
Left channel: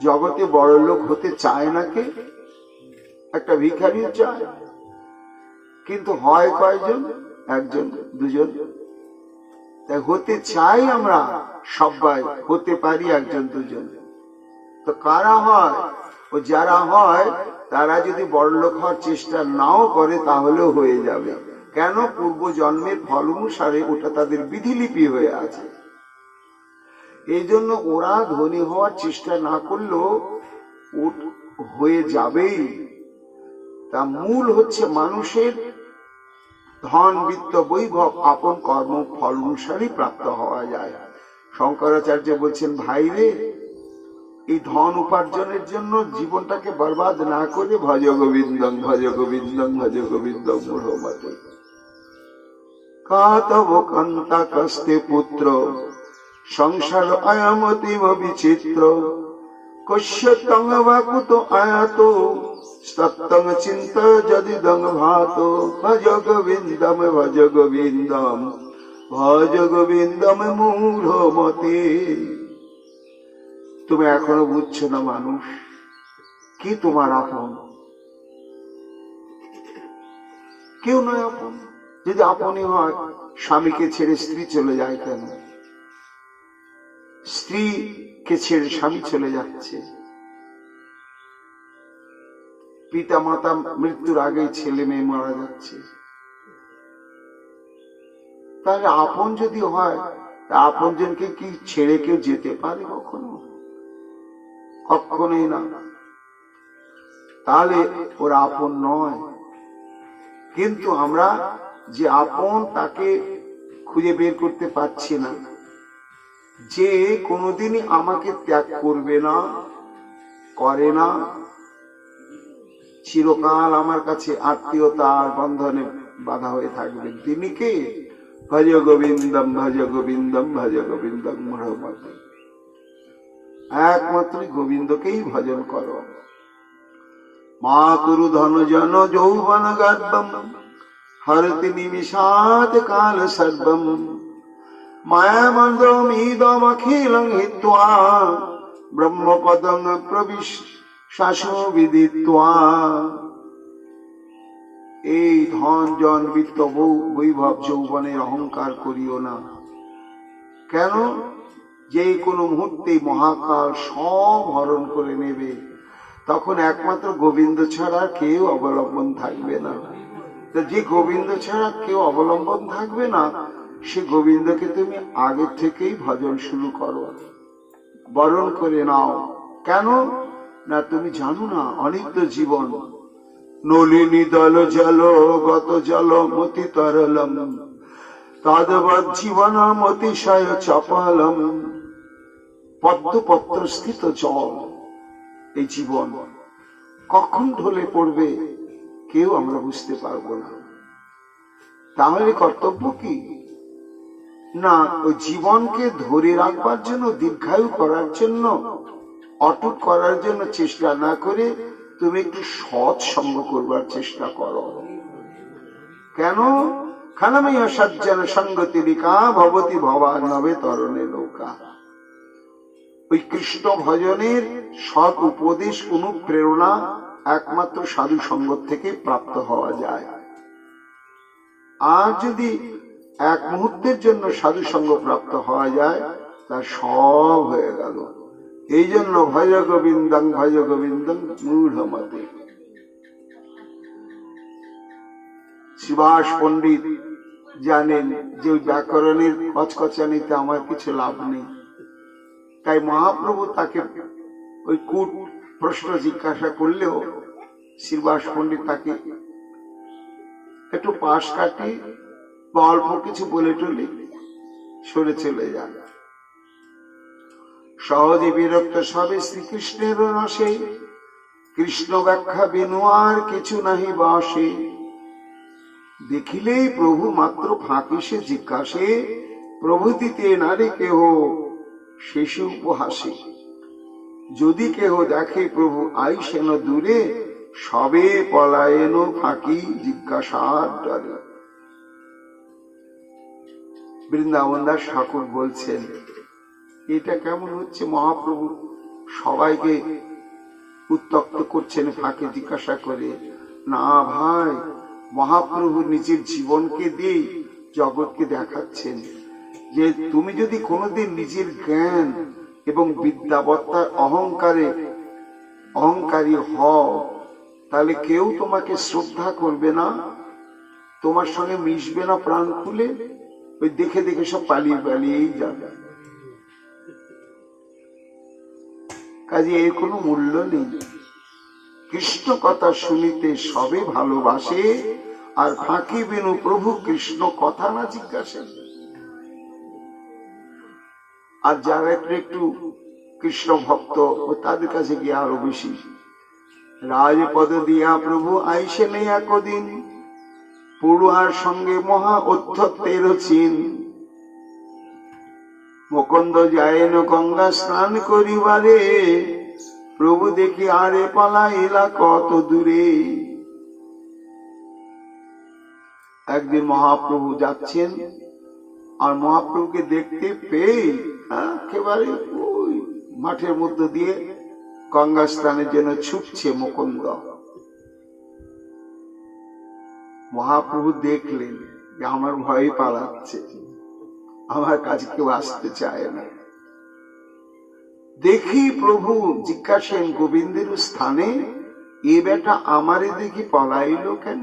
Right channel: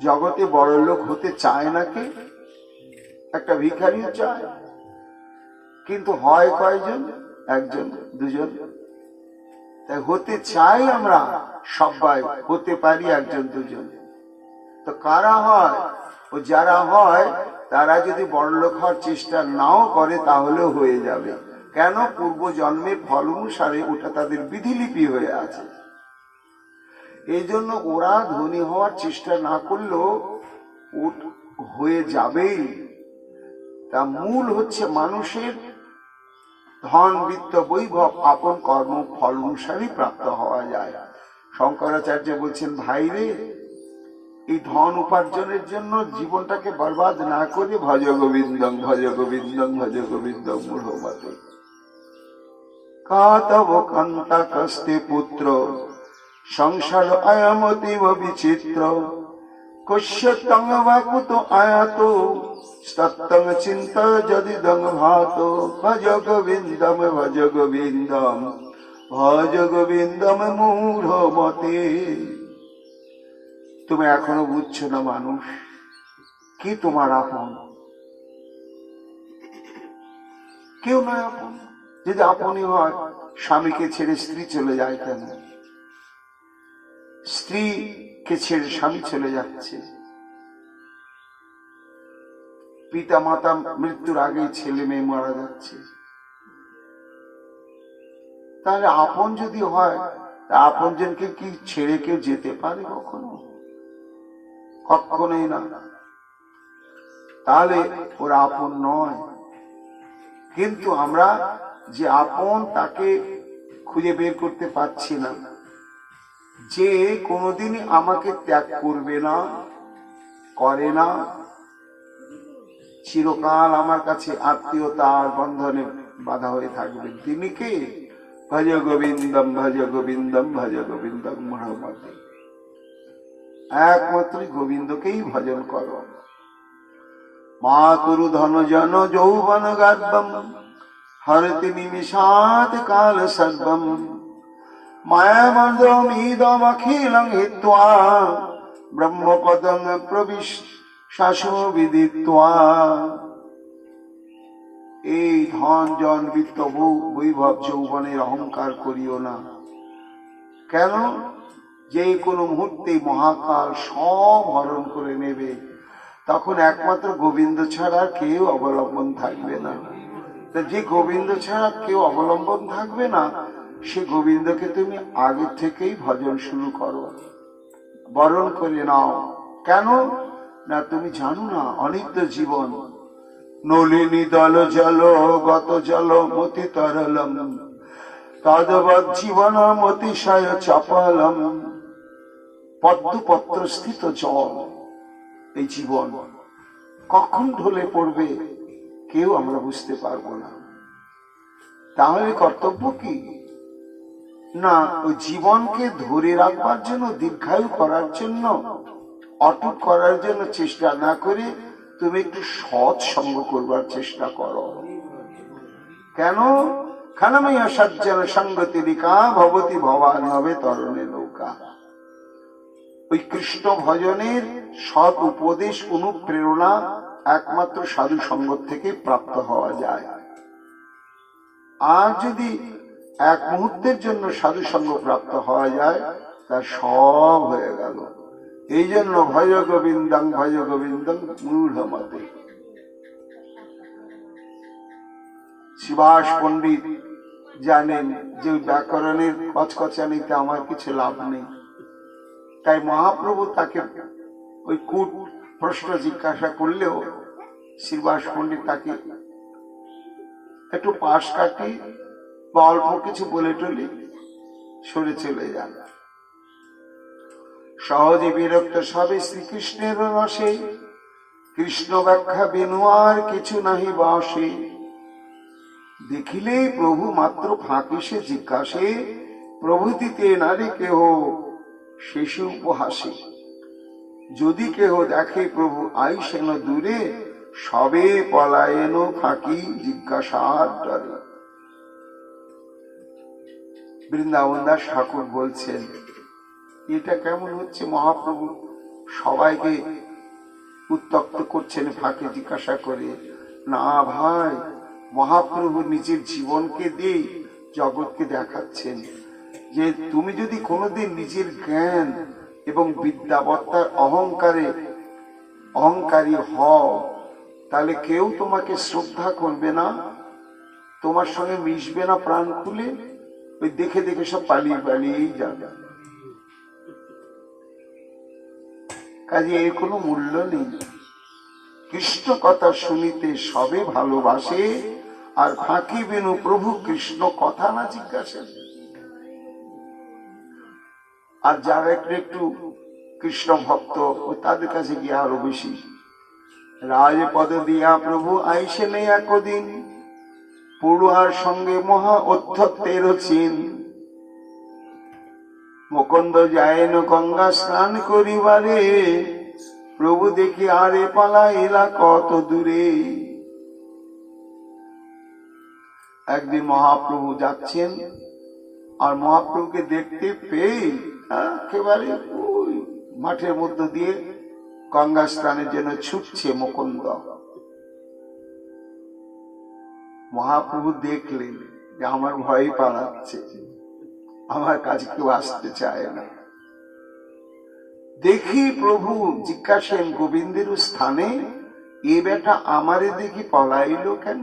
জগতে বড় লোক হতে চায় না কে? একটা ভিখারিও চায়, কিন্তু হয় কয়জন? একজন দুজন। তাই হতে চাই আমরা সবাই, হতে পারি একজন দুজন। তো কারা হয়? ও যারা হয় তারা যদি বড়লোক হওয়ার চেষ্টা নাও করে তাহলেও হয়ে যাবে। কেন? পূর্ব জন্মের ফল অনুসারে ওটা তাদের বিধিলিপি হয়ে আছে। এই জন্য ওরা ধনী হওয়ার চেষ্টা না করলেও হয়ে যাবেই। তা মূল হচ্ছে মানুষের ধন বিত্ত বৈভব আপন কর্ম ফল অনুসারে প্রাপ্ত হওয়া যায়। শঙ্করাচার্য বলছেন, ভাই রে, এই ধন উপার্জনের জন্য জীবনটাকে বরবাদ না করে ভজ গোবিন্দং ভজ গোবিন্দং ভজ গোবিন্দং মূঢ়মতে। কাতব কান্তা কস্তে পুত্র সংসার অয়মতিব বিচিত্র কস্যতং বা কুত আয়াত সত্যং চিন্ত যদিদং ভাত ভজ গোবিন্দম ভজ গোবিন্দম ভজ গোবিন্দম মূঢ়মতে। তুমি এখনো বুঝছো না মানুষ কি তোমার আপন? কেউ নয় আপন। যদি আপনই হয়, স্বামীকে ছেড়ে স্ত্রী চলে যায় কেন? স্ত্রীকে ছেড়ে স্বামী চলে যাচ্ছে। পিতা মাতা মৃত্যুর আগে ছেলে মেয়ে মারা যাচ্ছে। তাহলে আপন যদি হয়, আপন জনকে কি ছেড়ে কেউ যেতে পারে কখনো? কখনোই না। তাহলে ওরা আপন নয়। কিন্তু আমরা যে আপন তাকে খুঁজে বের করতে পারছি না, যে কোনোদিনই আমাকে ত্যাগ করবে না, করে না, চিরকাল আমার কাছে আত্মীয়তার বন্ধনে বাধা হয়ে থাকবে। তিনি কে? ভজ গোবিন্দম ভজ গোবিন্দম ভজ গোবিন্দম মূঢ়মতে। একমাত্র গোবিন্দকেই ভজন করো। মা কুরু ধন জন যৌবন গর্ভম হরতি নিমিষাৎ কাল সর্বম মায়ামন্দ্রমিদম অখিলং হিত্বা ব্রহ্মপদং প্রবিশ শাসো বিদিত্বা। এই ধন জন বিত্ত বৈভব যৌবনের অহংকার করিও না। কেন? যে কোনো মুহূর্তে মহাকাল সব হরণ করে নেবে। তখন একমাত্র গোবিন্দ ছাড়া কেউ অবলম্বন থাকবে না। যে গোবিন্দ ছাড়া কেউ অবলম্বন থাকবে না, সে গোবিন্দকে তুমি আগে থেকেই ভজন শুরু করো, বরণ করে নাও। কেন না? তুমি জানো না অনিত্য জীবন। নলিনী দল জল গত জল মতি তরলম তদবৎ জীবন মতিশয় চপলম। পদ্মপত্র স্থিত জল এই জীবন, কখন ঢলে পড়বে কেউ আমরা বুঝতে পারবো না। তাহলে কর্তব্য কি? না, ওই জীবনকে ধরে রাখবার জন্য, দীর্ঘায়ু করার জন্য, অটুট করার জন্য চেষ্টা না করে তুমি একটু সৎ সঙ্গ করবার চেষ্টা করো। কেন? খানাময় সজ্জন সঙ্গতি রিকা ভবতি ভবা নবে তরণে নৌকা। ওই কৃষ্ণ ভজনের সৎ উপদেশ অনুপ্রেরণা একমাত্র সাধু সঙ্গ থেকে প্রাপ্ত হওয়া যায়। আর যদি এক মুহূর্তের জন্য সাধু সঙ্গ প্রাপ্ত হওয়া যায়, তা সব হয়ে গেল। এই জন্য ভজ গোবিন্দং মূঢ়মতে। সুভাষ পণ্ডিত জানেন যে ওই ব্যাকরণের কচকচানিতে আমার কিছু লাভ নেই। তাই মহাপ্রভু তাকে ওই কূট প্রশ্ন জিজ্ঞাসা করলেও শ্রীবাস পণ্ডিত তাকে একটু পাশ কাটি বা অল্প কিছু বলে টলে সরে চলে যান। সহজে বিরক্ত সবে শ্রীকৃষ্ণের রসে, কৃষ্ণ ব্যাখ্যা বিনু আর কিছু নাহি বাসে। দেখিলেই প্রভু মাত্র ফাঁকি সে জিজ্ঞাসে, প্রভৃতিতে নারী কেহ শেষে উপহাসে। যদি কেহ দেখে প্রভু আইসেন দূরে, সবে পলায়েন ফাঁকি জিজ্ঞাসার ডরে। বৃন্দাবন দাস ঠাকুর বলছেন, এটা কেমন হচ্ছে? মহাপ্রভু সবাইকে উত্তক্ত করছেন ফাঁকে জিজ্ঞাসা করে। না ভাই, মহাপ্রভু নিজের জীবনকে দিয়ে জগৎকে দেখাচ্ছেন যে তুমি যদি কোনোদিন নিজের জ্ঞান এবং বিদ্যাবত্তার অহংকারী হও, তাহলে কেউ তোমাকে শ্রদ্ধা করবে না, তোমার সঙ্গে মিশবে না প্রাণ খুলে, ওই দেখে দেখে সব পালিয়ে পালিয়েই যাবে। কাজে এর কোনো মূল্য নেই। কৃষ্ণ কথা শুনিতে সবে ভালোবাসে, আর ফাঁকি বিনু প্রভু কৃষ্ণ কথা না জিজ্ঞাসা। আর যারা একটু কৃষ্ণ ভক্ত, তাদের কাছে গিয়ে আরো বেশি। রাজপদ দিয়া প্রভু আইসে নেই একদিন, পড়ুয়ার সঙ্গে মহা অধ্যত্তের চিন। মুকুন্দ যায়ন গঙ্গা স্নান করিবারে, প্রভু দেখি আরে পালা এলা কত দূরে। একদিন মহাপ্রভু যাচ্ছেন, আর মহাপ্রভুকে দেখতে পেয়ে একেবারে ওই মাঠের মধ্য দিয়ে গঙ্গা স্নানের জন্য ছুটছে মুকুন্দ। মহাপ্রভু দেখলেন যে আমার ভয় পালাচ্ছে, আমার কাছে কেউ আসতে চায় না। দেখি প্রভু জিজ্ঞাসেন গোবিন্দের স্থানে, এ বেটা আমারে দেখি পলাইল কেন?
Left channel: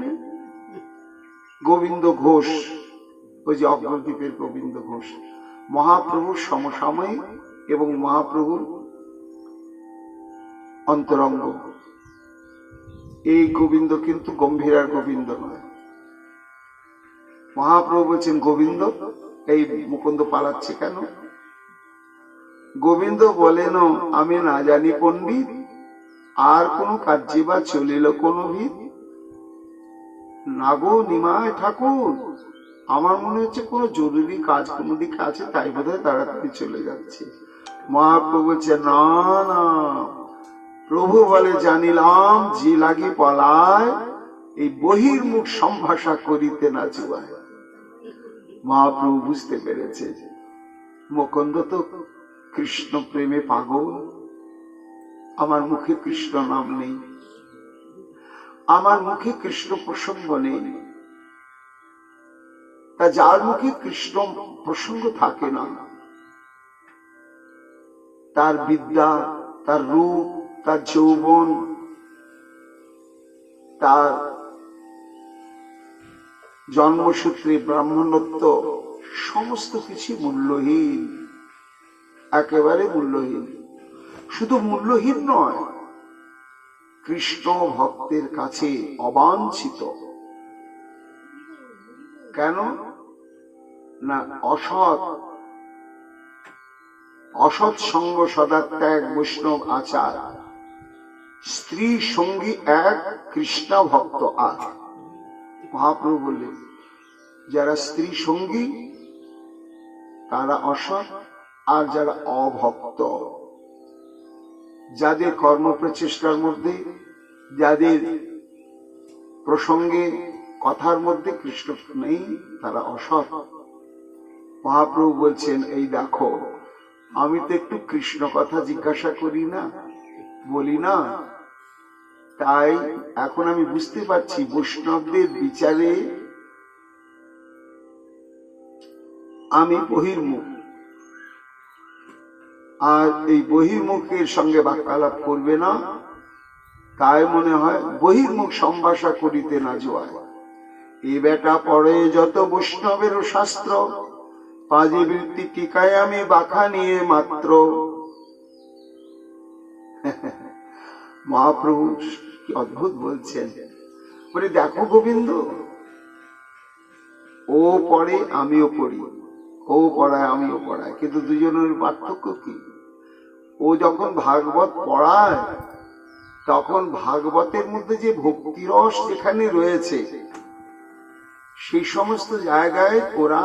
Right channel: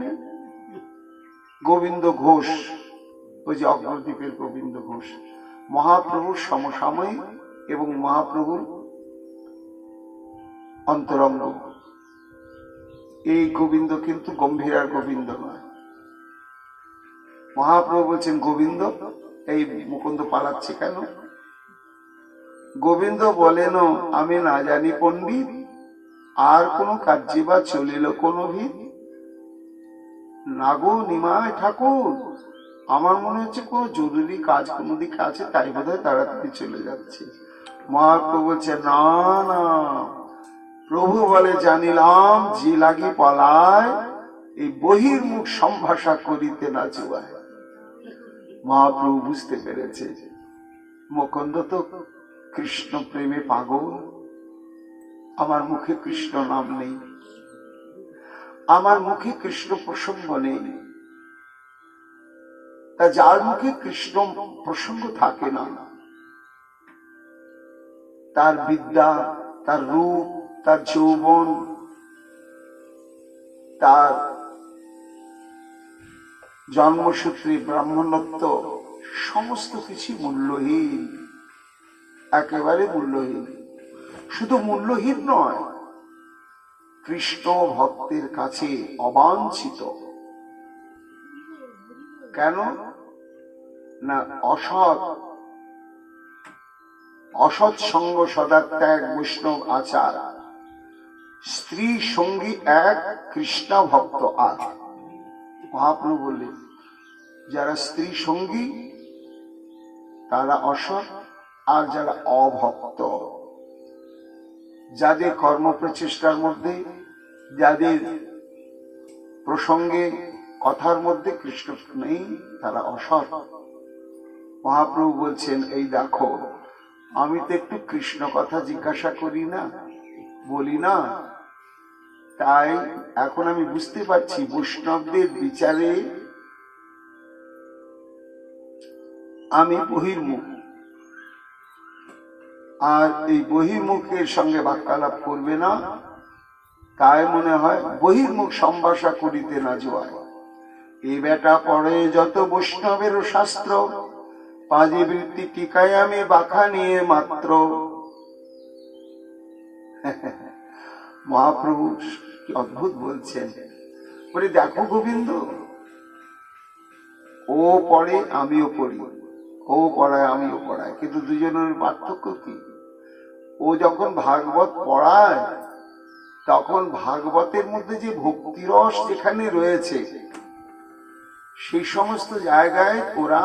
গোবিন্দ ঘোষ, ওই যে অগ্রদ্বীপের গোবিন্দ ঘোষ, মহাপ্রভুর সমসাময়িক এবং মহাপ্রভুর অন্তরঙ্গ। এই গোবিন্দ কিন্তু গম্ভীরার গোবিন্দ নয়। মহাপ্রভু বলছেন, গোবিন্দ এই মুকুন্দ পালাচ্ছে কেন? গোবিন্দ বলেন, আমি না জানি পণ্ডিত, আর কোন কার্যে বা চলিল কোন ভিত? না গো নিমায় ঠাকুর, আমার মনে হচ্ছে কোন জরুরি কাজ কোন দিকে আছে, তাই বোধহয় তাড়াতাড়ি চলে যাচ্ছে। মহাপ্রভু বলছে, না না, প্রভু বলে জানিলাম যে লাগি পলায়, এই বহির্মুখ সম্ভাষা করিতে না চুয়ায়। মহাপ্রভু বুঝতে পেরেছে মুকুন্দ তো কৃষ্ণ প্রেমে পাগল, আমার মুখে কৃষ্ণ নাম নেই, আমার মুখে কৃষ্ণ প্রসঙ্গ নেই। তা যার মুখে কৃষ্ণ প্রসঙ্গ থাকে না, তার বিদ্যা, তার রূপ, তার যৌবন, তার জন্মসূত্রে ব্রাহ্মণত্ব, সমস্ত কিছু মূল্যহীন, একেবারে মূল্যহীন। শুধু মূল্যহীন নয়, কৃষ্ণ ভক্তের কাছে অবাঞ্ছিত। কেন না? অসৎ সঙ্গ সদা ত্যাগ, বৈষ্ণব আচার, স্ত্রী সঙ্গী এক, কৃষ্ণ ভক্ত আর। মহাপ্রভু বললেন, যারা স্ত্রী সঙ্গী তারা অসৎ, আর যারা অভক্ত, যাদের কর্ম প্রচেষ্টার মধ্যে, যাদের প্রসঙ্গে কথার মধ্যে কৃষ্ণ নেই, তারা অসৎ। মহাপ্রভু বলছেন, এই দেখো, আমি তো একটু কৃষ্ণ কথা জিজ্ঞাসা করি না, বলি না, তাই এখন আমি বুঝতে পারছি বৈষ্ণবদের বিচারে আমি বহির্মুখ, আর এই বহির্মুখের সঙ্গে বাক্যালাপ করবে না, তাই মনে হয় বহির্মুখ সম্ভাষা করিতে না যোয়ায়। এই বেটা পড়ে যত বৈষ্ণবের শাস্ত্র, পাজি বৃত্তি টিকায় আমি বাখা নিয়ে মাত্র। মহাপ্রভু কি অদ্ভুত বলছেন, বলে দেখো গোবিন্দ, ও পড়ে আমিও পড়ি, ও পড়ায় আমিও পড়াই, কিন্তু দুজনের পার্থক্য কি? ও যখন ভাগবত পড়ায়, তখন ভাগবতের মধ্যে যে ভক্তিরস যেখানে রয়েছে, সেই সমস্ত জায়গায় ওরা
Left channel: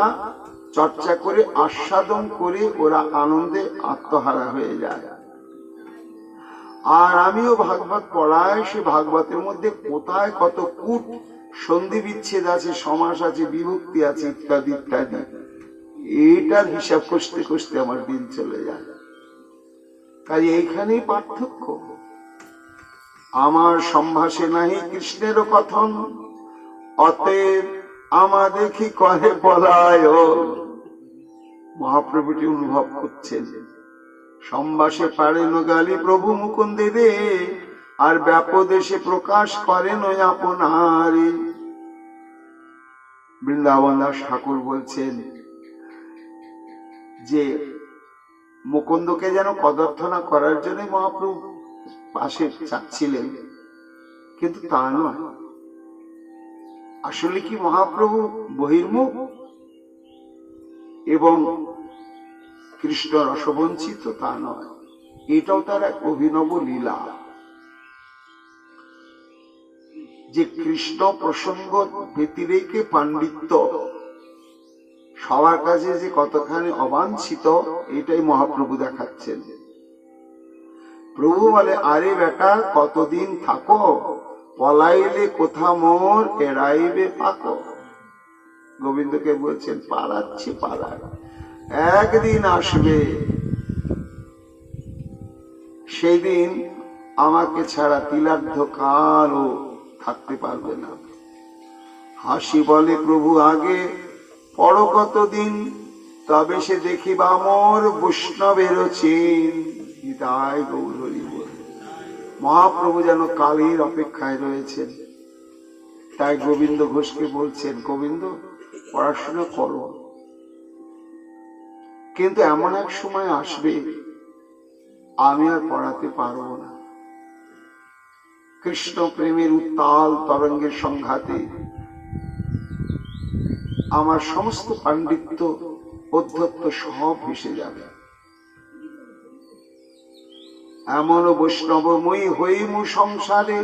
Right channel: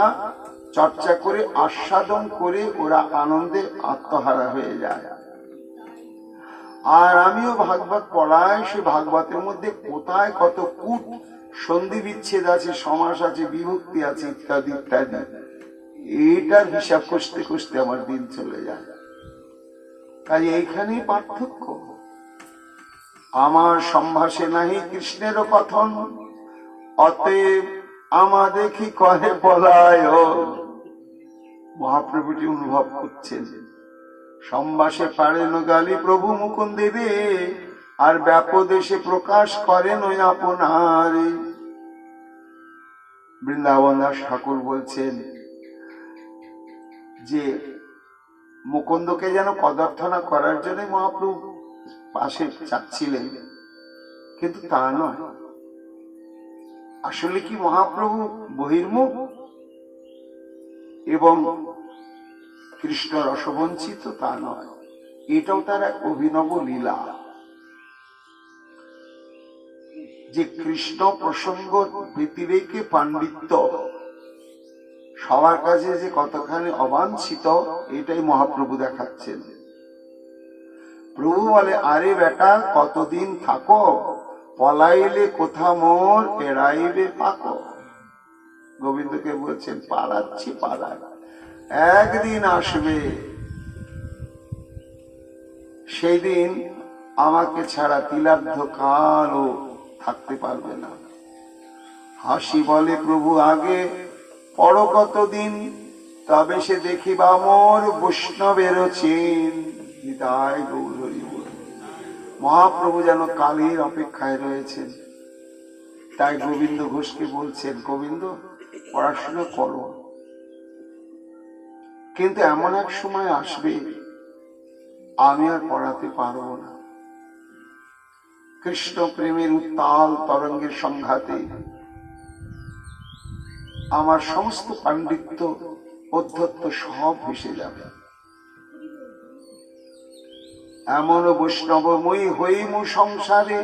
চর্চা করে, আস্বাদন করে, ওরা আনন্দে আত্মহারা হয়ে যায়। আর আমিও ভাগবত পড়াই, সে ভাগবতের মধ্যে কোথায় কত কূট সন্ধি বিচ্ছেদ আছে, সমাস আছে, বিভক্তি আছে, ইত্যাদি ইত্যাদি। এইটার হিসাব কষতে কষতে আমার দিন চলে যায়। তাই এইখানেই পার্থক্য। আমার সম্ভাষে নাহি কৃষ্ণের কথন, অতএব আমা দেখি কহে পলায়। মহাপ্রভুটি অনুভব করছেন, সম্ভাষে পারেন গালি প্রভু মুকুন্দের, আর ব্যাপদেশে প্রকাশ করেন ওই আপনারে। বৃন্দাবন দাস ঠাকুর বলছেন যে মুকুন্দকে যেন কদর্থনা করার জন্য মহাপ্রভু পাশে চাচ্ছিলেন, কিন্তু তা নয়। আসলে কি মহাপ্রভু বহির্মুখ এবং কৃষ্ণ রসবঞ্চিত? তা নয়, এটাও তার এক অভিনব লীলা যে কৃষ্ণ প্রসঙ্গ ব্যতিরেকে পাণ্ডিত্য সবার কাছে যে কতখানি অবাঞ্ছিত, এটাই মহাপ্রভু দেখাচ্ছেন। প্রভু বলে, আরে বেটা কতদিন থাকো, পলাইলে কোথা মোর এড়াইবে পাকো। গোবিন্দকে বলছেন, পালাচ্ছি পালার, একদিন আসবে সেদিন আমাকে ছাড়া তিলার্ধ কালও থাকতে পারবে না। হাসি বলে, প্রভু আগে পর কতদিন, তবে সে দেখিবা মোর বৈষ্ণবের চিন। হৃদয় গৌর হরি বল। মহাপ্রভু যেন কালের অপেক্ষায় রয়েছেন। তাই গোবিন্দ ঘোষকে বলছেন, গোবিন্দ পড়াশোনা করো, কিন্তু এমন এক সময় আসবে আমি আর পড়াতে পারবো না। কৃষ্ণ প্রেমের উত্তাল তরঙ্গের সংঘাতে আমার সমস্ত পাণ্ডিত্য অধ্যত্ত সব ভেসে যাবে। এমন বৈষ্ণবময়ী হইমু সংসারে,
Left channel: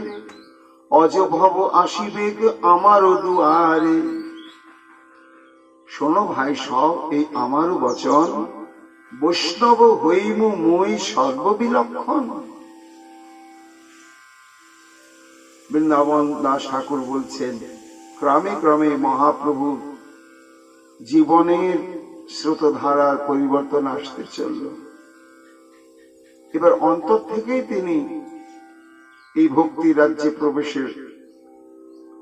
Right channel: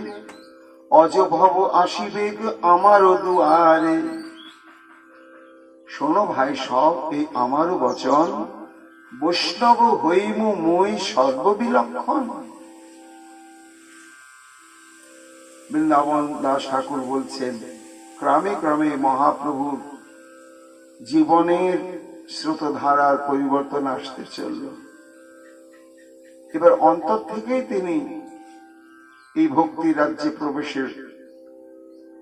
অজভব আসিবে আমারও দুয়ারে। শোনো ভাই সব, এই আমারও বচন, বৈষ্ণব হইমু মই সর্ববিলক্ষণ। বৃন্দাবন দাস ঠাকুর বলছেন, ক্রমে ক্রমে মহাপ্রভুর জীবনের স্রোতধারার পরিবর্তন আসতে চলল। এবার অন্তর থেকেই তিনি এই ভক্তি রাজ্যে প্রবেশের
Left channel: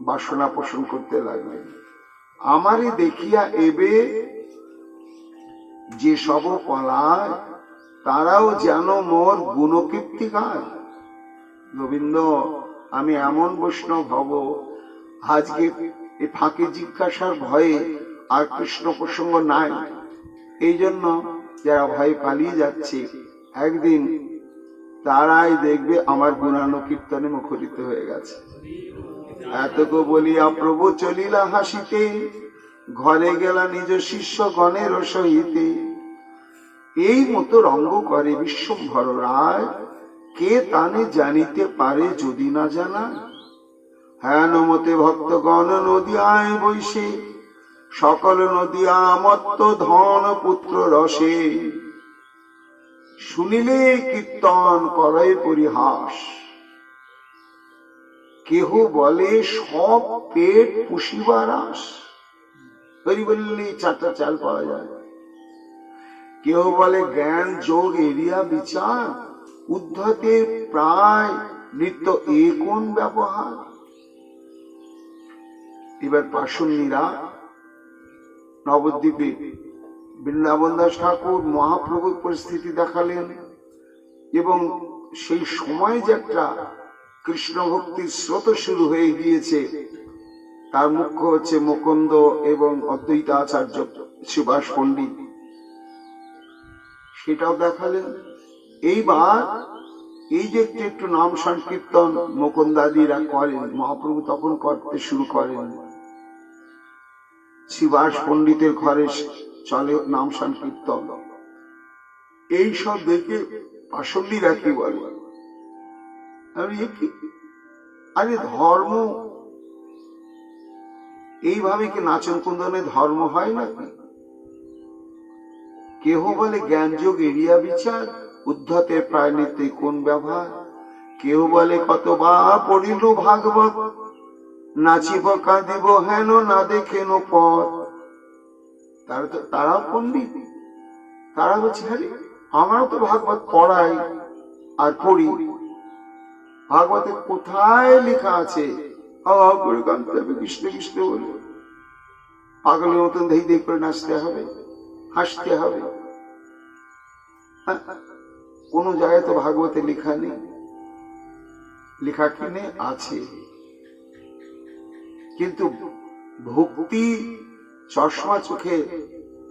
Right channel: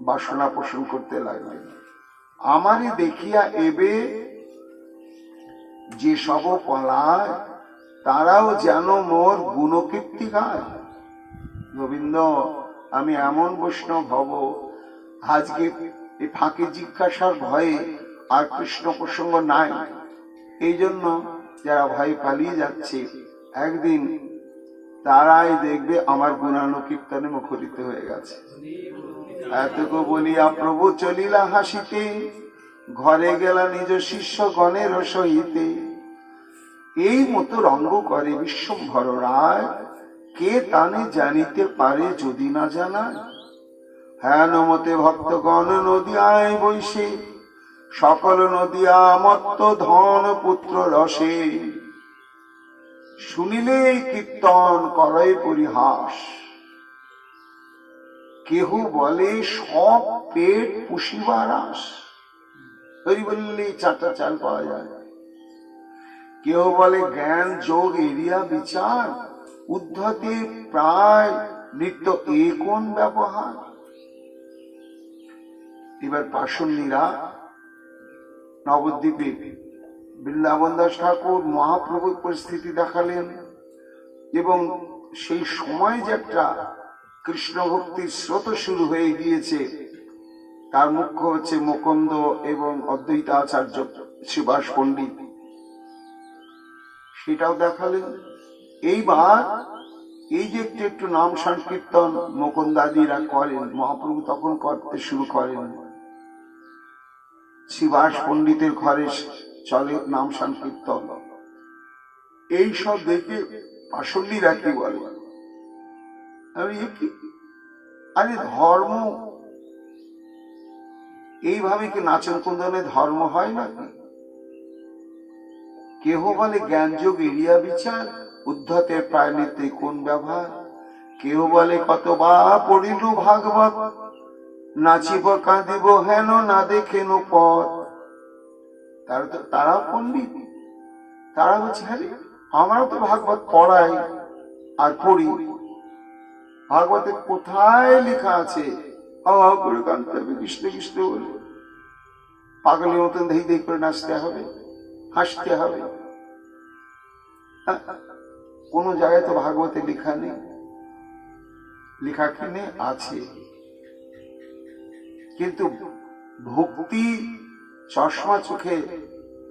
বাসনা পোষণ করতে লাগলেন। আমারই দেখিয়া এবে যে সব পলায়, তারাও যেন মোর গুণকীর্তি গায়। গোবিন্দ, আমি এমন বৈষ্ণব হব, আজকে এই ফাঁকে জিজ্ঞাসার ভয়ে আর কৃষ্ণ প্রসঙ্গ নাই, এই জন্য যারা ভয়ে পালিয়ে যাচ্ছে, একদিন তারাই দেখবে আমার গুণানুকীর্তনে মুখরিত হয়ে গেছে। এতক বলিয়া প্রভু চলিলা হাসিতে, ঘরে গেলা নিজ শিষ্য গণের সহিতে। এই মতো রঙ্গ করে বিশ্বম্ভর রায়, কে তানে জানিতে পারে যদি না জানায়। হেন মতে ভক্তগণ নদিয়ায় বৈশে, সকল নদিয়া মত্ত ধন পুত্র রসে। শুনিলে কীর্তন করে পরিহাস, কেহ বলে সব পেট পুষিবার আস। হরি বললে চারটা চাল পাওয়া যায়। কেউ বলে জ্ঞান যোগ এরিয়া বিচার, উদ্ধতে প্রায় নিত্য এ কোন ব্যবহার। এবার পাশন্নীরা নবদ্বীপে বৃন্দাবন দাস ঠাকুর মহাপ্রভুর পরিস্থিতি দেখালেন, এবং সেই সময় যে একটা কৃষ্ণ ভক্তির স্রোত শুরু হয়ে গিয়েছে, তার মুখ্য হচ্ছে মুকুন্দ এবং অদ্বৈতাচার্য সুভাষ পণ্ডিত, সেটাও দেখালেন। এইবার এই যে একটু একটু নাম সংকীর্তন মুকুন্দাদিরা করেন, মহাপ্রভু তখন করতে শুরু করেন। সুভাষ পণ্ডিতের ঘরে চলে নাম সংকীর্তন। এই সব দেখে পাশন্নীরা কি বলে, আরে ধর্ম এইভাবে কি নাচন কুন্দনে ধর্ম হয় নাকি? কেহ বলে জ্ঞান যোগ এরিয়া বিচার, উদ্ধতের প্রায় নিতে কোন ব্যবহার। কেউ বলে কতবা পড়িল ভাগবত, নাচিব কাঁদিব হেন না দেখেন পথ। তারাও পণ্ডিত। তারা বলছে, আরে আমরা তো ভাগবত পড়াই আর পড়ি, ভাগবতে কোথায় লেখা আছে করে কাঁদতে হবে, কৃষ্ণ কৃষ্ণ বলে পাগলের মতন ধেই ধেই করে নাচতে হবে, হাসতে হবে? কোন জায়গায় তো ভাগবতে লেখা নেই। লেখা কিনে আছে, কিন্তু ভক্তি চশমা চোখে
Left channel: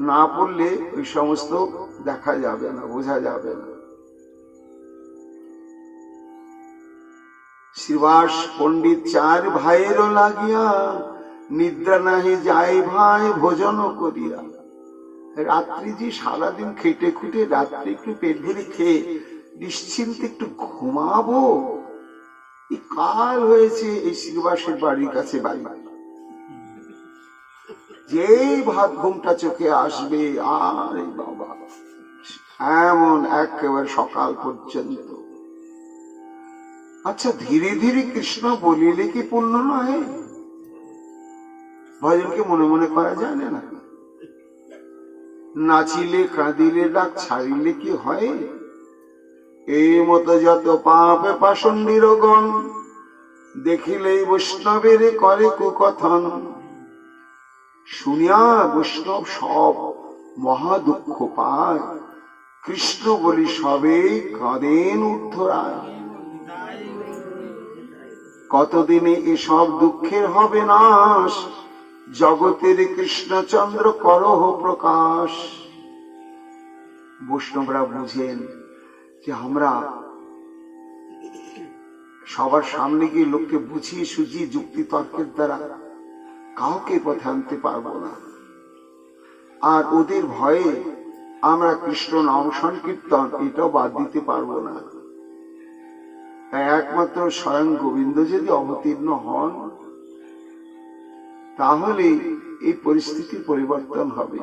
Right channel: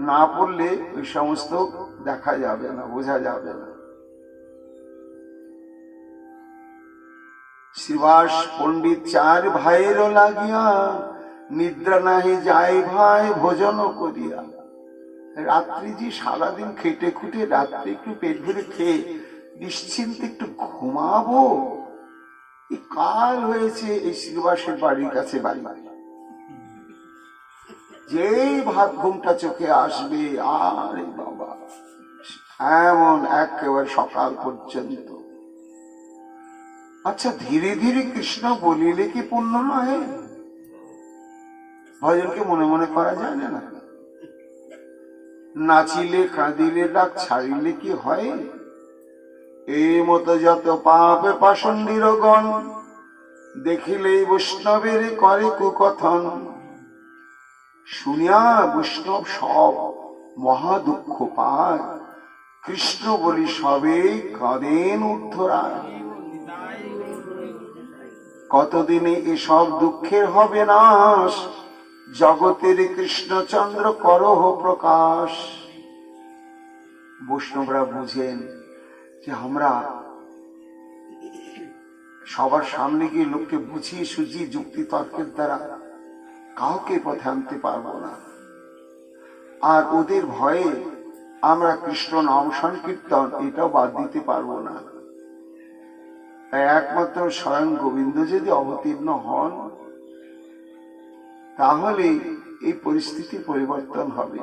না পড়লে ওই সমস্ত দেখা যাবে না, বোঝা যাবে না। শ্রীবাস পণ্ডিত চার ভাইয়েরও লাগিয়া নিদ্রা নাহি যাই ভাই ভোজন করিয়া। রাত্রি যে সারাদিন খেটে খুটে রাত্রে একটু পেট ভরে খেয়ে নিশ্চিন্তে একটু ঘুমাবো, এই কাল হয়েছে এই শ্রীবাসের বাড়ির কাছে বাড়ি, যেই ভাত ঘুমটা চোখে আসবে আর বাবা এমন একেবারে সকাল পর্যন্ত। আচ্ছা, ধীরে ধীরে কৃষ্ণ বলিলে কি পুণ্য নয়? ভজনকে মনে মনে করা যায় না? নাচিলে কাঁদিলে ডাক ছাড়িলে কি হয়? এই মতো যত পাপে পাষণ্ডীর গণ দেখিলেই বৈষ্ণবের করে কুকথন। শুনিয়া বৈষ্ণব সব মহা দুঃখ পায়, কৃষ্ণ বলি সবে কাঁদেন উদ্ধরায়। কতদিনে এসব দুঃখের হবে নাশ, জগতের কৃষ্ণচন্দ্র করহ প্রকাশ। বৈষ্ণবরা বুঝেন যে আমরা সবার সামনে গিয়ে লোককে বুঝিয়ে সুঝিয়ে যুক্তি তর্কের দ্বারা কাউকে পথে আনতে পারবো না, আর ওদের ভয়ে আমরা কৃষ্ণ নাম সংকীর্তন এটাও বাদ দিতে পারবো না। তাই একমাত্র স্বয়ং গোবিন্দ যদি অবতীর্ণ হন তাহলে এই পরিস্থিতির পরিবর্তন হবে।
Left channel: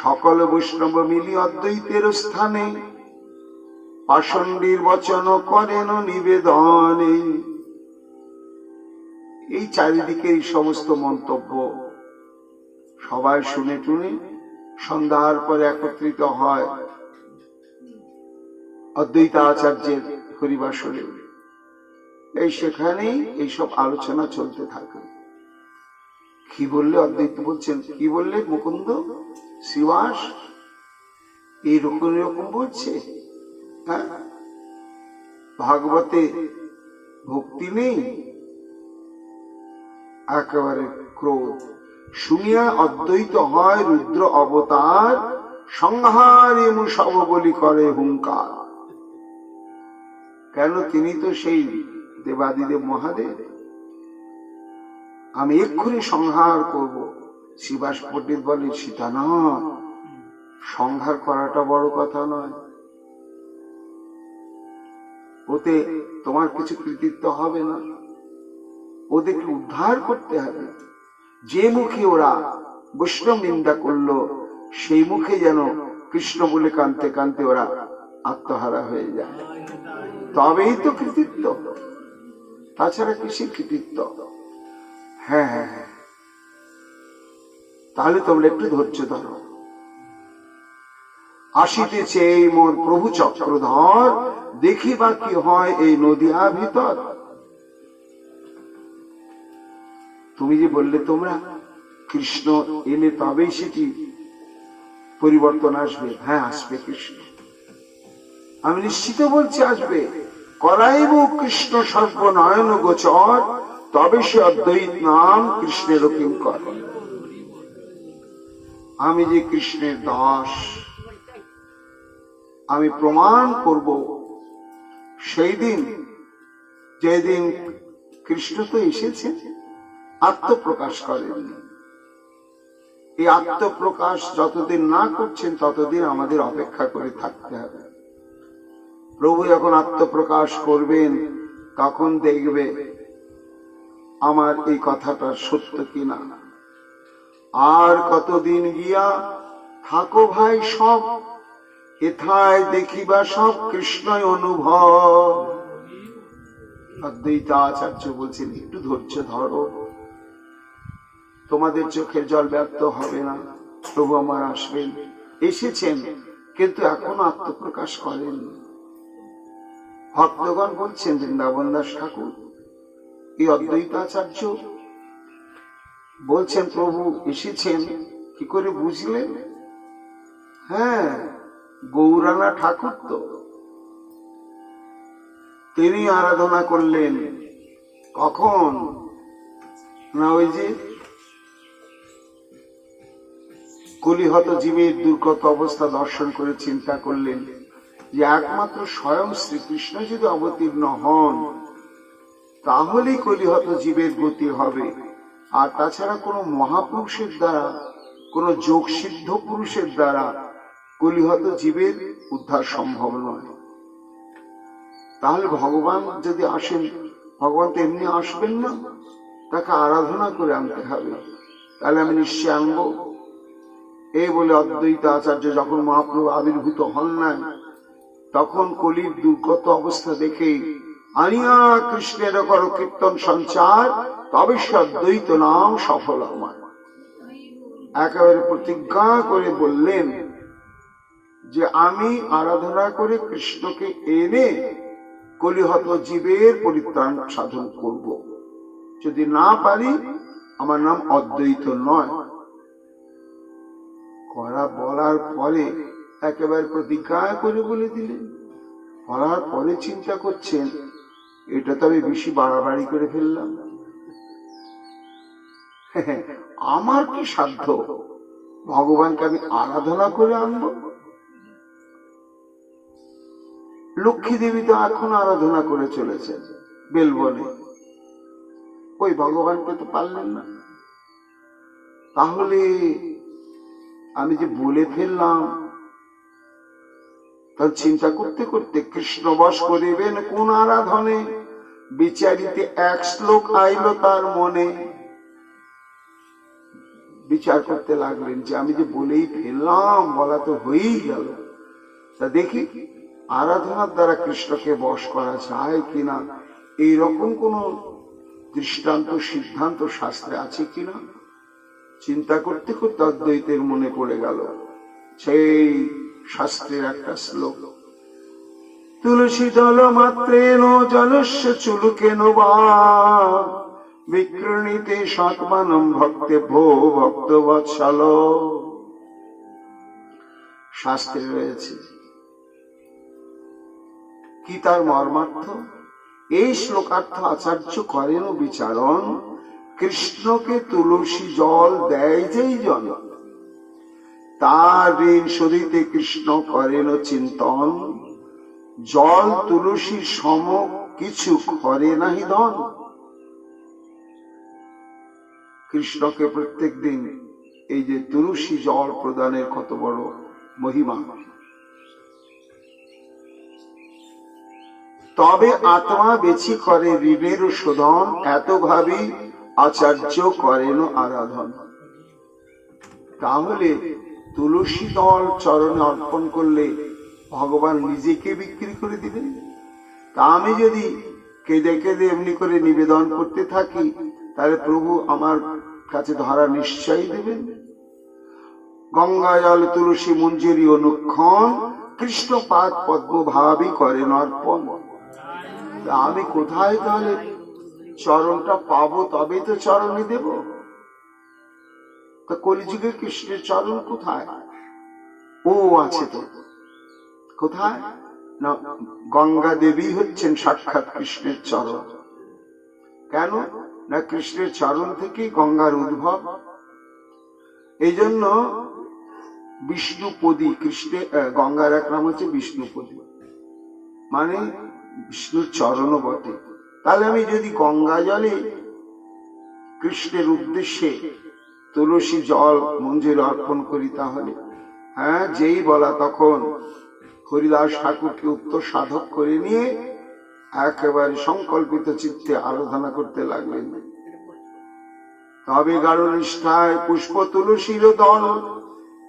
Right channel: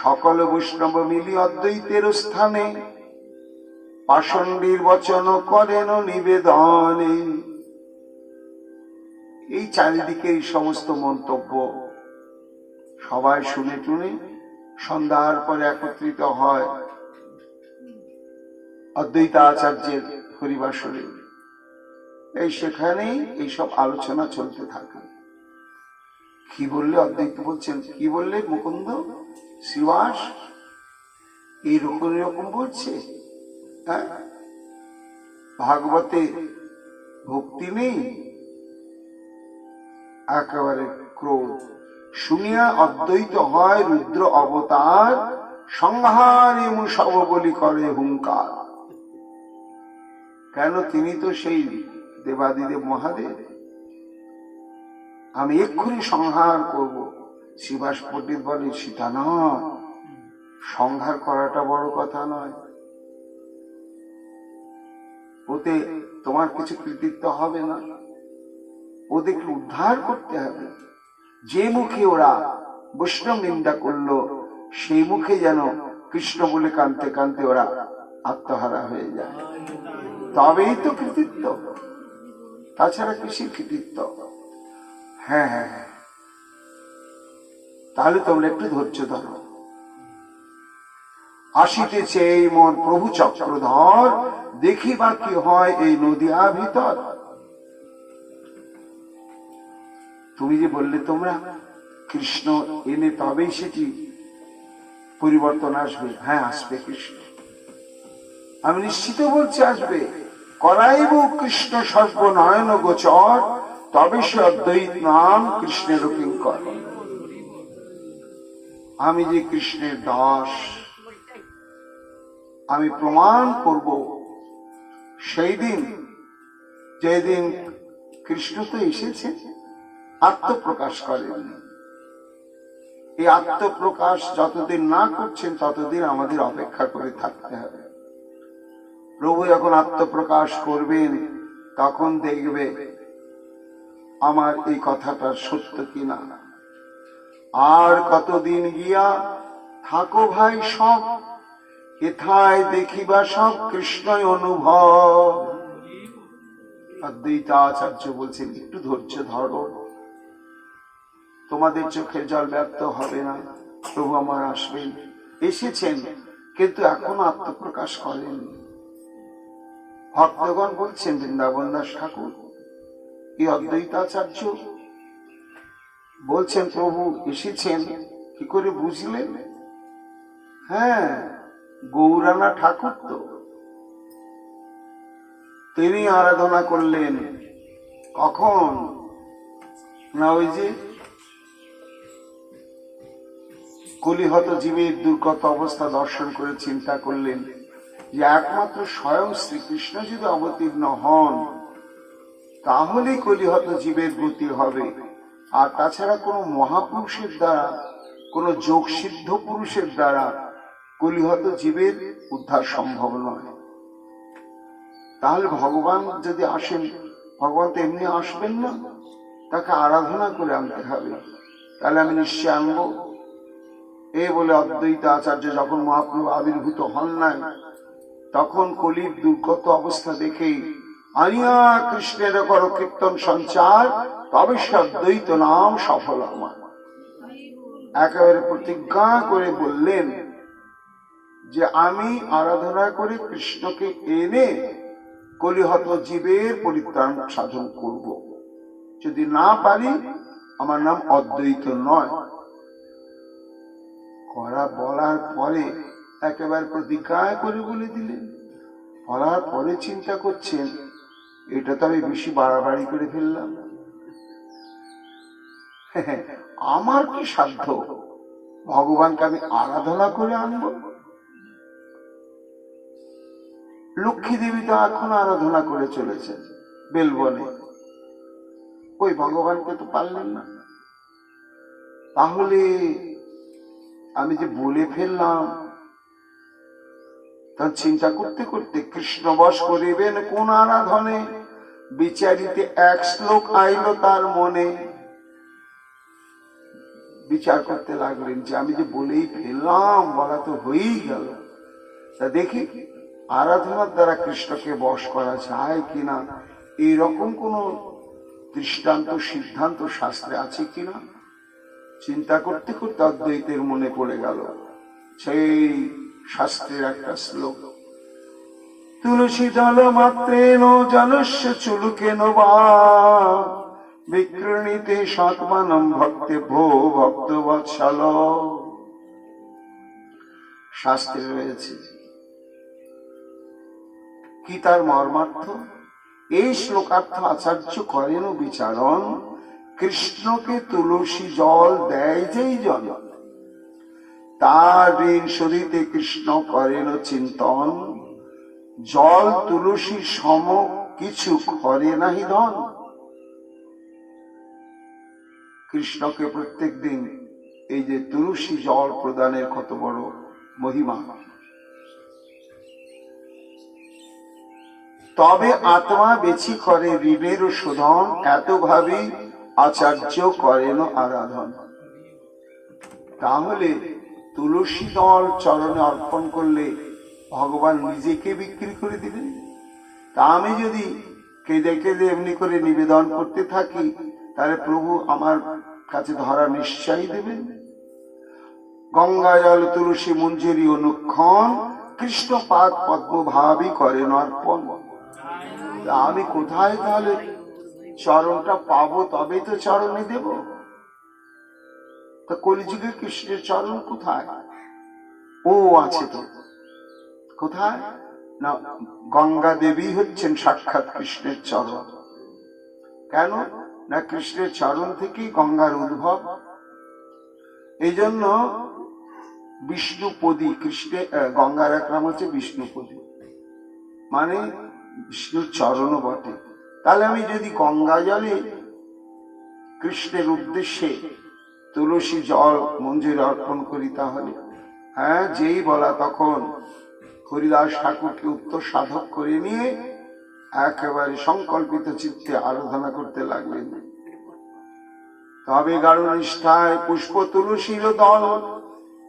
সকল বৈষ্ণব মিলি অদ্বৈতের স্থানে পাষণ্ডীর বচন করেন নিবেদনে। এই চারিদিকে এই সমস্ত মন্তব্য সবাই শুনে টুনে সন্ধ্যার পরে একত্রিত হয় অদ্বৈত আচার্যের হরিবাসরে। এই সেখানেই এইসব আলোচনা চলতে থাকে। কি বললে অদ্বৈত বলছেন, কি বললে মুকুন্দ শ্রীবাস এইরকম এরকম বলছে? হ্যাঁ, ভাগবতে ভক্তি নেই, একেবারে ক্রোধ। শুনিয়া অদ্বৈত হয় রুদ্র অবতার, সংহারে সব বলি করে হুঙ্কার। কেন? তিনি তো সেই দেবাদিদেব মহাদেব। আমি এক্ষুনি সংহার করব। শ্রীবাস পণ্ডিত বলে, সীতা নয়, সংহার করাটা বড় কথা নয়, ওতে তোমার কিছু কৃতিত্ব হবে না, ওদেরকে উদ্ধার করতে হবে। যে মুখে ওরা বৈষ্ণব নিন্দা করলো সেই মুখে যেন কৃষ্ণ বলে কাঁদতে কাঁদতে ওরা আত্মহারা হয়ে যায়, তবেই তো কৃতিত্ব, তাছাড়া কিসের কৃতিত্ব? হ্যাঁ হ্যাঁ হ্যাঁ, তাহলে তোমরা একটু ধৈর্য ধরো। আসিতেছে এই মোর প্রভু চক্রধর, দেখিবা কি হয় এই নদিয়া ভিতর। তুমি যে বললে তোমরা কৃষ্ণ এলে তবেই সেটি পরিবর্তন আসবে, হ্যাঁ আসবে কৃষ্ণ, আমি নিশ্চিত বলছি আসবে। করাইব কৃষ্ণ সর্বনয়ন গোচর, তবে সে অদ্বৈত নাম কৃষ্ণের কিঙ্কর। আমি যে কৃষ্ণের দাস, আমি প্রমাণ করব সেই দিন যেদিন কৃষ্ণ তো এসেছেন, আত্মপ্রকাশ করেননি। এই আত্মপ্রকাশ যতদিন না করছেন ততদিন আমাদের অপেক্ষা করে থাকতে হবে। প্রভু যখন আত্মপ্রকাশ করবেন তখন দেখবে আমার এই কথাটা সত্য কিনা। আর কতদিন গিয়া থাকো ভাই সব, এথায় দেখিবা সব কৃষ্ণই অনুভব। অদ্বৈত আচার্য বলছেন একটু ধৈর্য ধরো, তোমাদের চোখের জল ব্যর্থ হবে না, প্রভু আমার আসবেন। এসেছেন, কিন্তু এখনো আত্মপ্রকাশ করেন। ভক্তগণ বলছেন, বৃন্দাবন দাস ঠাকুর, এই অদ্বৈতাচার্য বলছেন প্রভু এসেছেন, কি করে বুঝলেন? হ্যাঁ, গৌরানা ঠাকুর তো তিনি আরাধনা করলেন। কখন না, ওই যে কলিহত জীবের দুর্গত অবস্থা দর্শন করে চিন্তা করলেন যে একমাত্র স্বয়ং শ্রীকৃষ্ণ যদি অবতীর্ণ হন তাহলে কলিহত জীবের গতি হবে, আর তাছাড়া কোনো মহাপুরুষের দ্বারা, কোনো যোগসিদ্ধ পুরুষের দ্বারা কলিহত জীবের উদ্ধার সম্ভব নয়। তাহলে ভগবান যদি আসেন, ভগবান তো এমনি আসবেন না, তাকে আরাধনা করে আনতে হবে। তাহলে আমি নিশ্চয় আনবো। এই বলে অদ্বৈত আচার্য যখন মহাপ্রভু আবির্ভূত হন নাই, তখন কলির দুর্গত অবস্থা দেখে আনিয়া কৃষ্ণের কর কীর্তন সঞ্চার, তবে সে অদ্বৈত নাম সফল আমার। একেবারে প্রতিজ্ঞা করে বললেন যে আমি আরাধনা করে কৃষ্ণকে এনে কলিহত জীবের পরিত্রাণ সাধন করব। যদি না পারি আমার নাম অদ্বৈত নয়। করা বলার পরে একেবারে প্রতিজ্ঞা করে বলে দিলেন। বলার পরে চিন্তা করছেন, এটা তো আমি বেশি বাড়াবাড়ি করে ফেললাম। আমার কি সাধ্য ভগবানকে আমি আরাধনা করে আনব? লক্ষ্মী দেবী তো এখন আরাধনা করে চলেছেন বেলবনে, ওই ভগবানকে তো পারলেন না। তাহলে আমি যে বলে ফেললাম, তার চিন্তা করতে করতে কৃষ্ণ বশ করিবেন কোন আরাধনে, বিচারিতে এক শ্লোক আইল তার মনে। বিচার করতে লাগলেন যে আমি যে বলেই ফেললাম, বলা তো হয়েই গেল, তা দেখি আরাধনার দ্বারা কৃষ্ণকে বশ করা যায় কিনা, এইরকম কোন দৃষ্টান্ত সিদ্ধান্ত শাস্ত্রে আছে কিনা। চিন্তা করতে করতে অদ্বৈতের মনে পড়ে গেল সেই শাস্ত্রের একটা শ্লোক, তুলসী দল মাত্রেণ জনস্য চুলুকেন বা বিকৃণীতে সৎমানম ভক্তে ভো ভক্ত বৎসল। শাস্ত্রে রয়েছে। কি তার মর্মার্থ? এই শ্লোকার্থ আচার্য করেন বিচারণ, কৃষ্ণকে তুলসী জল দেয় যেই জন, তার ঋণ শোধিতে কৃষ্ণ করেন চিন্তন, জল তুলসী সম কিছু করে নাহি ধন। কৃষ্ণকে প্রত্যেক দিন এই যে তুলসী জল প্রদানের কত বড় মহিমা। তবে আত্মা বেছি করে ঋণের শোধন, এত ভাবি আচার্য করেন আরাধন। তাহলে তুলসী দল চরণে অর্পণ করলে ভগবান নিজেকে বিক্রি করে দিবেন। তা আমি যদি কেঁদে কেঁদে এমনি করে নিবেদন করতে থাকি, তাহলে প্রভু আমার কাছে ধরা নিশ্চয়ই দেবেন। গঙ্গা জল তুলসী মঞ্জুরি অনুক্ষণ, কৃষ্ণ পাদ পদ্ম ভাবি করেন অর্পণ। আমি কোথায় তাহলে চরণটা পাবো? তবে তো চরণে দেব। তা কলিযুগে কৃষ্ণের চরণ কোথায়? ও আছে তো। কোথায় না, গঙ্গা দেবী হচ্ছেন সাক্ষাৎ কৃষ্ণের চরণ। কেন না, কৃষ্ণের চরণ থেকেই গঙ্গার উদ্ভব। এই জন্য বিষ্ণুপদী, কৃষ্ণের গঙ্গার এক নাম হচ্ছে বিষ্ণুপদী, মানে বিষ্ণুর চরণ বটে। তাহলে আমি যদি গঙ্গা জলে কৃষ্ণের উদ্দেশ্যে তুলসী জল মঞ্জুরি অর্পণ করি, তাহলে হ্যাঁ, যেই বলা তখন হরিদাস ঠাকুরকে উত্তর সাধক করে নিয়ে একেবারে সংকল্পিত চিত্তে আরাধনা করতে লাগলেন। তবে গাঢ় নিষ্ঠায় পুষ্প তুলসীর দল,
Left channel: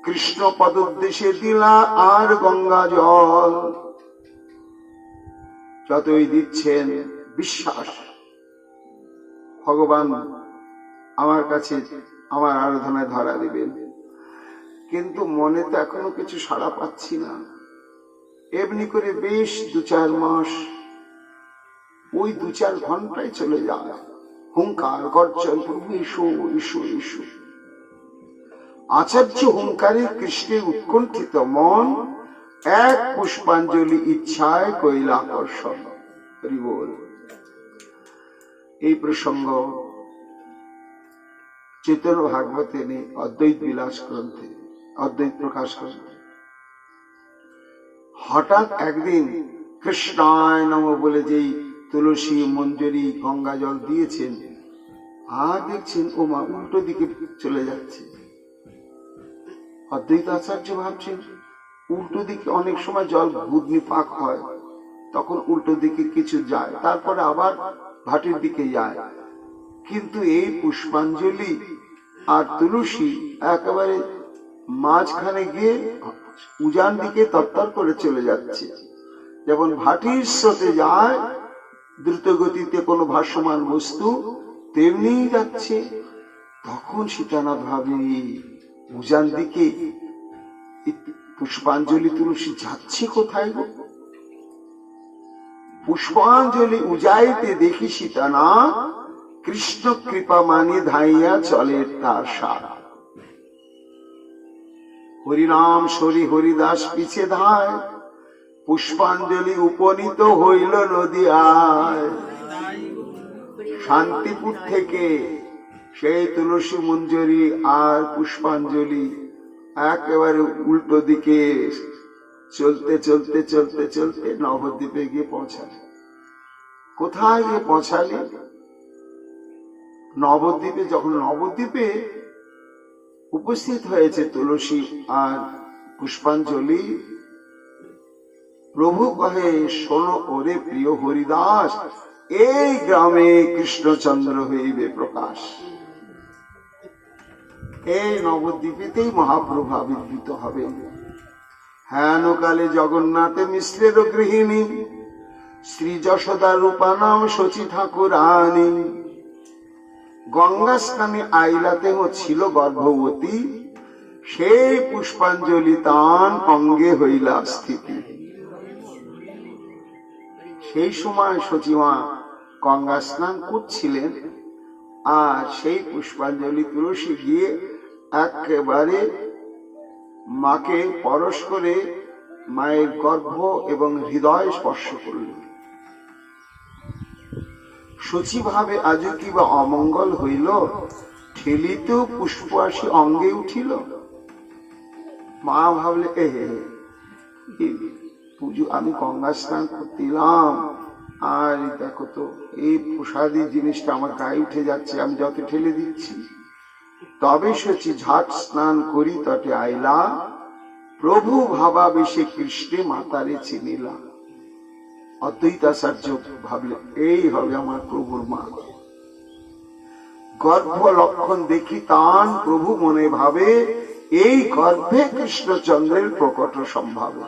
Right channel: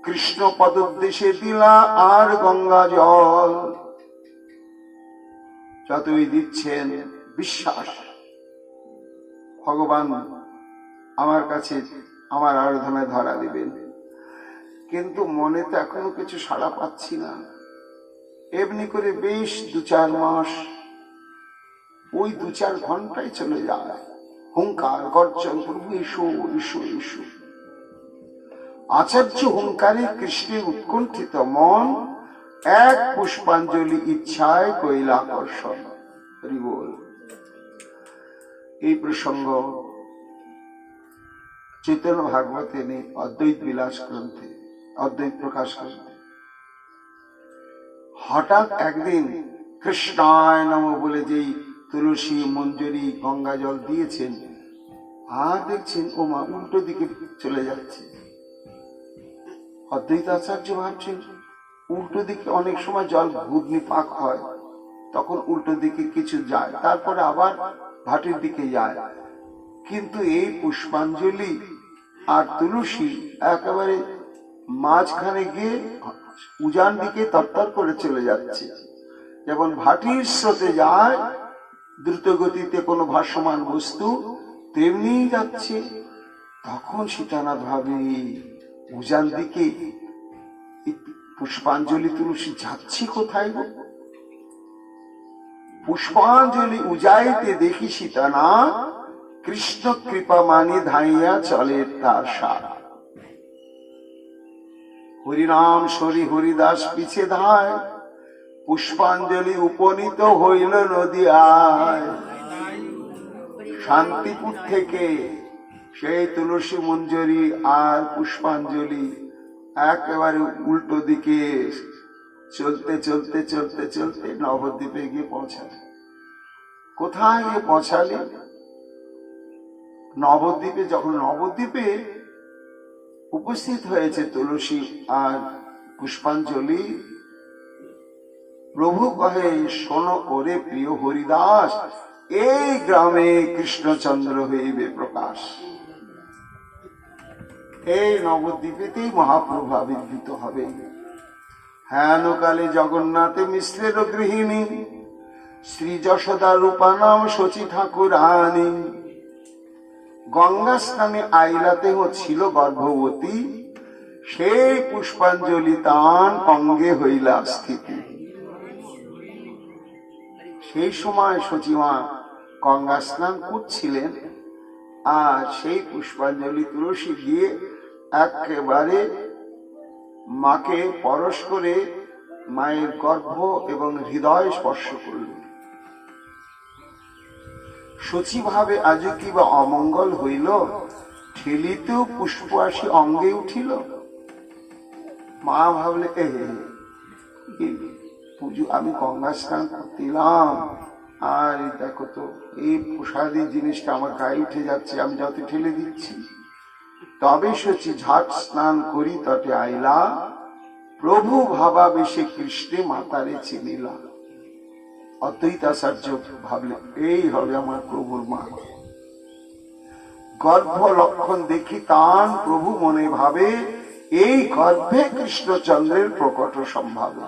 কৃষ্ণ পদোদ্দেশে দিলা আর গঙ্গা জল। যতই দিচ্ছেন বিশ্বাস, ভগবান আমার কাছে আমার আরাধনায় ধরা দিবেন। কিন্তু মনে তো এখনো কিছু সাড়া পাচ্ছি না। এমনি করে বেশ 2-4 মাস, ওই 2-4 ঘন্টায় চলে যায়। হুঙ্কার গর্জন, প্রভু এসো এসো এসো। আচার্য হুঙ্কারে কৃষ্ণের উৎকণ্ঠিত মন এক পুষ্পাঞ্জলি ইচ্ছায় কৈলাকর্ষণ। হরি বল। এই প্রসঙ্গ চৈতন্য ভাগবতে নেই, অদ্বৈত বিলাস গ্রন্থে, অদ্বৈত প্রকাশ গ্রন্থে। হঠাৎ একদিন কৃষ্ণায় নম বলে যেই তুলসী মঞ্জরি গঙ্গা জল দিয়েছেন, আর দেখছেন ও মা উল্টো দিকে চলে যাচ্ছে। অদ্বৈত আচার্য ভাবছেন উল্টো দিকে অনেক সময় জল ঘূর্ণি পাক হয়, তখন উল্টো দিকে কিছু যায়, তারপরে আবার ভাটির দিকে যায়। কিন্তু এই পুষ্পাঞ্জলি আর তুলসী একেবারে মাঝখানে গিয়ে উজান দিকে তত্তর করে চলে যাচ্ছে। যেমন ভাটির স্রোতে যায় দ্রুত গতিতে কোনো ভাসমান বস্তু, তেমনি যাচ্ছে। তখন সীতানাথ ভাবে উজান দিকে পুষ্পাঞ্জলি তুলসী যাচ্ছে কোথায় গো? পুষ্পাঞ্জলি উজাইতে দেখি সীতানাথ কৃষ্ণ কৃপা মানি ধাইয়া চলে তার সারা। হরিনাম সরি হরিদাস পিছে ধায়, পুষ্পাঞ্জলি উপনীত হইল নদীয়ায়। শান্তিপুর থেকে সেই তুলসী মঞ্জরি আর পুষ্পাঞ্জলি একেবারে উল্টো দিকে চলতে চলতে চলতে চলতে নবদ্বীপে গিয়ে পৌঁছালে। কোথায় গিয়ে পৌঁছালে? নবদ্বীপে। যখন নবদ্বীপে উপস্থিত হয়েছে তুলসী আর পুষ্পাঞ্জলি, প্রভু কহে শোনো ওরে প্রিয় হরিদাস, এই গ্রামে কৃষ্ণচন্দ্র হইবে প্রকাশ। এই নবদ্বীপেতেই মহাপ্রভু আবির্ভূত হবে। হেন কালে জগন্নাথে মিশ্রের গৃহিণী, শ্রী যশোদা রূপা নাম শচী ঠাকুরানী। গঙ্গা স্থানে আইলাতে ছিল গর্ভবতী, সেই পুষ্পাঞ্জলি তান অঙ্গে হইলা স্থিতি। সেই সময় সচিমা গঙ্গা স্নান করছিলেন, আর সেই পুষ্পাঞ্জলি তুলসী গিয়ে একেবারে মাকে পরশ করে মায়ের গর্ভ এবং হৃদয় স্পর্শ করলেন। সচি ভাবে আজ কি বা অমঙ্গল হইল, ঠেলিতেও পুষ্প আসি অঙ্গে উঠিল। মা ভাবলে পুজো আমি গঙ্গা স্নান করতিলাম, আর দেখো তো এই প্রসাদী জিনিসটা আমার গায়ে উঠে যাচ্ছে, আমি যত ঠেলে দিচ্ছি। তবে সচি ঝাট স্নান করি তটে আইলা, প্রভু ভাবা বেশে কৃষ্ণে মাতারে চিনিলা। অদ্বৈতাচার্য ভাবলে এই হবে আমার প্রভুর মা। গর্ভ লক্ষণ দেখি তান প্রভু মনে ভাবে, এই গর্ভে কৃষ্ণচন্দ্রের প্রকট সম্ভাবনা।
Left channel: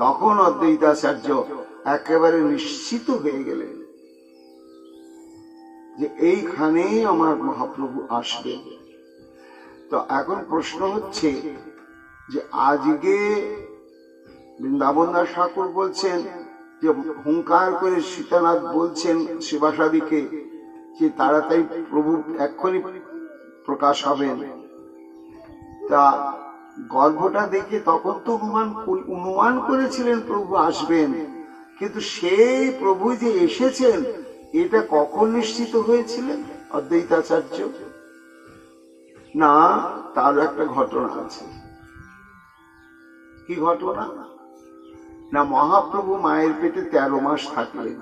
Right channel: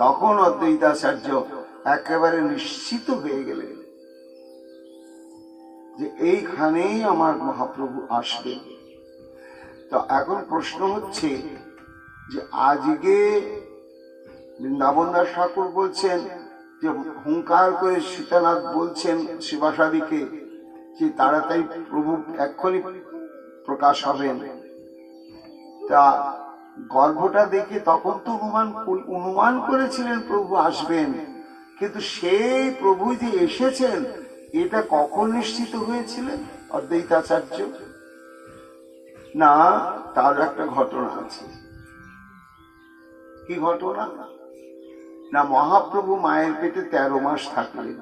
তখন অদ্বৈতাচার্য একেবারে নিশ্চিত হয়ে গেলেন যে এইখানেই আমার মহাপ্রভু আসবে। তো এখন প্রশ্ন হচ্ছে যে আজকে বৃন্দাবন দাস ঠাকুর বলছেন যে হুঙ্কার করে সীতানাথ বলছেন শিবাসাদিকে যে তাড়াতাড়ি প্রভু এক্ষুনি প্রকাশ হবেন। তা গর্ভটা দেখে তখন তো অনুমান করেছিলেন প্রভু আসবেন, কিন্তু সেই প্রভু যে এসেছেন এটা কখন নিশ্চিত হয়েছিলেন অদ্বৈতাচার্য? না, তার একটা ঘটনা আছে। কি ঘটনা? না, মহাপ্রভু মায়ের পেটে 13 মাস থাকলেন।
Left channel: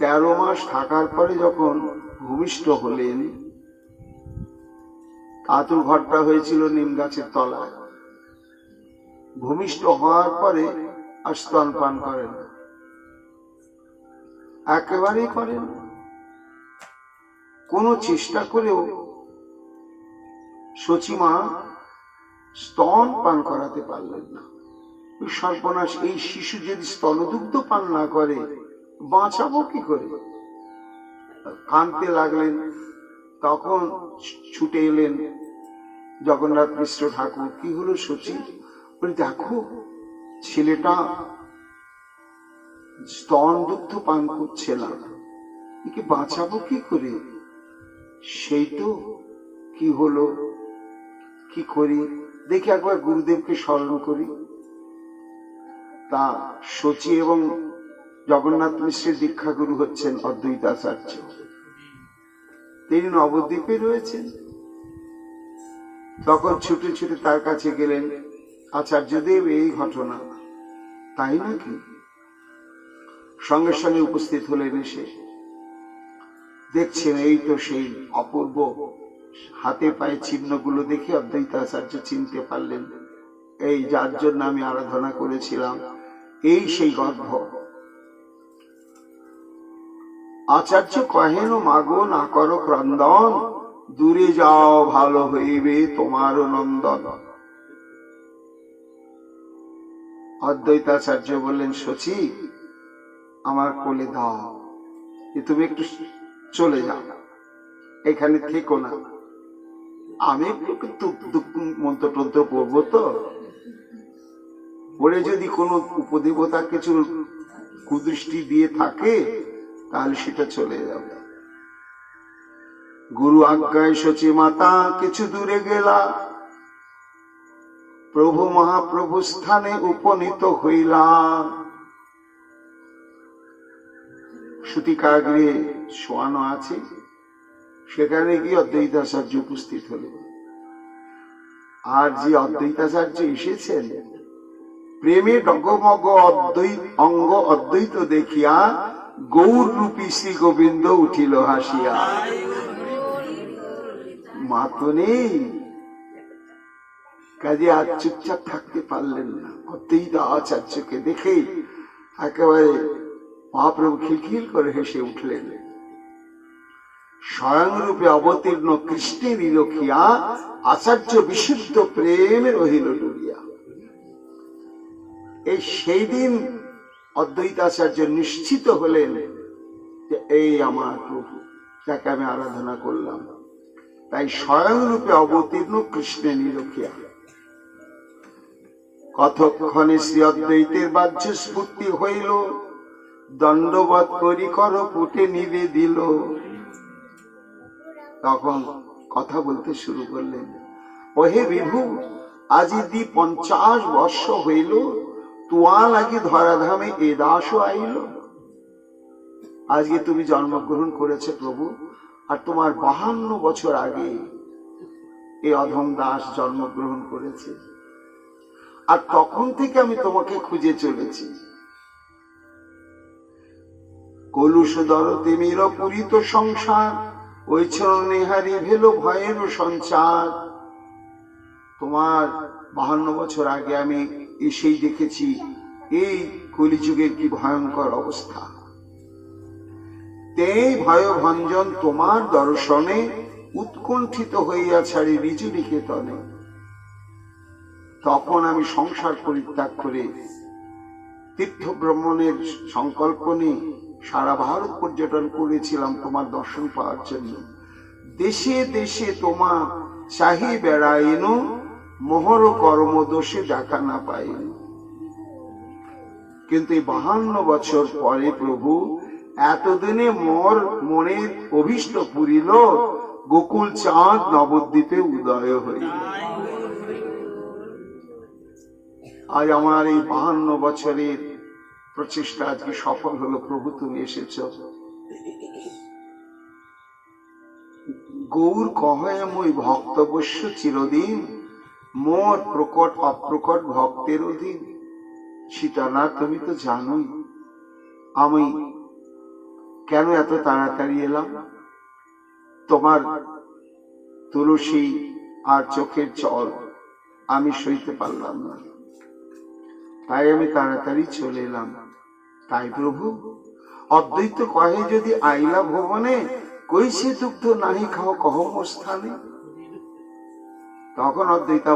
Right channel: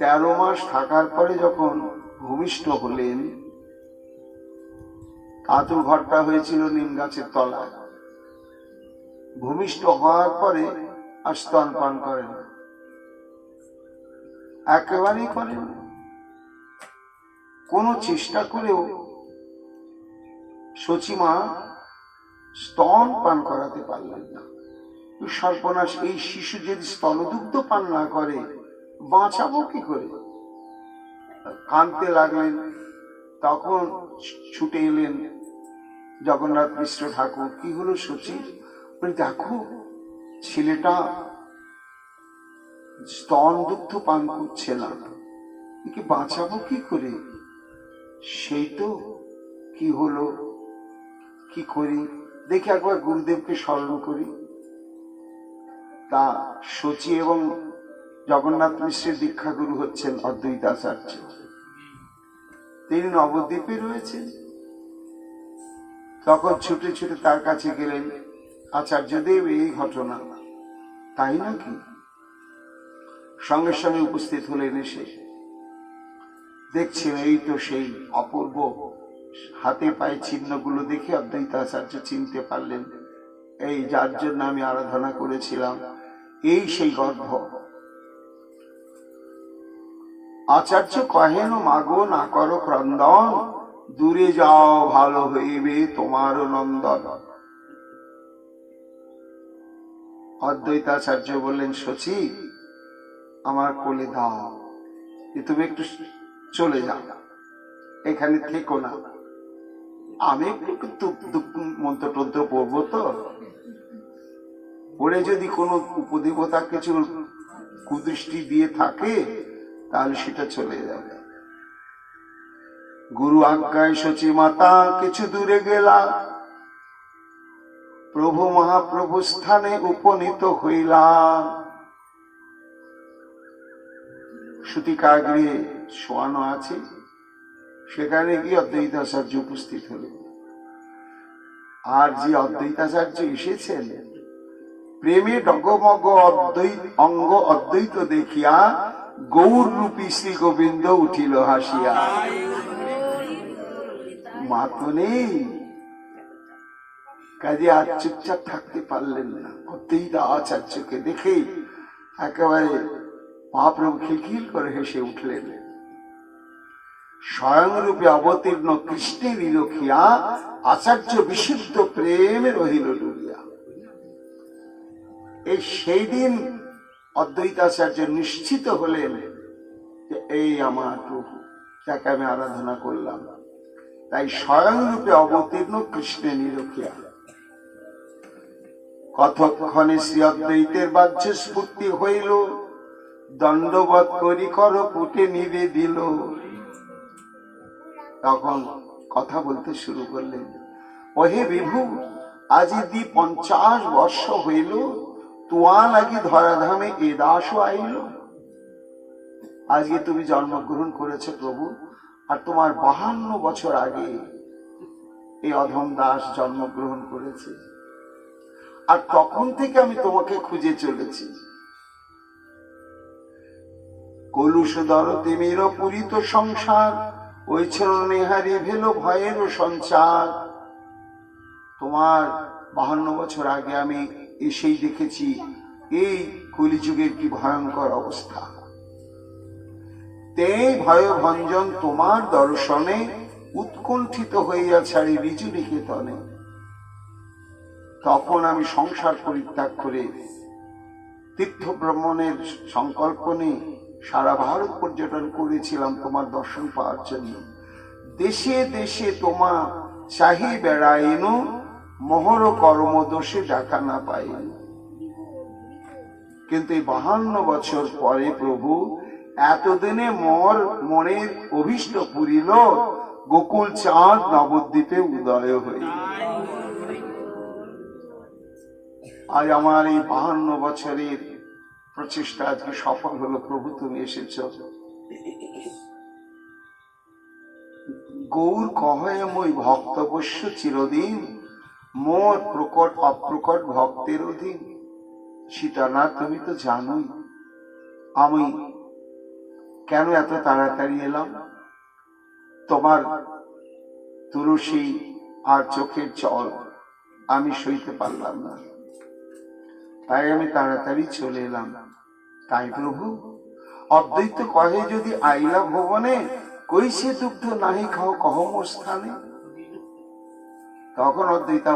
13 মাস থাকার পরে যখন ভূমিষ্ঠ হলেন, আতুর ঘরটা হয়েছিল নিম গাছের তলায়। ভূমিষ্ঠ হওয়ার পরে আর স্তনপান করেন, একেবারেই করেন। কোন চেষ্টা করেও সচিমা স্তন পান করাতে পারলেন না। সর্বনাশ, এই শিশু যদি স্তনদুগ্ধ পান না করে বাঁচাবো কি করে? কাঁদতে লাগলেন। তখন ছুটে এলেন জগন্নাথ মিশ্র ঠাকুর। কি হলো সচি? বলে দেখো ছেলেটা স্তন দুগ্ধ পান করছে না, একে বাঁচাবো কি করে? সেই তো কি হলো, কি করি দেখি, একবার গুরুদেবকে স্মরণ করি। তা সচি এবং জগন্নাথ মিশ্রের দীক্ষা গুরু হচ্ছেন অদ্বৈতাচার্য। তিনি নবদ্বীপে রয়েছেন। তখন ছুটে ছুটে তার কাছে গেলেন, আচার্যদেব এই ঘটনা। তাই নাকি? সঙ্গে সঙ্গে উপস্থিত হলেন। এসে দেখছেন এই তো সেই অপূর্ব হাতে পায়ে চিহ্নগুলো দেখে অদ্বৈতাচার্য চিনতে পারলেন, এই যার জন্য আমি আরাধনা করেছিলাম, এই সেই গর্ভ। আচার্য কহেন, মাগো না করো ক্রন্দন, দূরে যাও ভালো হইবে তোমার নন্দন। অদ্বৈতাচার্য বললেন, সচি আমার কোলে দাও, তুমি একটু চলে যাও, এখানে থেকো না। আমি একটু মন্ত্র টন্ত্র পড়বো, তো পড়ে যদি কোনো উপদেবতা কিছু কুদৃষ্টি দিয়ে থাকে তাহলে সেটা চলে যাবে। গুরু আজ্ঞায় সচি মাতা কিছু দূরে গেলা, প্রভু মহাপ্রভু স্থানে উপনীত হইলাম। সূতিকাগৃহে শোয়ানো আছে, সেখানে গিয়ে অদ্বৈতাচার্য উপস্থিত হলেন। আর যে অদ্বৈতাচার্য এসেছেন, প্রেমে ডগমগ অঙ্গ অদ্বৈত দেখিয়া গৌর রূপী শ্রী গোবিন্দ উঠিল হাসিয়া। মা তো নেই, কাজে আর চুপচাপ থাকতে পারলেন না। অদ্বৈতাচার্যকে দেখে একেবারে মহাপ্রভু খিলখিল করে হেসে উঠলেন। স্বয়ং রূপে অবতীর্ণ কৃষ্ণের নিরখিয়া আচার্য বিশুদ্ধ প্রেমে রহিল ডুবিয়া। এই সেই দিন অদ্বৈতাচার্য নিশ্চিত হলেন যে এই আমার প্রভু, যাকে আমি আরাধনা করলাম। তাই স্বয়ং রূপে অবতীর্ণ কৃষ্ণের নিরখিয়া। কতক্ষণে শ্রী অদ্বৈতের বাহ্য স্ফূর্তি হইল, দণ্ডবৎ করি কর পুটে নিবে দিল। তখন কথা বলতে শুরু করলেন, ওহে বিভু, আজি 50 বর্ষ হইল, তুয়া লাগি ধরাধামে এ দাস আইল। আজকে তুমি জন্মগ্রহণ করেছে প্রভু, আর তোমার 52 বছর আগে এই অধম দাস জন্মগ্রহণ করেছে। আর তখন থেকে আমি তোমাকে খুঁজে চলেছি। কলুষদর তিমির পুরিত সংসার, ওই নেহারি ভেল ভয়ের সঞ্চার। তোমার 52 বছর আগে আমি এসেই দেখেছি এই কলিযুগের কি ভয়ঙ্কর অবস্থা। তেই ভয় ভঞ্জন তোমার দর্শনে, উৎকণ্ঠিত হইয়া ছাড়ি ঋজু নিকেতনে। তখন আমি সংসার পরিত্যাগ করে তীর্থ ভ্রমণের সংকল্প নিয়ে সারা ভারত পর্যটন করেছিলাম তোমার দর্শন পাওয়ার জন্য। দেশে দেশে তোমা চাহি বেড়াইন, মোহর কর্ম দোষে দেখা না পাইন। কিন্তু এই 52 বছর পরে প্রভু এতদিনে মোর মনের অভীষ্ট পুরিল, গোকুল চাঁদ নবদ্বীপে উদয় হইল। আজ আমার এই 52 বছরের প্রচেষ্টা আজকে সফল হলো। প্রভু তুমি এসেছ। গৌর কহে মই ভক্তবশ্য চিরদিন, মোর প্রকট অপ্রকট ভক্তের অধীন। সীতানাথ, তুমি তো জানোই আমি কেন এত তাড়াতাড়ি এলাম। তোমার তুলসী আর চোখের জল আমি সইতে পারলাম না, তাই আমি তাড়াতাড়ি চলে এলাম। তাই প্রভু অদ্বৈত কহে, যদি আইলা ভুবনে, কইছে দুগ্ধ নাহি খাও কহম স্থানে। তখন অদ্বৈতা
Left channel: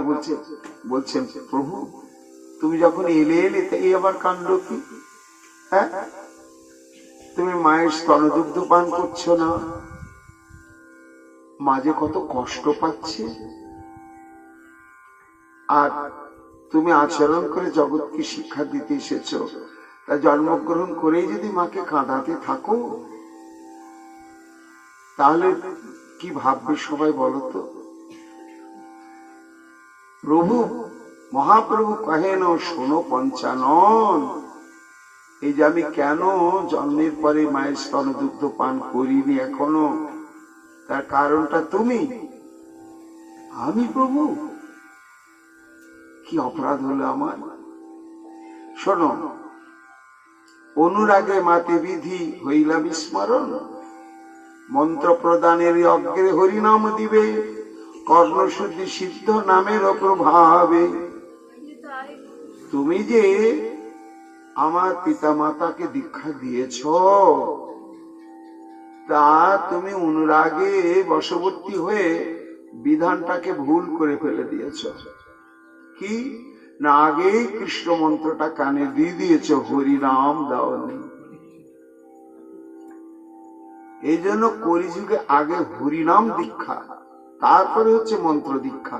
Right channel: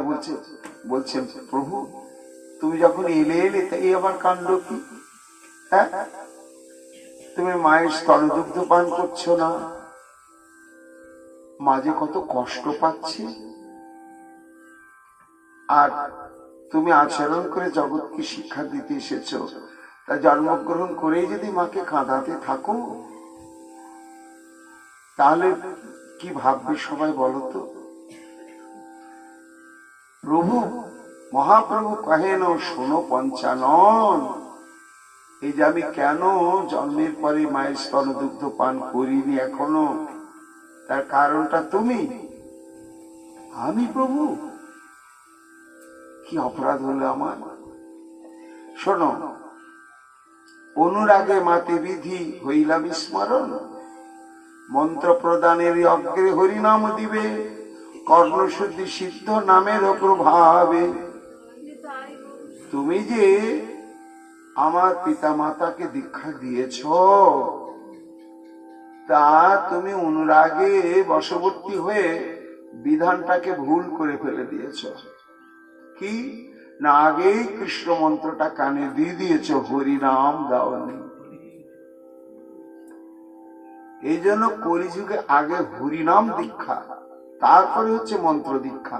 বলছেন, প্রভু তুমি যখন এলে তাই আবার কাণ্ড কি? তুমি মায়ের স্তনদুগ্ধ পান করছো না, মাঝে কত কষ্ট পাচ্ছে, আর তুমি আচরণ করে জগৎকে শিক্ষা দিতে এসেছো, তা জন্মগ্রহণ করেই যদি মাকে কাঁদাতে থাকো, তাহলে কি ভাববে সবাই বলো তো? প্রভু মহাপ্রভু কহেন, শোনো পঞ্চানন, এই যে আমি কেন জন্মের পরে মায়ের স্তনদুগ্ধ পান করিনি এখনো, তার কারণটা তুমি। আমি প্রভু, কি অপরাধ হলো আমার? শোনো, অনুরাগে মাতে বিধি হইলা বিস্মরণ, মন্ত্র প্রদানের অগ্রে হরিনাম দিবে, কর্ণশুদ্ধি সিদ্ধ নামের প্রভাবে। তুমি যে আমার পিতা মাতাকে দীক্ষা দিয়েছ, তা তুমি অনুরাগে বশবর্তী হয়ে বিধানটাকে ভুল করে ফেলে দিয়েছ। কি না, আগেই কৃষ্ণ মন্ত্রটা কানে দিয়ে দিয়েছ, হরিনাম দাওনি। এই জন্য কলিযুগে আগে হরিনাম দীক্ষা, তারপরে হচ্ছে মন্ত্র দীক্ষা।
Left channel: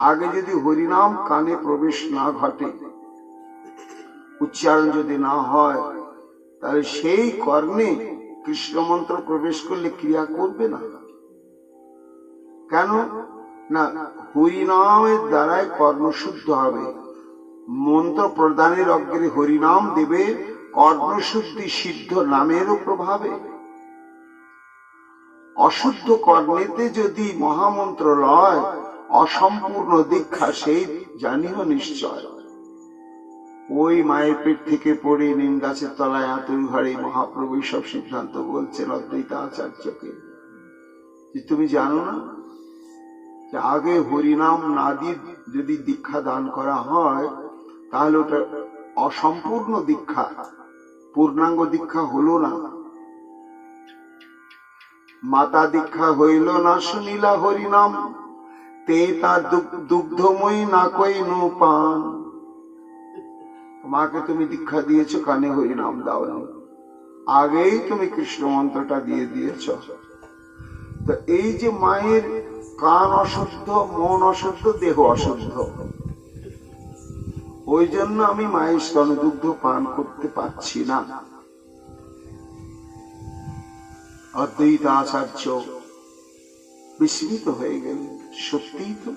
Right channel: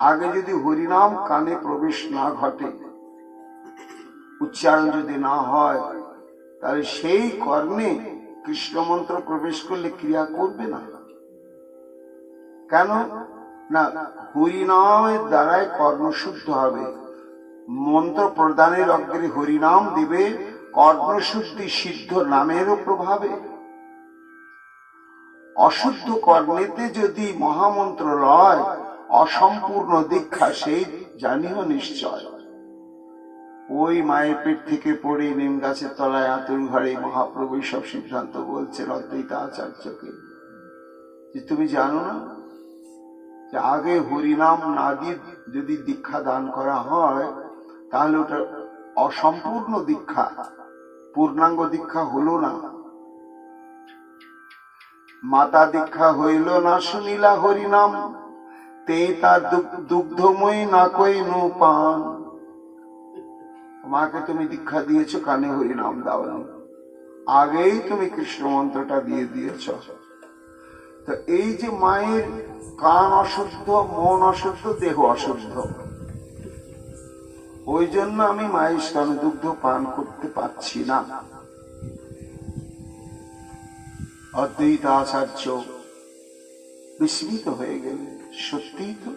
আগে যদি হরিনাম কানে প্রবেশ না ঘটে, উচ্চারণ যদি না হয়, তাহলে সেই কর্ণে কৃষ্ণ মন্ত্র প্রবেশ করলে ক্রিয়া করবে না। কেন না, হরিনামের দ্বারাই কর্ণশুদ্ধ হবে। মন্ত্র প্রদানের অগ্রে হরিনাম দেবে, কর্ণশুদ্ধি সিদ্ধ নামেরও প্রভাবে। অশুদ্ধ কর্ণেতে যদি মহামন্ত্র লয়, অসম্পূর্ণ দীক্ষা, সেই জানিও নিশ্চয়। ওই মায়ের পেট থেকে পড়ে নিম গাছের তলায় আতুর ঘরে মহাপ্রভু সব সিদ্ধান্ত বলছেন অদ্বৈত আচার্যকে, যে তুমি জানো না যে আগে হরিনাম না দিয়ে যদি দীক্ষা দান করা হয়, তাহলে ওটা অসম্পূর্ণ দীক্ষা, পূর্ণাঙ্গ দীক্ষা হলো না। মাতা দীক্ষা হইল না শুনিলা হরিনাম, তে তার দুগ্ধময়ী না কইনু পান। মাকে তুমি দীক্ষা দিয়েছো, কানে হরিনাম দাও না, আগেই তুমি কৃষ্ণ মন্ত্রটা দিয়ে দিয়েছ। তো এই যে মায়ের কান অশুদ্ধ, মন অশুদ্ধ, দেহ অশুদ্ধ, ওই জন্য আমি মায়ের স্তনদুগ্ধ পান করতে পারছি না। অদ্বৈত আচার্য বিস্মিত হয়ে গেলেন, সত্যিই তো,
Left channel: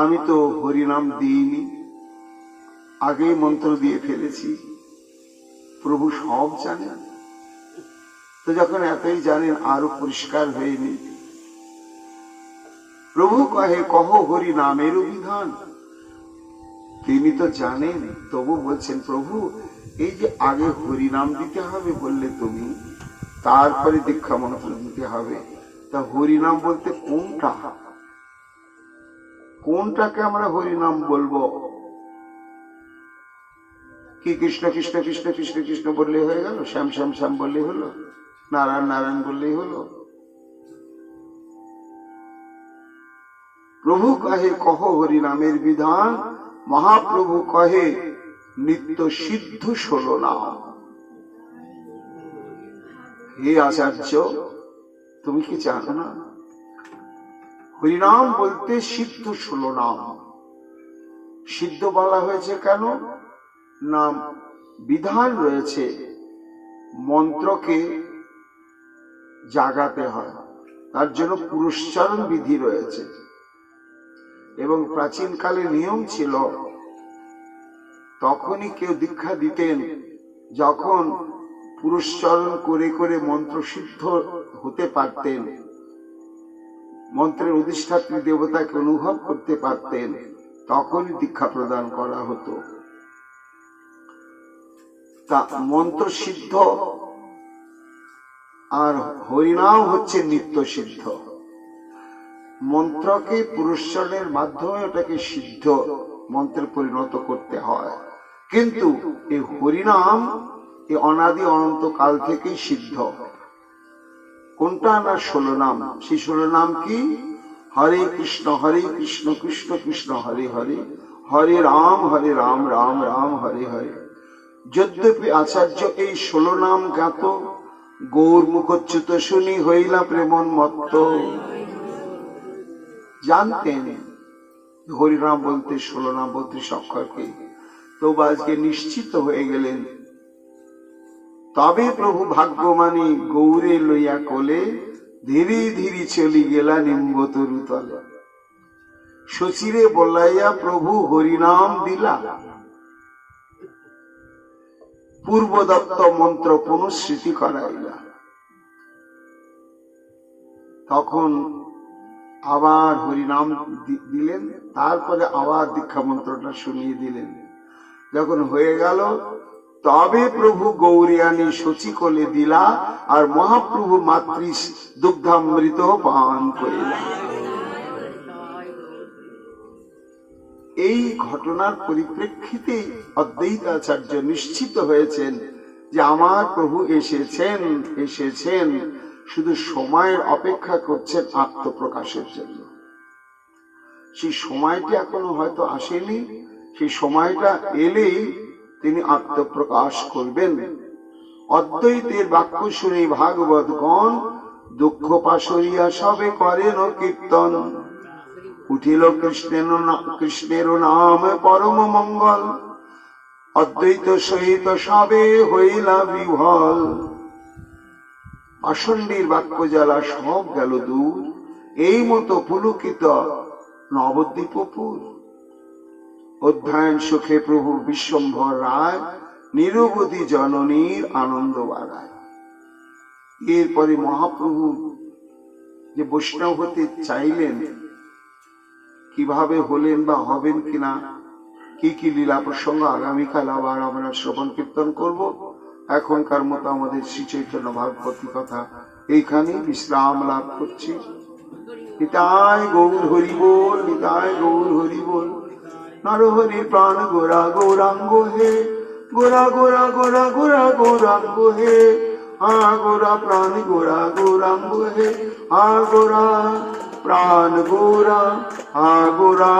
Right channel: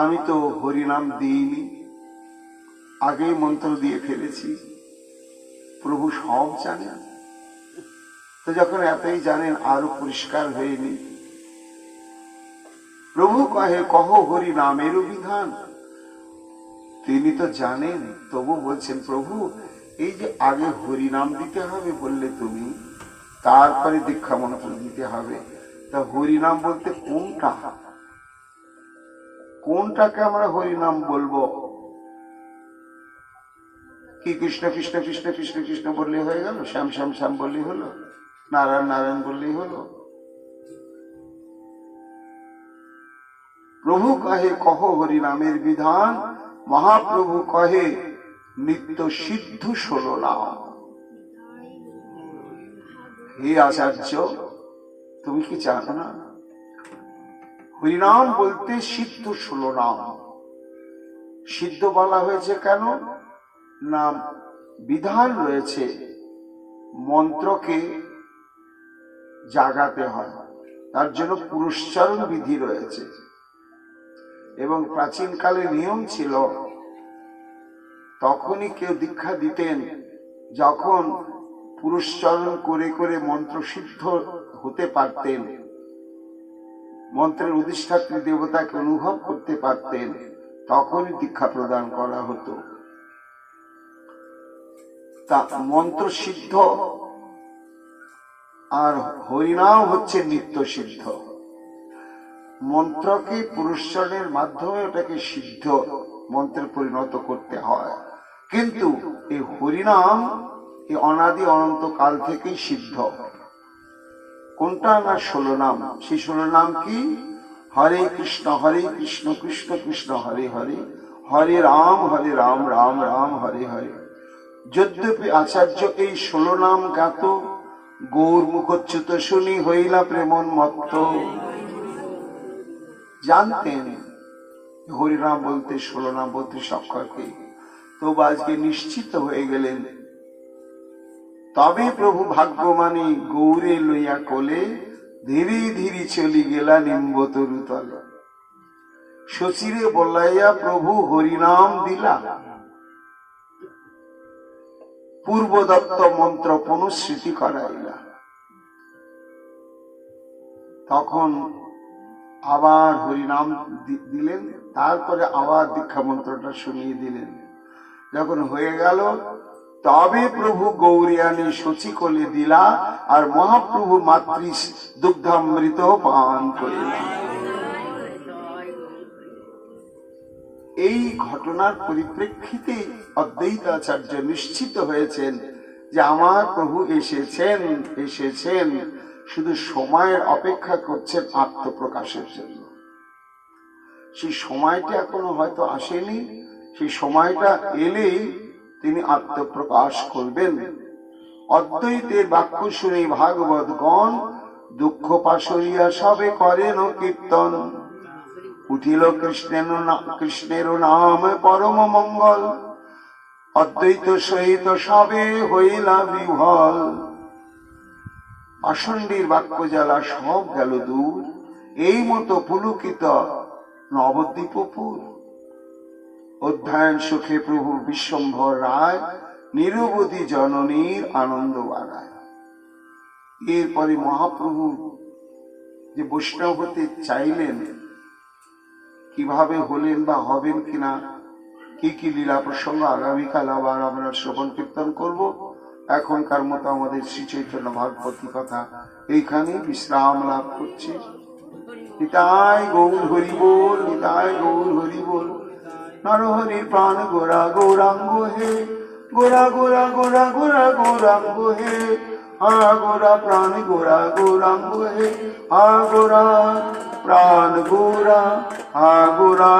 আমি তো হরিনাম দিইনি, আগেই মন্ত্র দিয়ে ফেলেছি। প্রভু সব জানেন, তো যখন এতই জানেন, আরো পরিষ্কার হয়নি। প্রভু কহে, কহ হরি নামের বিধান। তিনি তো জানেন, তবু বলছেন, প্রভু এই যে আগে হরিনাম দিতে হবে বললে তুমি, তারপরে দীক্ষা মন্ত্র দিতে হবে, তা হরিনাম বলতে কোনটা? কোনটাকে আমরা হরিনাম বলবো? কি কৃষ্ণ কৃষ্ণ কৃষ্ণ কৃষ্ণ কৃষ্ণ বললেই হয়ে গেল? শ্যাম শ্যাম শ্যাম বললেই হলো? নারায়ণ নারায়ণ বললেই হলো? প্রভু কহে, কহ হরিনামের বিধান। মহাপ্রভু কহে, নিত্য সিদ্ধ 16 নাম। হে আচার্য, তুমি কি জানো না, হরিনাম বলতে সিদ্ধ 16 নাম। সিদ্ধ বলা হয়েছে কেন? নাম বিধান রয়েছে, মন্ত্রকে জাগাতে হয়, তার জন্য পুরস্চরণ বিধি রয়েছে। এবং প্রাচীন কালে নিয়ম ছিল, তখনই কেউ দীক্ষা দিতেন যখন পুরস্চরণ করে করে মন্ত্র সিদ্ধ হতে পারতেন, মন্ত্রের অধিষ্ঠাত্রী দেবতাকে অনুভব করতে পারতেন, তখনই দীক্ষা প্রদান করা হতো। তা মন্ত্র সিদ্ধ আর হরিনাম হচ্ছে নিত্য সিদ্ধ। মন্ত্রকে পুরস্চরণের মাধ্যমে ওটাকে সিদ্ধ মন্ত্রে পরিণত করতে হয়, কিন্তু এই হরিনাম এই অনাদি অনন্ত কাল থেকেই সিদ্ধ। কোনটা না 16 নাম। সেই 16 নাম কি? হরে কৃষ্ণ কৃষ্ণ কৃষ্ণ হরে হরে, হরে রাম রাম রাম হরে হরে। যদ্যপি আচার্য এই 16 নাম জ্ঞাত, গৌর মুখচ্যুত শুনি হইলা প্রেমন মত্ত। জানতেন হরিনাম বলতে 16 নাম 32 অক্ষরকে, তবু আজকে নিশ্চিত হয়ে গেলেন। তবে প্রভু ভাগ্যমানী গৌরে লইয়া কোলে ধীরে ধীরে চলি গেলা নিম্বতরু তলে। শশীরে বলাইয়া প্রভু হরিনাম দিলা, পূর্বদত্ত মন্ত্র পুনঃস্মৃতি করাইলা। তখন আবার হরিনাম দিলেন, তারপরে আবার দীক্ষা মন্ত্রটা শুনিয়ে দিলেন। যখন হয়ে গেল তবে প্রভু গৌরিয়ানী শচী কোলে দিলা, আর মহাপ্রভু মাতৃ দুগ্ধামৃত পান করিলা। এই ঘটনার পরিপ্রেক্ষিতে অদ্বৈতাচার্য নিশ্চিত হয়েছেন যে আমার প্রভু এসেছেন, শুধু সময়ের অপেক্ষা করছেন আত্মপ্রকাশের জন্য। সেই সময়টা এখনো হয়তো আসেনি, সেই সময়টা এলেই তিনি আত্মপ্রকাশ করবেন। অদ্বৈতের বাক্য শুনে ভাগবতগণ দুঃখ পাশরিয়া সবে করেন কীর্তন। উঠিল কৃষ্ণের নাম পরম মঙ্গল, অদ্বৈত সহিত সবে হইলা বিহল। পাষণ্ডীর বাক্য জ্বালা সব গেল দূর, এই মতো পুলকিত নবদ্বীপপুর। অধ্যয়ন সুখে প্রভু বিশ্বম্ভর রায়, নিরবধি জননীর আনন্দ বাড়ায়। এরপরে মহাপ্রভু যে বৈষ্ণব হতে চাইলেন, কিভাবে হলেন বা হবেন কিনা, কি কি লীলা প্রসঙ্গ আগামীকাল আবার আমরা শ্রবণ কীর্তন করব। এখনকার মতো আমাদের শ্রী চৈতন্য ভাগবতী কথা এইখানে বিশ্রাম লাভ করছি। নিতাই গৌর হরি বল, নিতাই গৌর হরি বল। নরহরি প্রাণ গোরা গৌরাঙ্গ হে, গোরা গোরা গোরা গোরা গৌরাঙ্গ হে। গোরা প্রাণ গোরা গৌরাঙ্গ হে, গোরা প্রাণ গোরা গোরা।